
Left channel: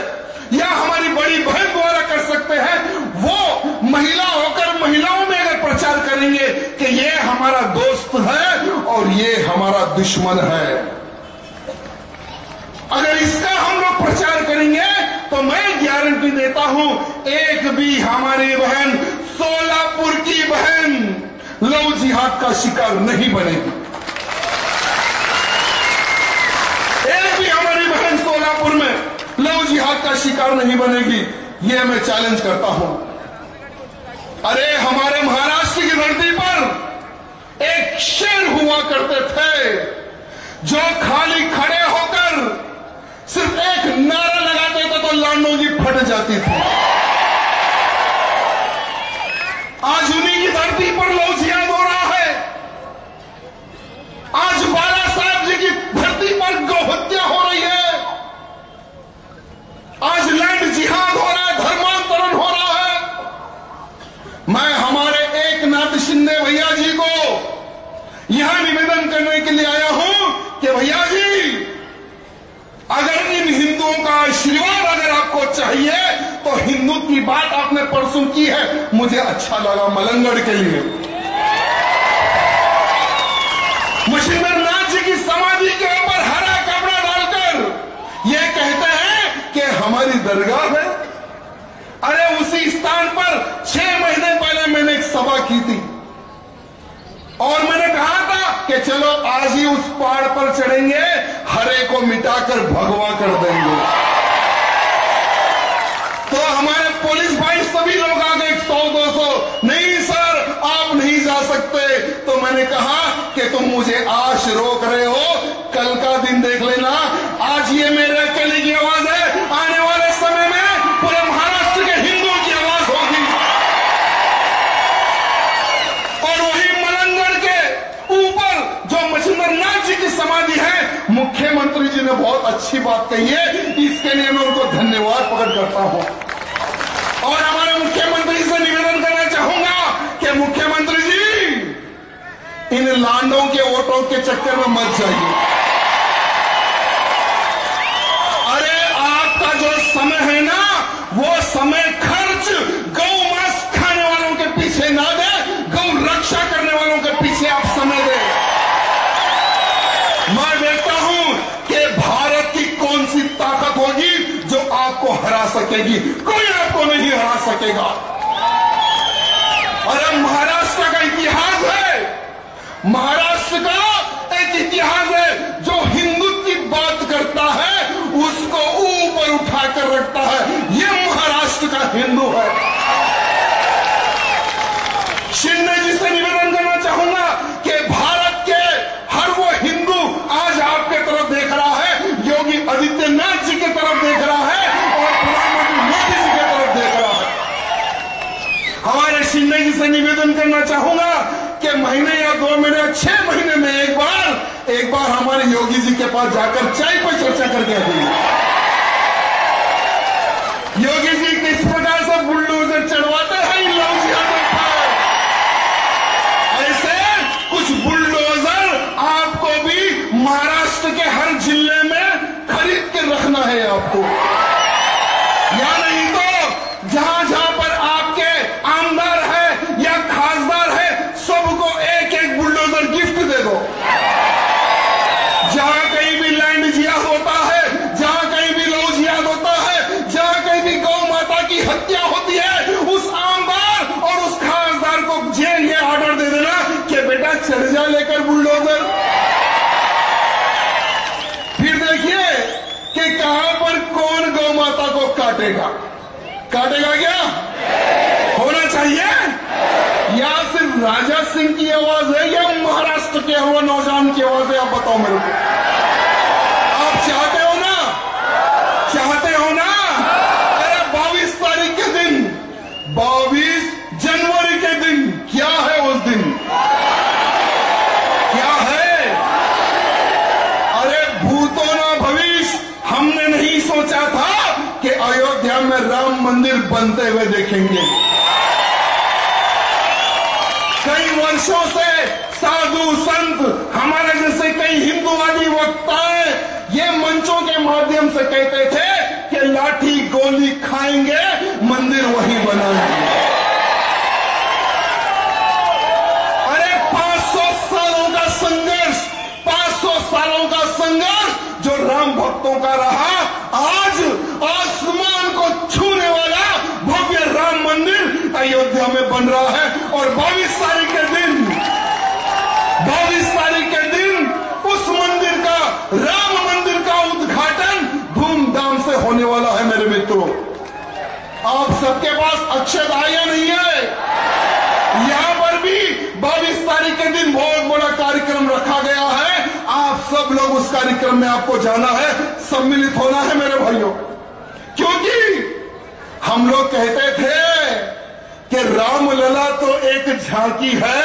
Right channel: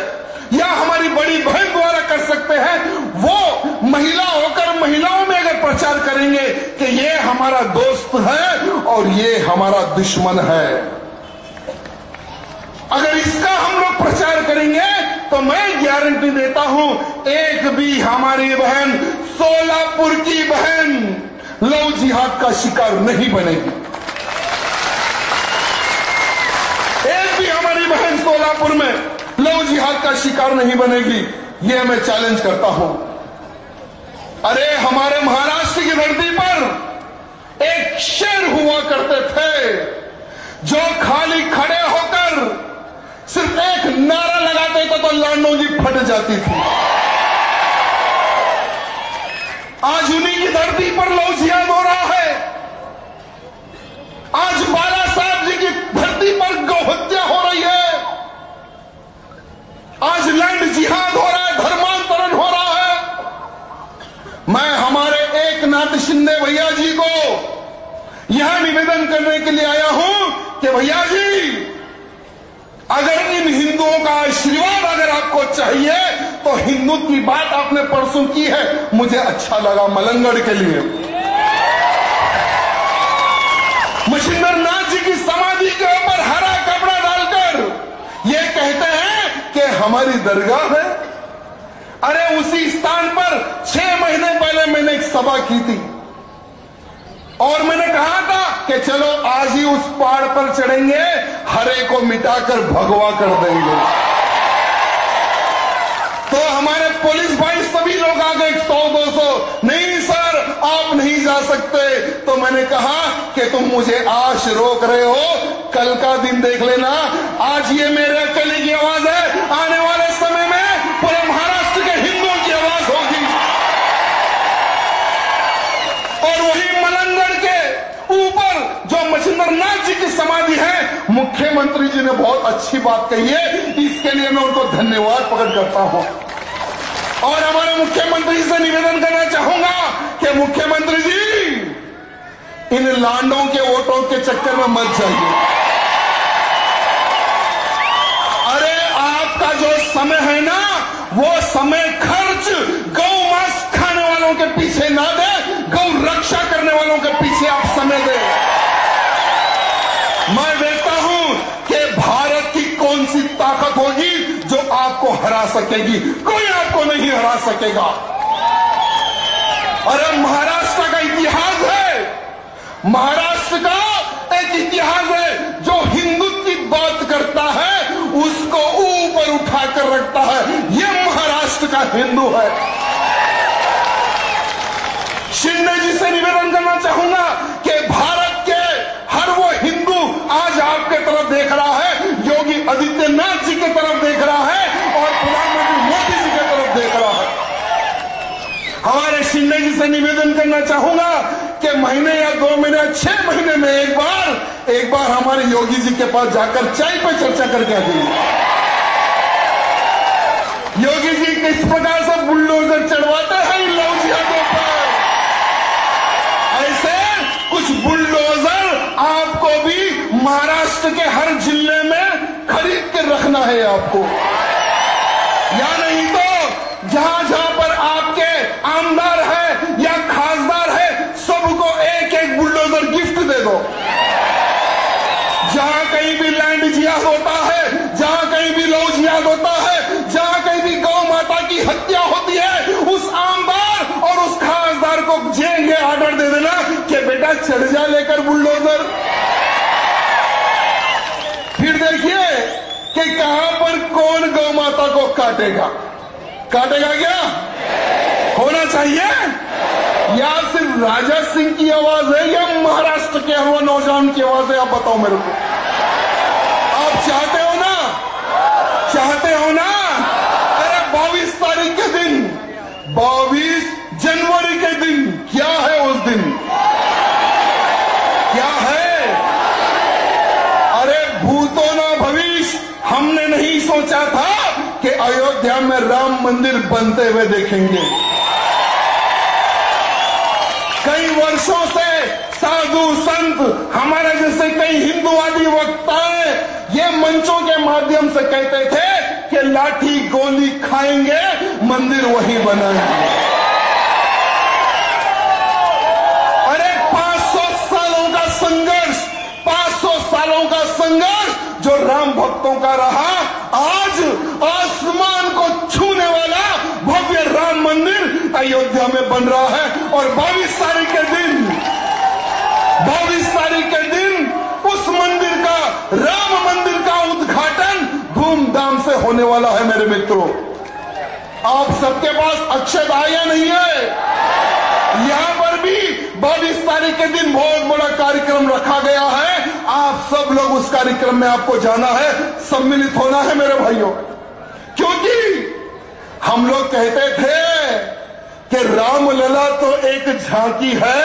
या हमारी बड़ी बहन द्वारा कर सकते हैं। वो महिला होकर महिलाओं में अगर प्रचार करेंगे कि ये हमारा दोस्त है और ये हमारा दुश्मन है, अगर इसका हम लोग प्रचार करेंगे तो मैं गारंटी देता हूं, एक भी हमारी बहन, सोलापुर की बहन, लव जिहाद का शिकार नहीं बनेगी। एक भी हमारी बहन सोलापुर में लव जिहाद का शिकार नहीं बनेगी। यह मैं चैलेंज करता हूं। अरे हमारे महाराष्ट्र की धरती पर एक शेर हुआ करते थे जो खाली खड़े होकर सिर्फ एक नारा लगाते थे तो लांडों की फट जाती थी। आज उन्हीं की धरती पर लव जिहाद हो रहा है। आज बाला साहब जी की धरती पर गौहत्या हो रही है। आज लैंड जिहाद हो रहा है, धर्मांतरण हो रहा है। मैं हमारे एकनाथ शिंदे भैया जी को यहां निवेदन करने के लिए आया हूं कि भैया जी, अगर इन हिंदुओं का आशीर्वाद अगर आपको चाहिए तो हिंदुत्व की बात आपने परसों की है, मुझे अच्छा लगा मलंगड़ के लिए। मच्छिंद्र नाथ जी की समाधि के ऊपर हरा कपड़ा डालकर ये कहते हैं कि हमारी दरगाह है। अरे उसी स्थान पर 6 महीने पहले मैंने एक सभा की थी और मैंने कहा था कि चलो आज ही उस पहाड़ पर चढ़ेंगे, हरे को मिटाकर भगवा कर देंगे। तो हमारे पुलिस भाई सभी लोग आ गए, 100-200। नहीं सर, आप नहीं जा सकते। तो मैंने कहा कि तुम मुझे आज रोक रहे हो, कल का दिन देख लेना। आज ये मेरे अकेले की आवाज है, आने वाले समय में पूरे महाराष्ट्र के हिंदुओं की आवाज होगी। और वही मलंगड़ के ऊपर जो मच्छिंद्र नाथ जी की समाधि है, मुख्यमंत्री जी ने बहुत अच्छी बात कही है, इसके लिए मैं उनको धन्यवाद प्रकट करता हूं। और हमारे मुख्यमंत्री से निवेदन करना चाहूंगा कि मुख्यमंत्री जी, इन लांडों के वोटों के चक्कर में मत जाइए। अरे आपका जो समय है ना, वो समय खर्च गौ मांस खाने वालों के पीछे ना दे, गौ रक्षा करने वालों के पीछे आप समय दें। मैं देखता हूं कि भारत की कौन सी ताकत होगी जो आपको हरा सकेगी। कोई आपको नहीं हरा सकेगा। और अब महाराष्ट्र का इतिहास है, महाराष्ट्र का एक इतिहास है जो हिंदुत्व की बात करता है, उसको ऊपर उठाकर रखता है। यह महाराष्ट्र का हिंदू है। शिंदे जी से निवेदन करना चाहूंगा कि भारत के हर वो हिंदू आज आपके तरफ देख रहा है, योगी आदित्यनाथ जी की तरफ देख रहा है और प्रधानमंत्री मोदी जी की तरफ देख रहा है। हमारे शिंदे जी से निवेदन करना चाहूंगा कि महीने या 2 महीने 6 महीने में एक बार हमारे योगी जी के पास जाकर चाय पर चर्चा करके आइए। योगी जी किस प्रकार से बुलडोजर चढ़वाते हैं इन लव जिहादों पर, ऐसे कुछ बुलडोजर आपको भी महाराष्ट्र के हर जिले में खरीद के रखना है आपको, या नहीं तो जहां जहां पर आपके आमदार है या खासदार है सबको एक एक बुलडोजर गिफ्ट दे दो। जहां कहीं भी लैंड जिहाद होता है, जहां कहीं भी लव जिहाद होता है, जहां कहीं भी गौ माता की हत्या होती है, उस आमदार और उस खासदार को जेल में ऑर्डर दे देना कि बेटा चढ़ जा लेकर बुलडोजर। फिर देखिए कि कहां पर कौन गौ माता को काटेगा क्या होना चाहिए? या सिर्फ राजा सिंह की आवाज है या महाराष्ट्र के वो नौजवान की आवाज है? आप बताओ मेरे को। आप चाहते हो ना? अरे 22 तारीख के दिन, 22 जनवरी के दिन क्या है? उस दिन क्या है? अरे भूतो ना भविष्य, हमने नहीं सोचा था कि अयोध्या में राम मंदिर बनते हुए देखेंगे। कई वर्षों से साधु संत हमारे जैसे कई हिंदूवादी वक्ताएं ये मंचों के माध्यम से कहते थे कि लाठी गोली खाएंगे, मंदिर वहीं बनाएंगे। अरे 500 सालों का संघर्ष, 500 सालों का संघर्ष जो राम भक्तों का रहा, आज आसमान को छूने वाला भव्य राम मंदिर अयोध्या में बन रहा है। और 22 तारीख के दिन उस मंदिर का, राम मंदिर का उद्घाटन धूमधाम से होने वाला है। मेरे मित्रों, आप सबके पास अक्षत आया नहीं है? यहां पर भी 22 तारीख के दिन बहुत बड़ा कार्यक्रम रखा गया है। आप सब लोग उस कार्यक्रम में आपको जाना है, सम्मिलित होना है मेरे भाइयों, क्योंकि हम लोग कहते थे कि रामलला तो एक झांकी है,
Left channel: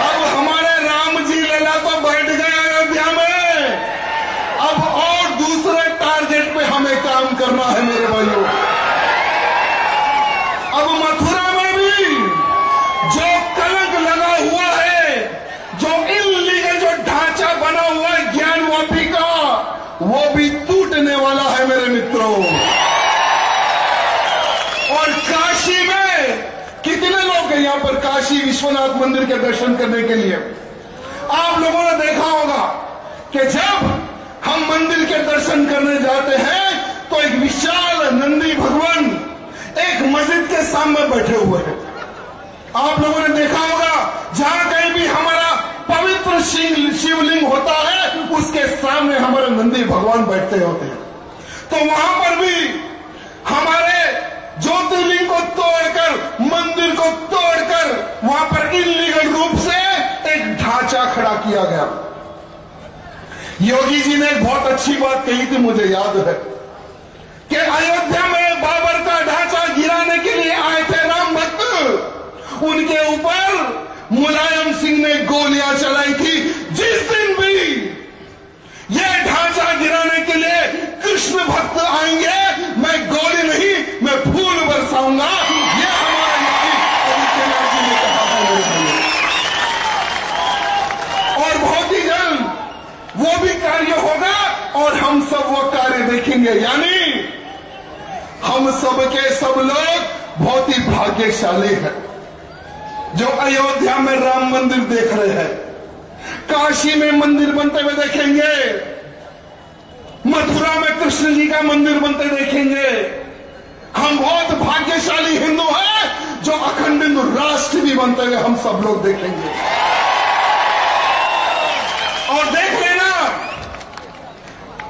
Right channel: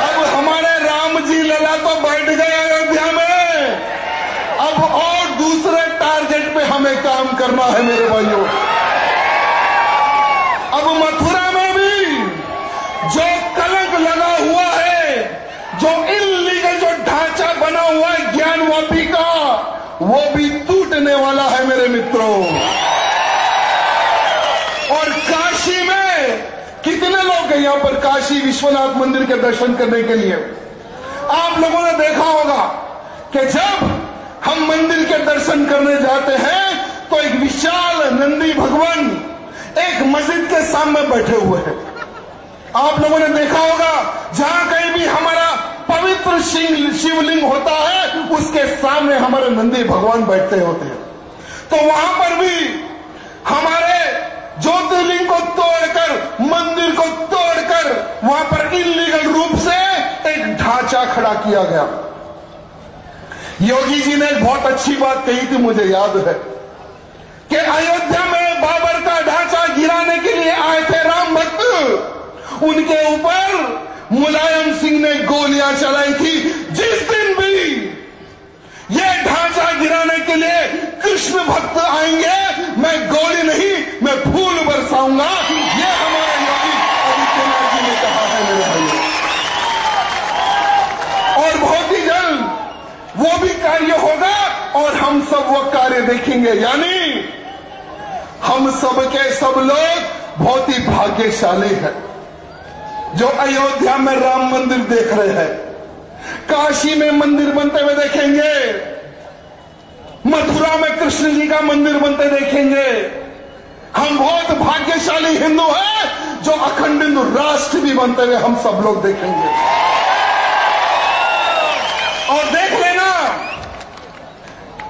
अब हमारे राम जी लला तो बैठ गए अयोध्या में, अब और दूसरे टारगेट पे हमें काम करना है मेरे भाइयों। अब मथुरा में भी जो कलंक लगा हुआ है, जो इल्लीगल जो ढांचा बना हुआ है ज्ञानवापी का, वो भी टूटने वाला है मेरे मित्रों। और काशी में कितने लोग गए यहां पर काशी विश्वनाथ मंदिर के दर्शन करने के लिए? आप लोगों ने देखा होगा कि जब हम मंदिर के दर्शन करने जाते हैं तो एक विशाल नंदी भगवान एक मस्जिद के सामने बैठे हुए हैं। आप लोगों ने देखा होगा जहां कहीं भी हमारा पवित्र शिवलिंग होता है उसके सामने हमारे नंदी भगवान बैठते होते हैं। तो वहां पर भी हमारे ज्योतिर्लिंग को तोड़कर, मंदिर को तोड़कर वहां पर इल्लीगल रूप से एक ढांचा खड़ा किया गया। योगी जी ने एक बहुत अच्छी बात कही थी, मुझे याद है, कि अयोध्या में बाबर का ढांचा गिराने के लिए आए थे राम भक्त, उनके ऊपर मुलायम सिंह ने गोलियां चलाई थी। जिस दिन भी ये ढांचा गिराने के लिए कृष्ण भक्त आएंगे, मैं गोली नहीं मैं फूल बरसाऊंगा, ये हमारे योगी आदित्यनाथ जी ने कहा है मेरे भाइयों। और बहुत ही जल्द वो भी कार्य होगा और हम सब वो कार्य देखेंगे। यानी हम सब के सब लोग बहुत ही भाग्यशाली हैं जो अयोध्या में राम मंदिर देख रहे हैं, काशी में मंदिर बनते हुए देखेंगे, मथुरा में कृष्ण जी का मंदिर बनते देखेंगे। हम बहुत भाग्यशाली हिंदू हैं जो अखंड हिंदू राष्ट्र भी बनते हुए हम सब लोग देखेंगे। और देख लेना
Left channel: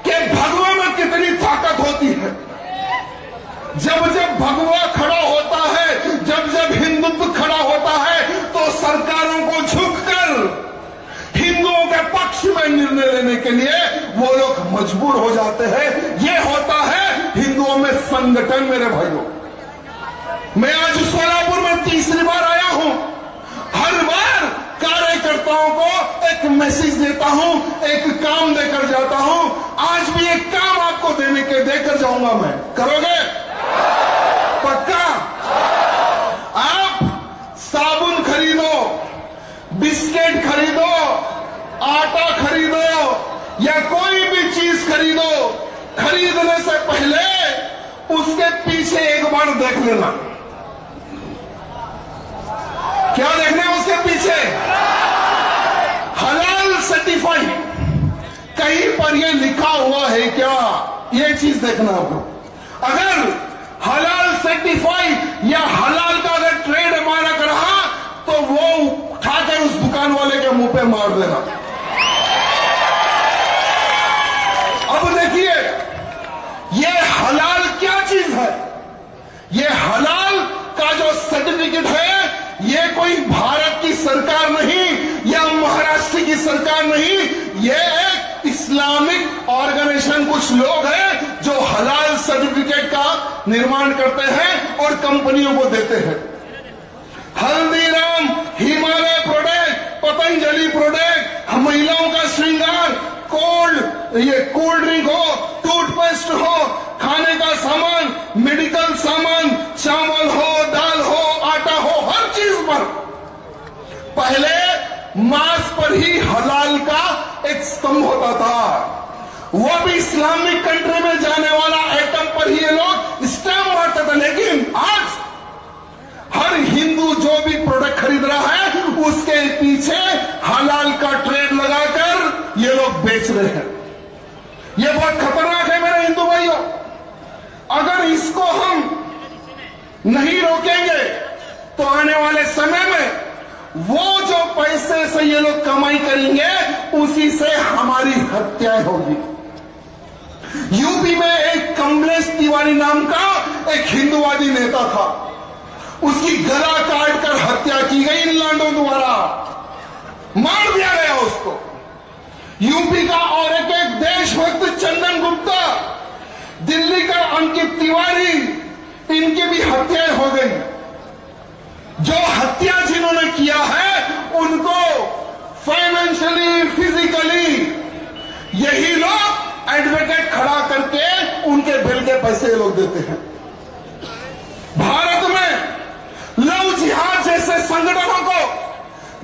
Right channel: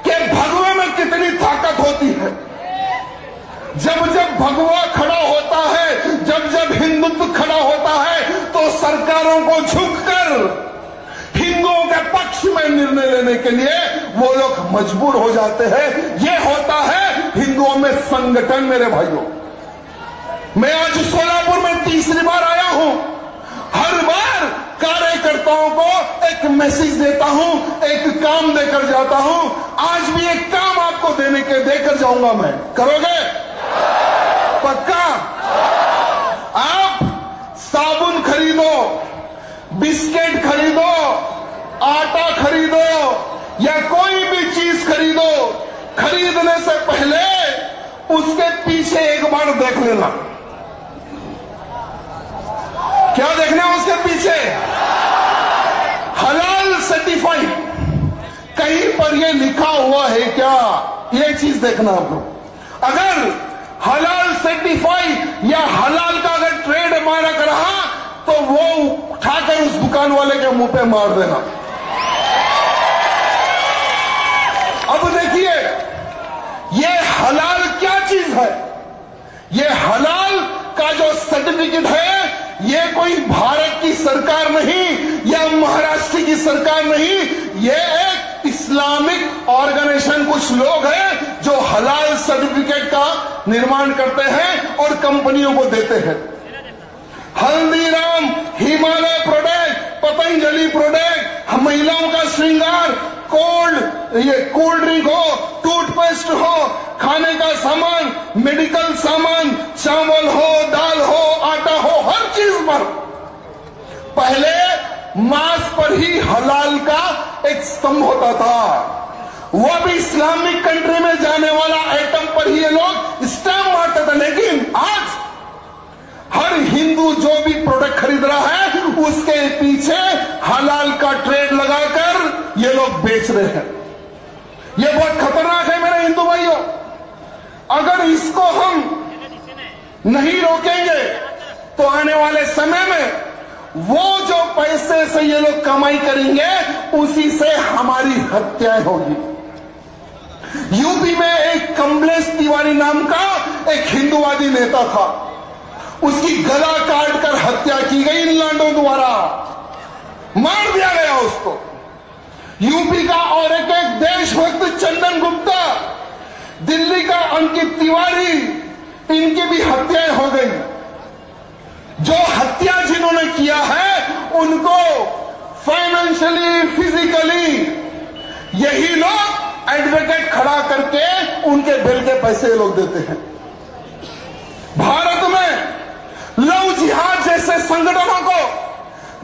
कि भगवा में कितनी ताकत होती है। जब जब भगवा खड़ा होता है, जब जब हिंदुत्व खड़ा होता है, तो सरकारों को झुककर हिंदुओं के पक्ष में निर्णय लेने के लिए वो लोग मजबूर हो जाते हैं। ये होता है हिंदुओं में संगठन। मेरे भाइयों, मैं आज सोलापुर में तीसरी बार आया हूं। हर बार कार्यकर्ताओं को एक मैसेज देता हूं, एक काम देकर जाता हूं। आज भी एक काम आपको देकर जाऊंगा मैं। करोगे? पक्का? आप साबुन खरीदो, बिस्किट खरीदो, आटा खरीदो या कोई भी चीज खरीदो, खरीदने से पहले उसके पीछे एक बार देख लेना। क्या देखना है उसके पीछे? हलाल सर्टिफाइड कहीं पर ये लिखा हुआ है क्या, ये चीज देखना आपको। अगर हलाल सर्टिफाइड या हलाल का अगर ट्रेड मार्क रहा तो वो उठाकर उस दुकान वाले के मुंह पे मार देना। अब देखिए, ये हलाल क्या चीज है? ये हलाल का जो सर्टिफिकेट है, ये कोई भारत की सरकार नहीं या महाराष्ट्र की सरकार नहीं, ये एक इस्लामिक ऑर्गेनाइजेशन, कुछ लोग हैं जो हलाल सर्टिफिकेट का निर्माण करते हैं और कंपनियों को देते हैं। हल्दीराम, हिमालय प्रोडक्ट, पतंजलि प्रोडक्ट, महिलाओं का श्रृंगार, ये कोल्ड ड्रिंक हो, टूथपेस्ट हो, खाने का सामान, मेडिकल सामान, चावल हो, दाल हो, आटा हो, हर चीज पर पहले मांस पर ही हलाल का एक स्तंभ होता था। वो भी इस्लामिक कंट्री में जाने वाला आइटम पर ही ये लोग स्टैम्प मारते थे। लेकिन आज हर हिंदू जो भी प्रोडक्ट खरीद रहा है, उसके पीछे हलाल का ट्रेड लगाकर ये लोग बेच रहे हैं। ये बहुत खतरनाक है मेरे हिंदू भाइयों। अगर इसको हम नहीं रोकेंगे तो आने वाले समय में वो जो पैसे से ये लोग कमाई करेंगे, उसी से हमारी हत्याएं होगी। यूपी में एक कमलेश तिवारी नाम का एक हिंदूवादी नेता था, उसकी गला काटकर हत्या की गई इन लांडों द्वारा, मार दिया गया उसको। यूपी का और एक देशभक्त चंदन गुप्ता, दिल्ली का अंकित तिवारी, इनकी भी हत्याएं हो गई। जो हत्या जिन्होंने किया है, उनको फाइनेंशियली, फिजिकली यही लोग एडवोकेट खड़ा करके उनके बिल के पैसे लोग देते हैं। भारत में लव जिहाद जैसे संगठनों को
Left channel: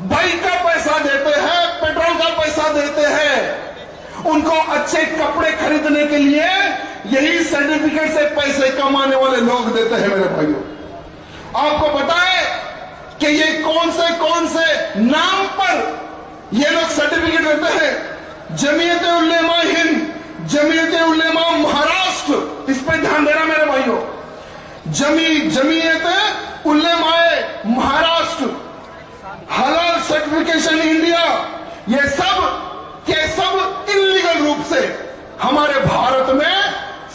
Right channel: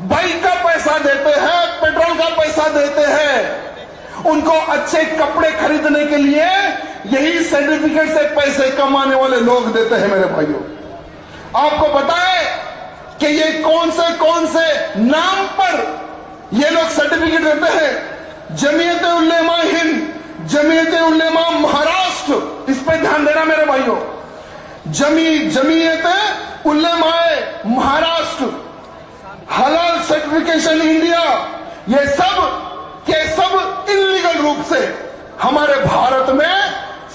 बाइक का पैसा देते हैं, पेट्रोल का पैसा देते हैं। उनको अच्छे कपड़े खरीदने के लिए यही सर्टिफिकेट से पैसे कमाने वाले लोग देते हैं। मेरे भाइयों, आपको पता है कि ये कौन से नाम पर ये लोग सर्टिफिकेट देते हैं? जमीयत उलेमा हिंद, जमीयत उलेमा महाराष्ट्र, इस पर ध्यान देना मेरे भाइयों। जमीयत उलेमा महाराष्ट्र, हलाल सर्टिफिकेशन इंडिया, ये सब के सब इलीगल रूप से हमारे भारत में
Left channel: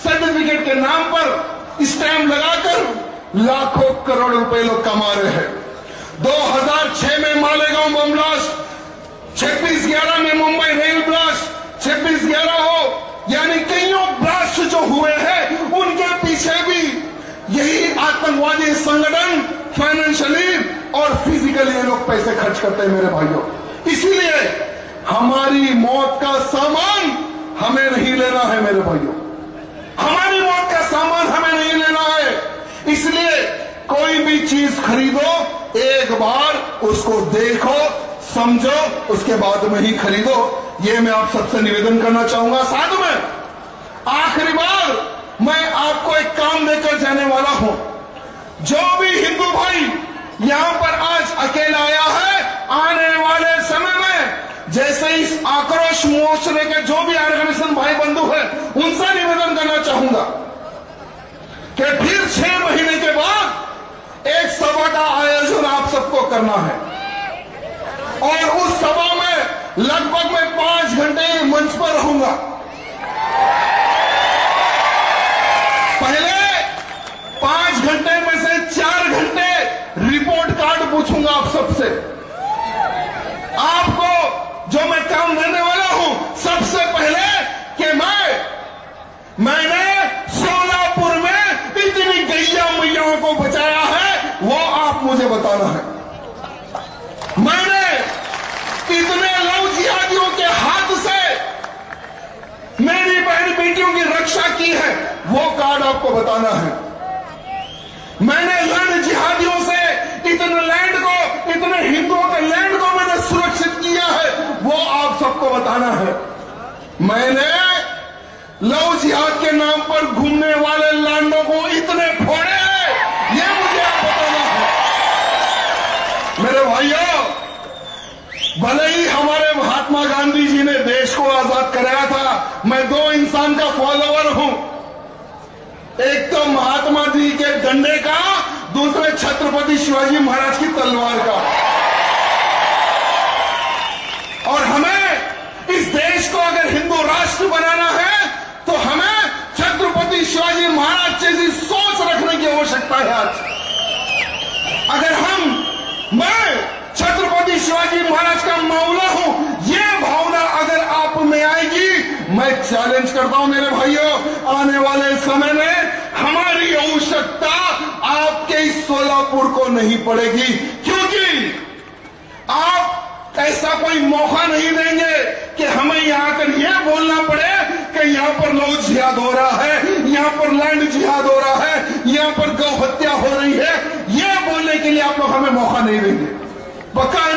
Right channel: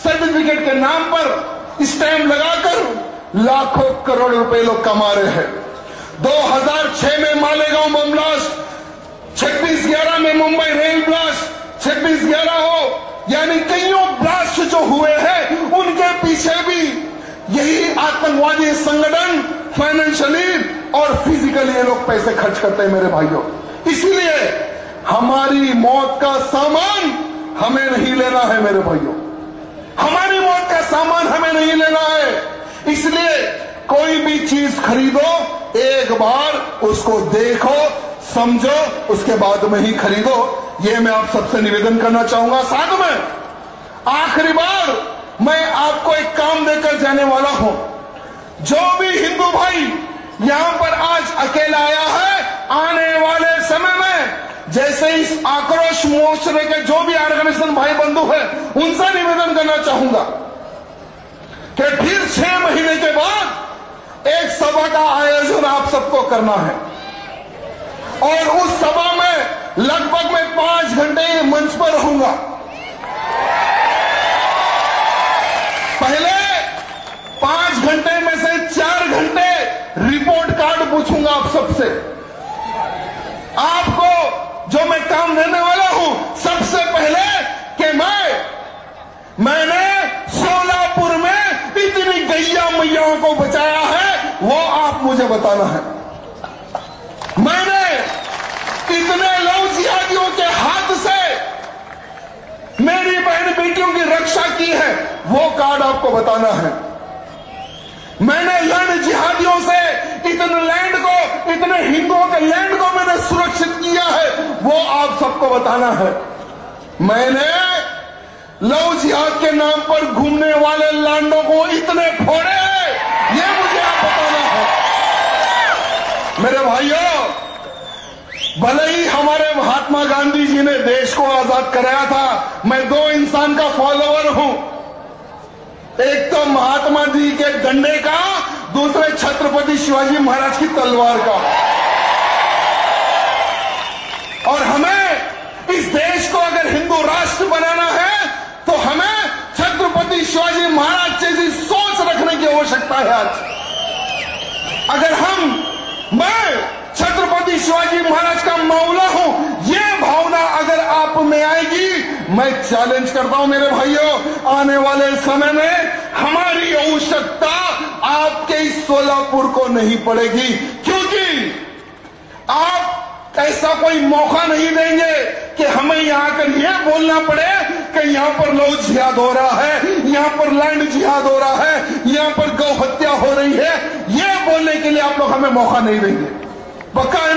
सर्टिफिकेट के नाम पर स्टैम्प लगाकर लाखों करोड़ रुपए लोग कमा रहे हैं। 2006 में मालेगांव बम ब्लास्ट, 26/11 में मुंबई रेल ब्लास्ट, 26/11 हो, यानी कईयों ब्लास्ट जो हुए हैं, उनके पीछे भी यही आतंकवादी संगठन फाइनेंशियली और फिजिकली ये लोग पैसे खर्च करते हैं मेरे भाइयों। इसीलिए हमारी मौत का सामान हमें नहीं लेना है मेरे भाइयों, हमारी मौत का सामान हमें नहीं लेना है। इसलिए कोई भी चीज खरीदो, एक बार उसको देखो, समझो, उसके बाद में ही खरीदो। ये मैं आप सबसे निवेदन करना चाहूंगा। साथ में आखिरी बार मैं आपको एक काम देकर जाने वाला हूं। जो भी हिंदू भाई यहां पर आज अकेला आया है, आने वाले समय में जैसे इस आक्रोश मोर्चे के जो भी ऑर्गेनाइजेशन भाई बंधु है, उनसे निवेदन करना चाहूंगा कि फिर 6 महीने के बाद एक सभा का आयोजन आप सबको करना है और उस सभा में लगभग मैं 5 घंटे मंच पर रहूंगा। पहले 5 घंटे में से 4 घंटे रिपोर्ट कार्ड पूछूंगा आप सबसे। आपको जो मैं काम देने वाला हूं, सबसे पहले कि मैंने सोलापुर में इतनी गैया मैयाओं को बचाया है, वो आप मुझे बताना है। मैंने इतने लव जिहादियों के हाथ से मेरी बहन बेटियों की रक्षा की है, वो कार्ड आपको बताना है। मैंने लैंड जिहादियों से इतने लैंड को, इतने हिंदुओं के लैंड को मैंने सुरक्षित किया है, वो आप सबको बताना है। मैंने लव जिहाद के नाम पर घूमने वाले लांडों को इतने फोड़े हैं, ये मुझे आप बताना है। मेरे भाइयों, भले ही हमारे महात्मा गांधी जी ने देश को आजाद कराया था, मैं 2 इंसान का फॉलोअर हूं। एक तो महात्मा जी के डंडे का, दूसरे छत्रपति शिवाजी महाराज की तलवार का। और हमें इस देश को अगर हिंदू राष्ट्र बनाना है तो हमें छत्रपति शिवाजी महाराज जैसी सोच रखने की आवश्यकता है। आज अगर मैं छत्रपति शिवाजी महाराज का मौला हूं, ये भावना अगर आप में आएगी, मैं चैलेंज करता हूं मेरे भाइयों, आने वाले समय में हमारी आवश्यकता आपके इस सोलापुर को नहीं पड़ेगी, क्योंकि आप ऐसा कोई मौका नहीं देंगे कि हमें यहां आकर यह बोलना पड़े कि यहां पर लव जिहाद हो रहा है, यहां पर लैंड जिहाद हो रहा है, यहां पर गौ हत्या हो रही है। यह बोलने के लिए आप लोग हमें मौका नहीं देंगे। बकाया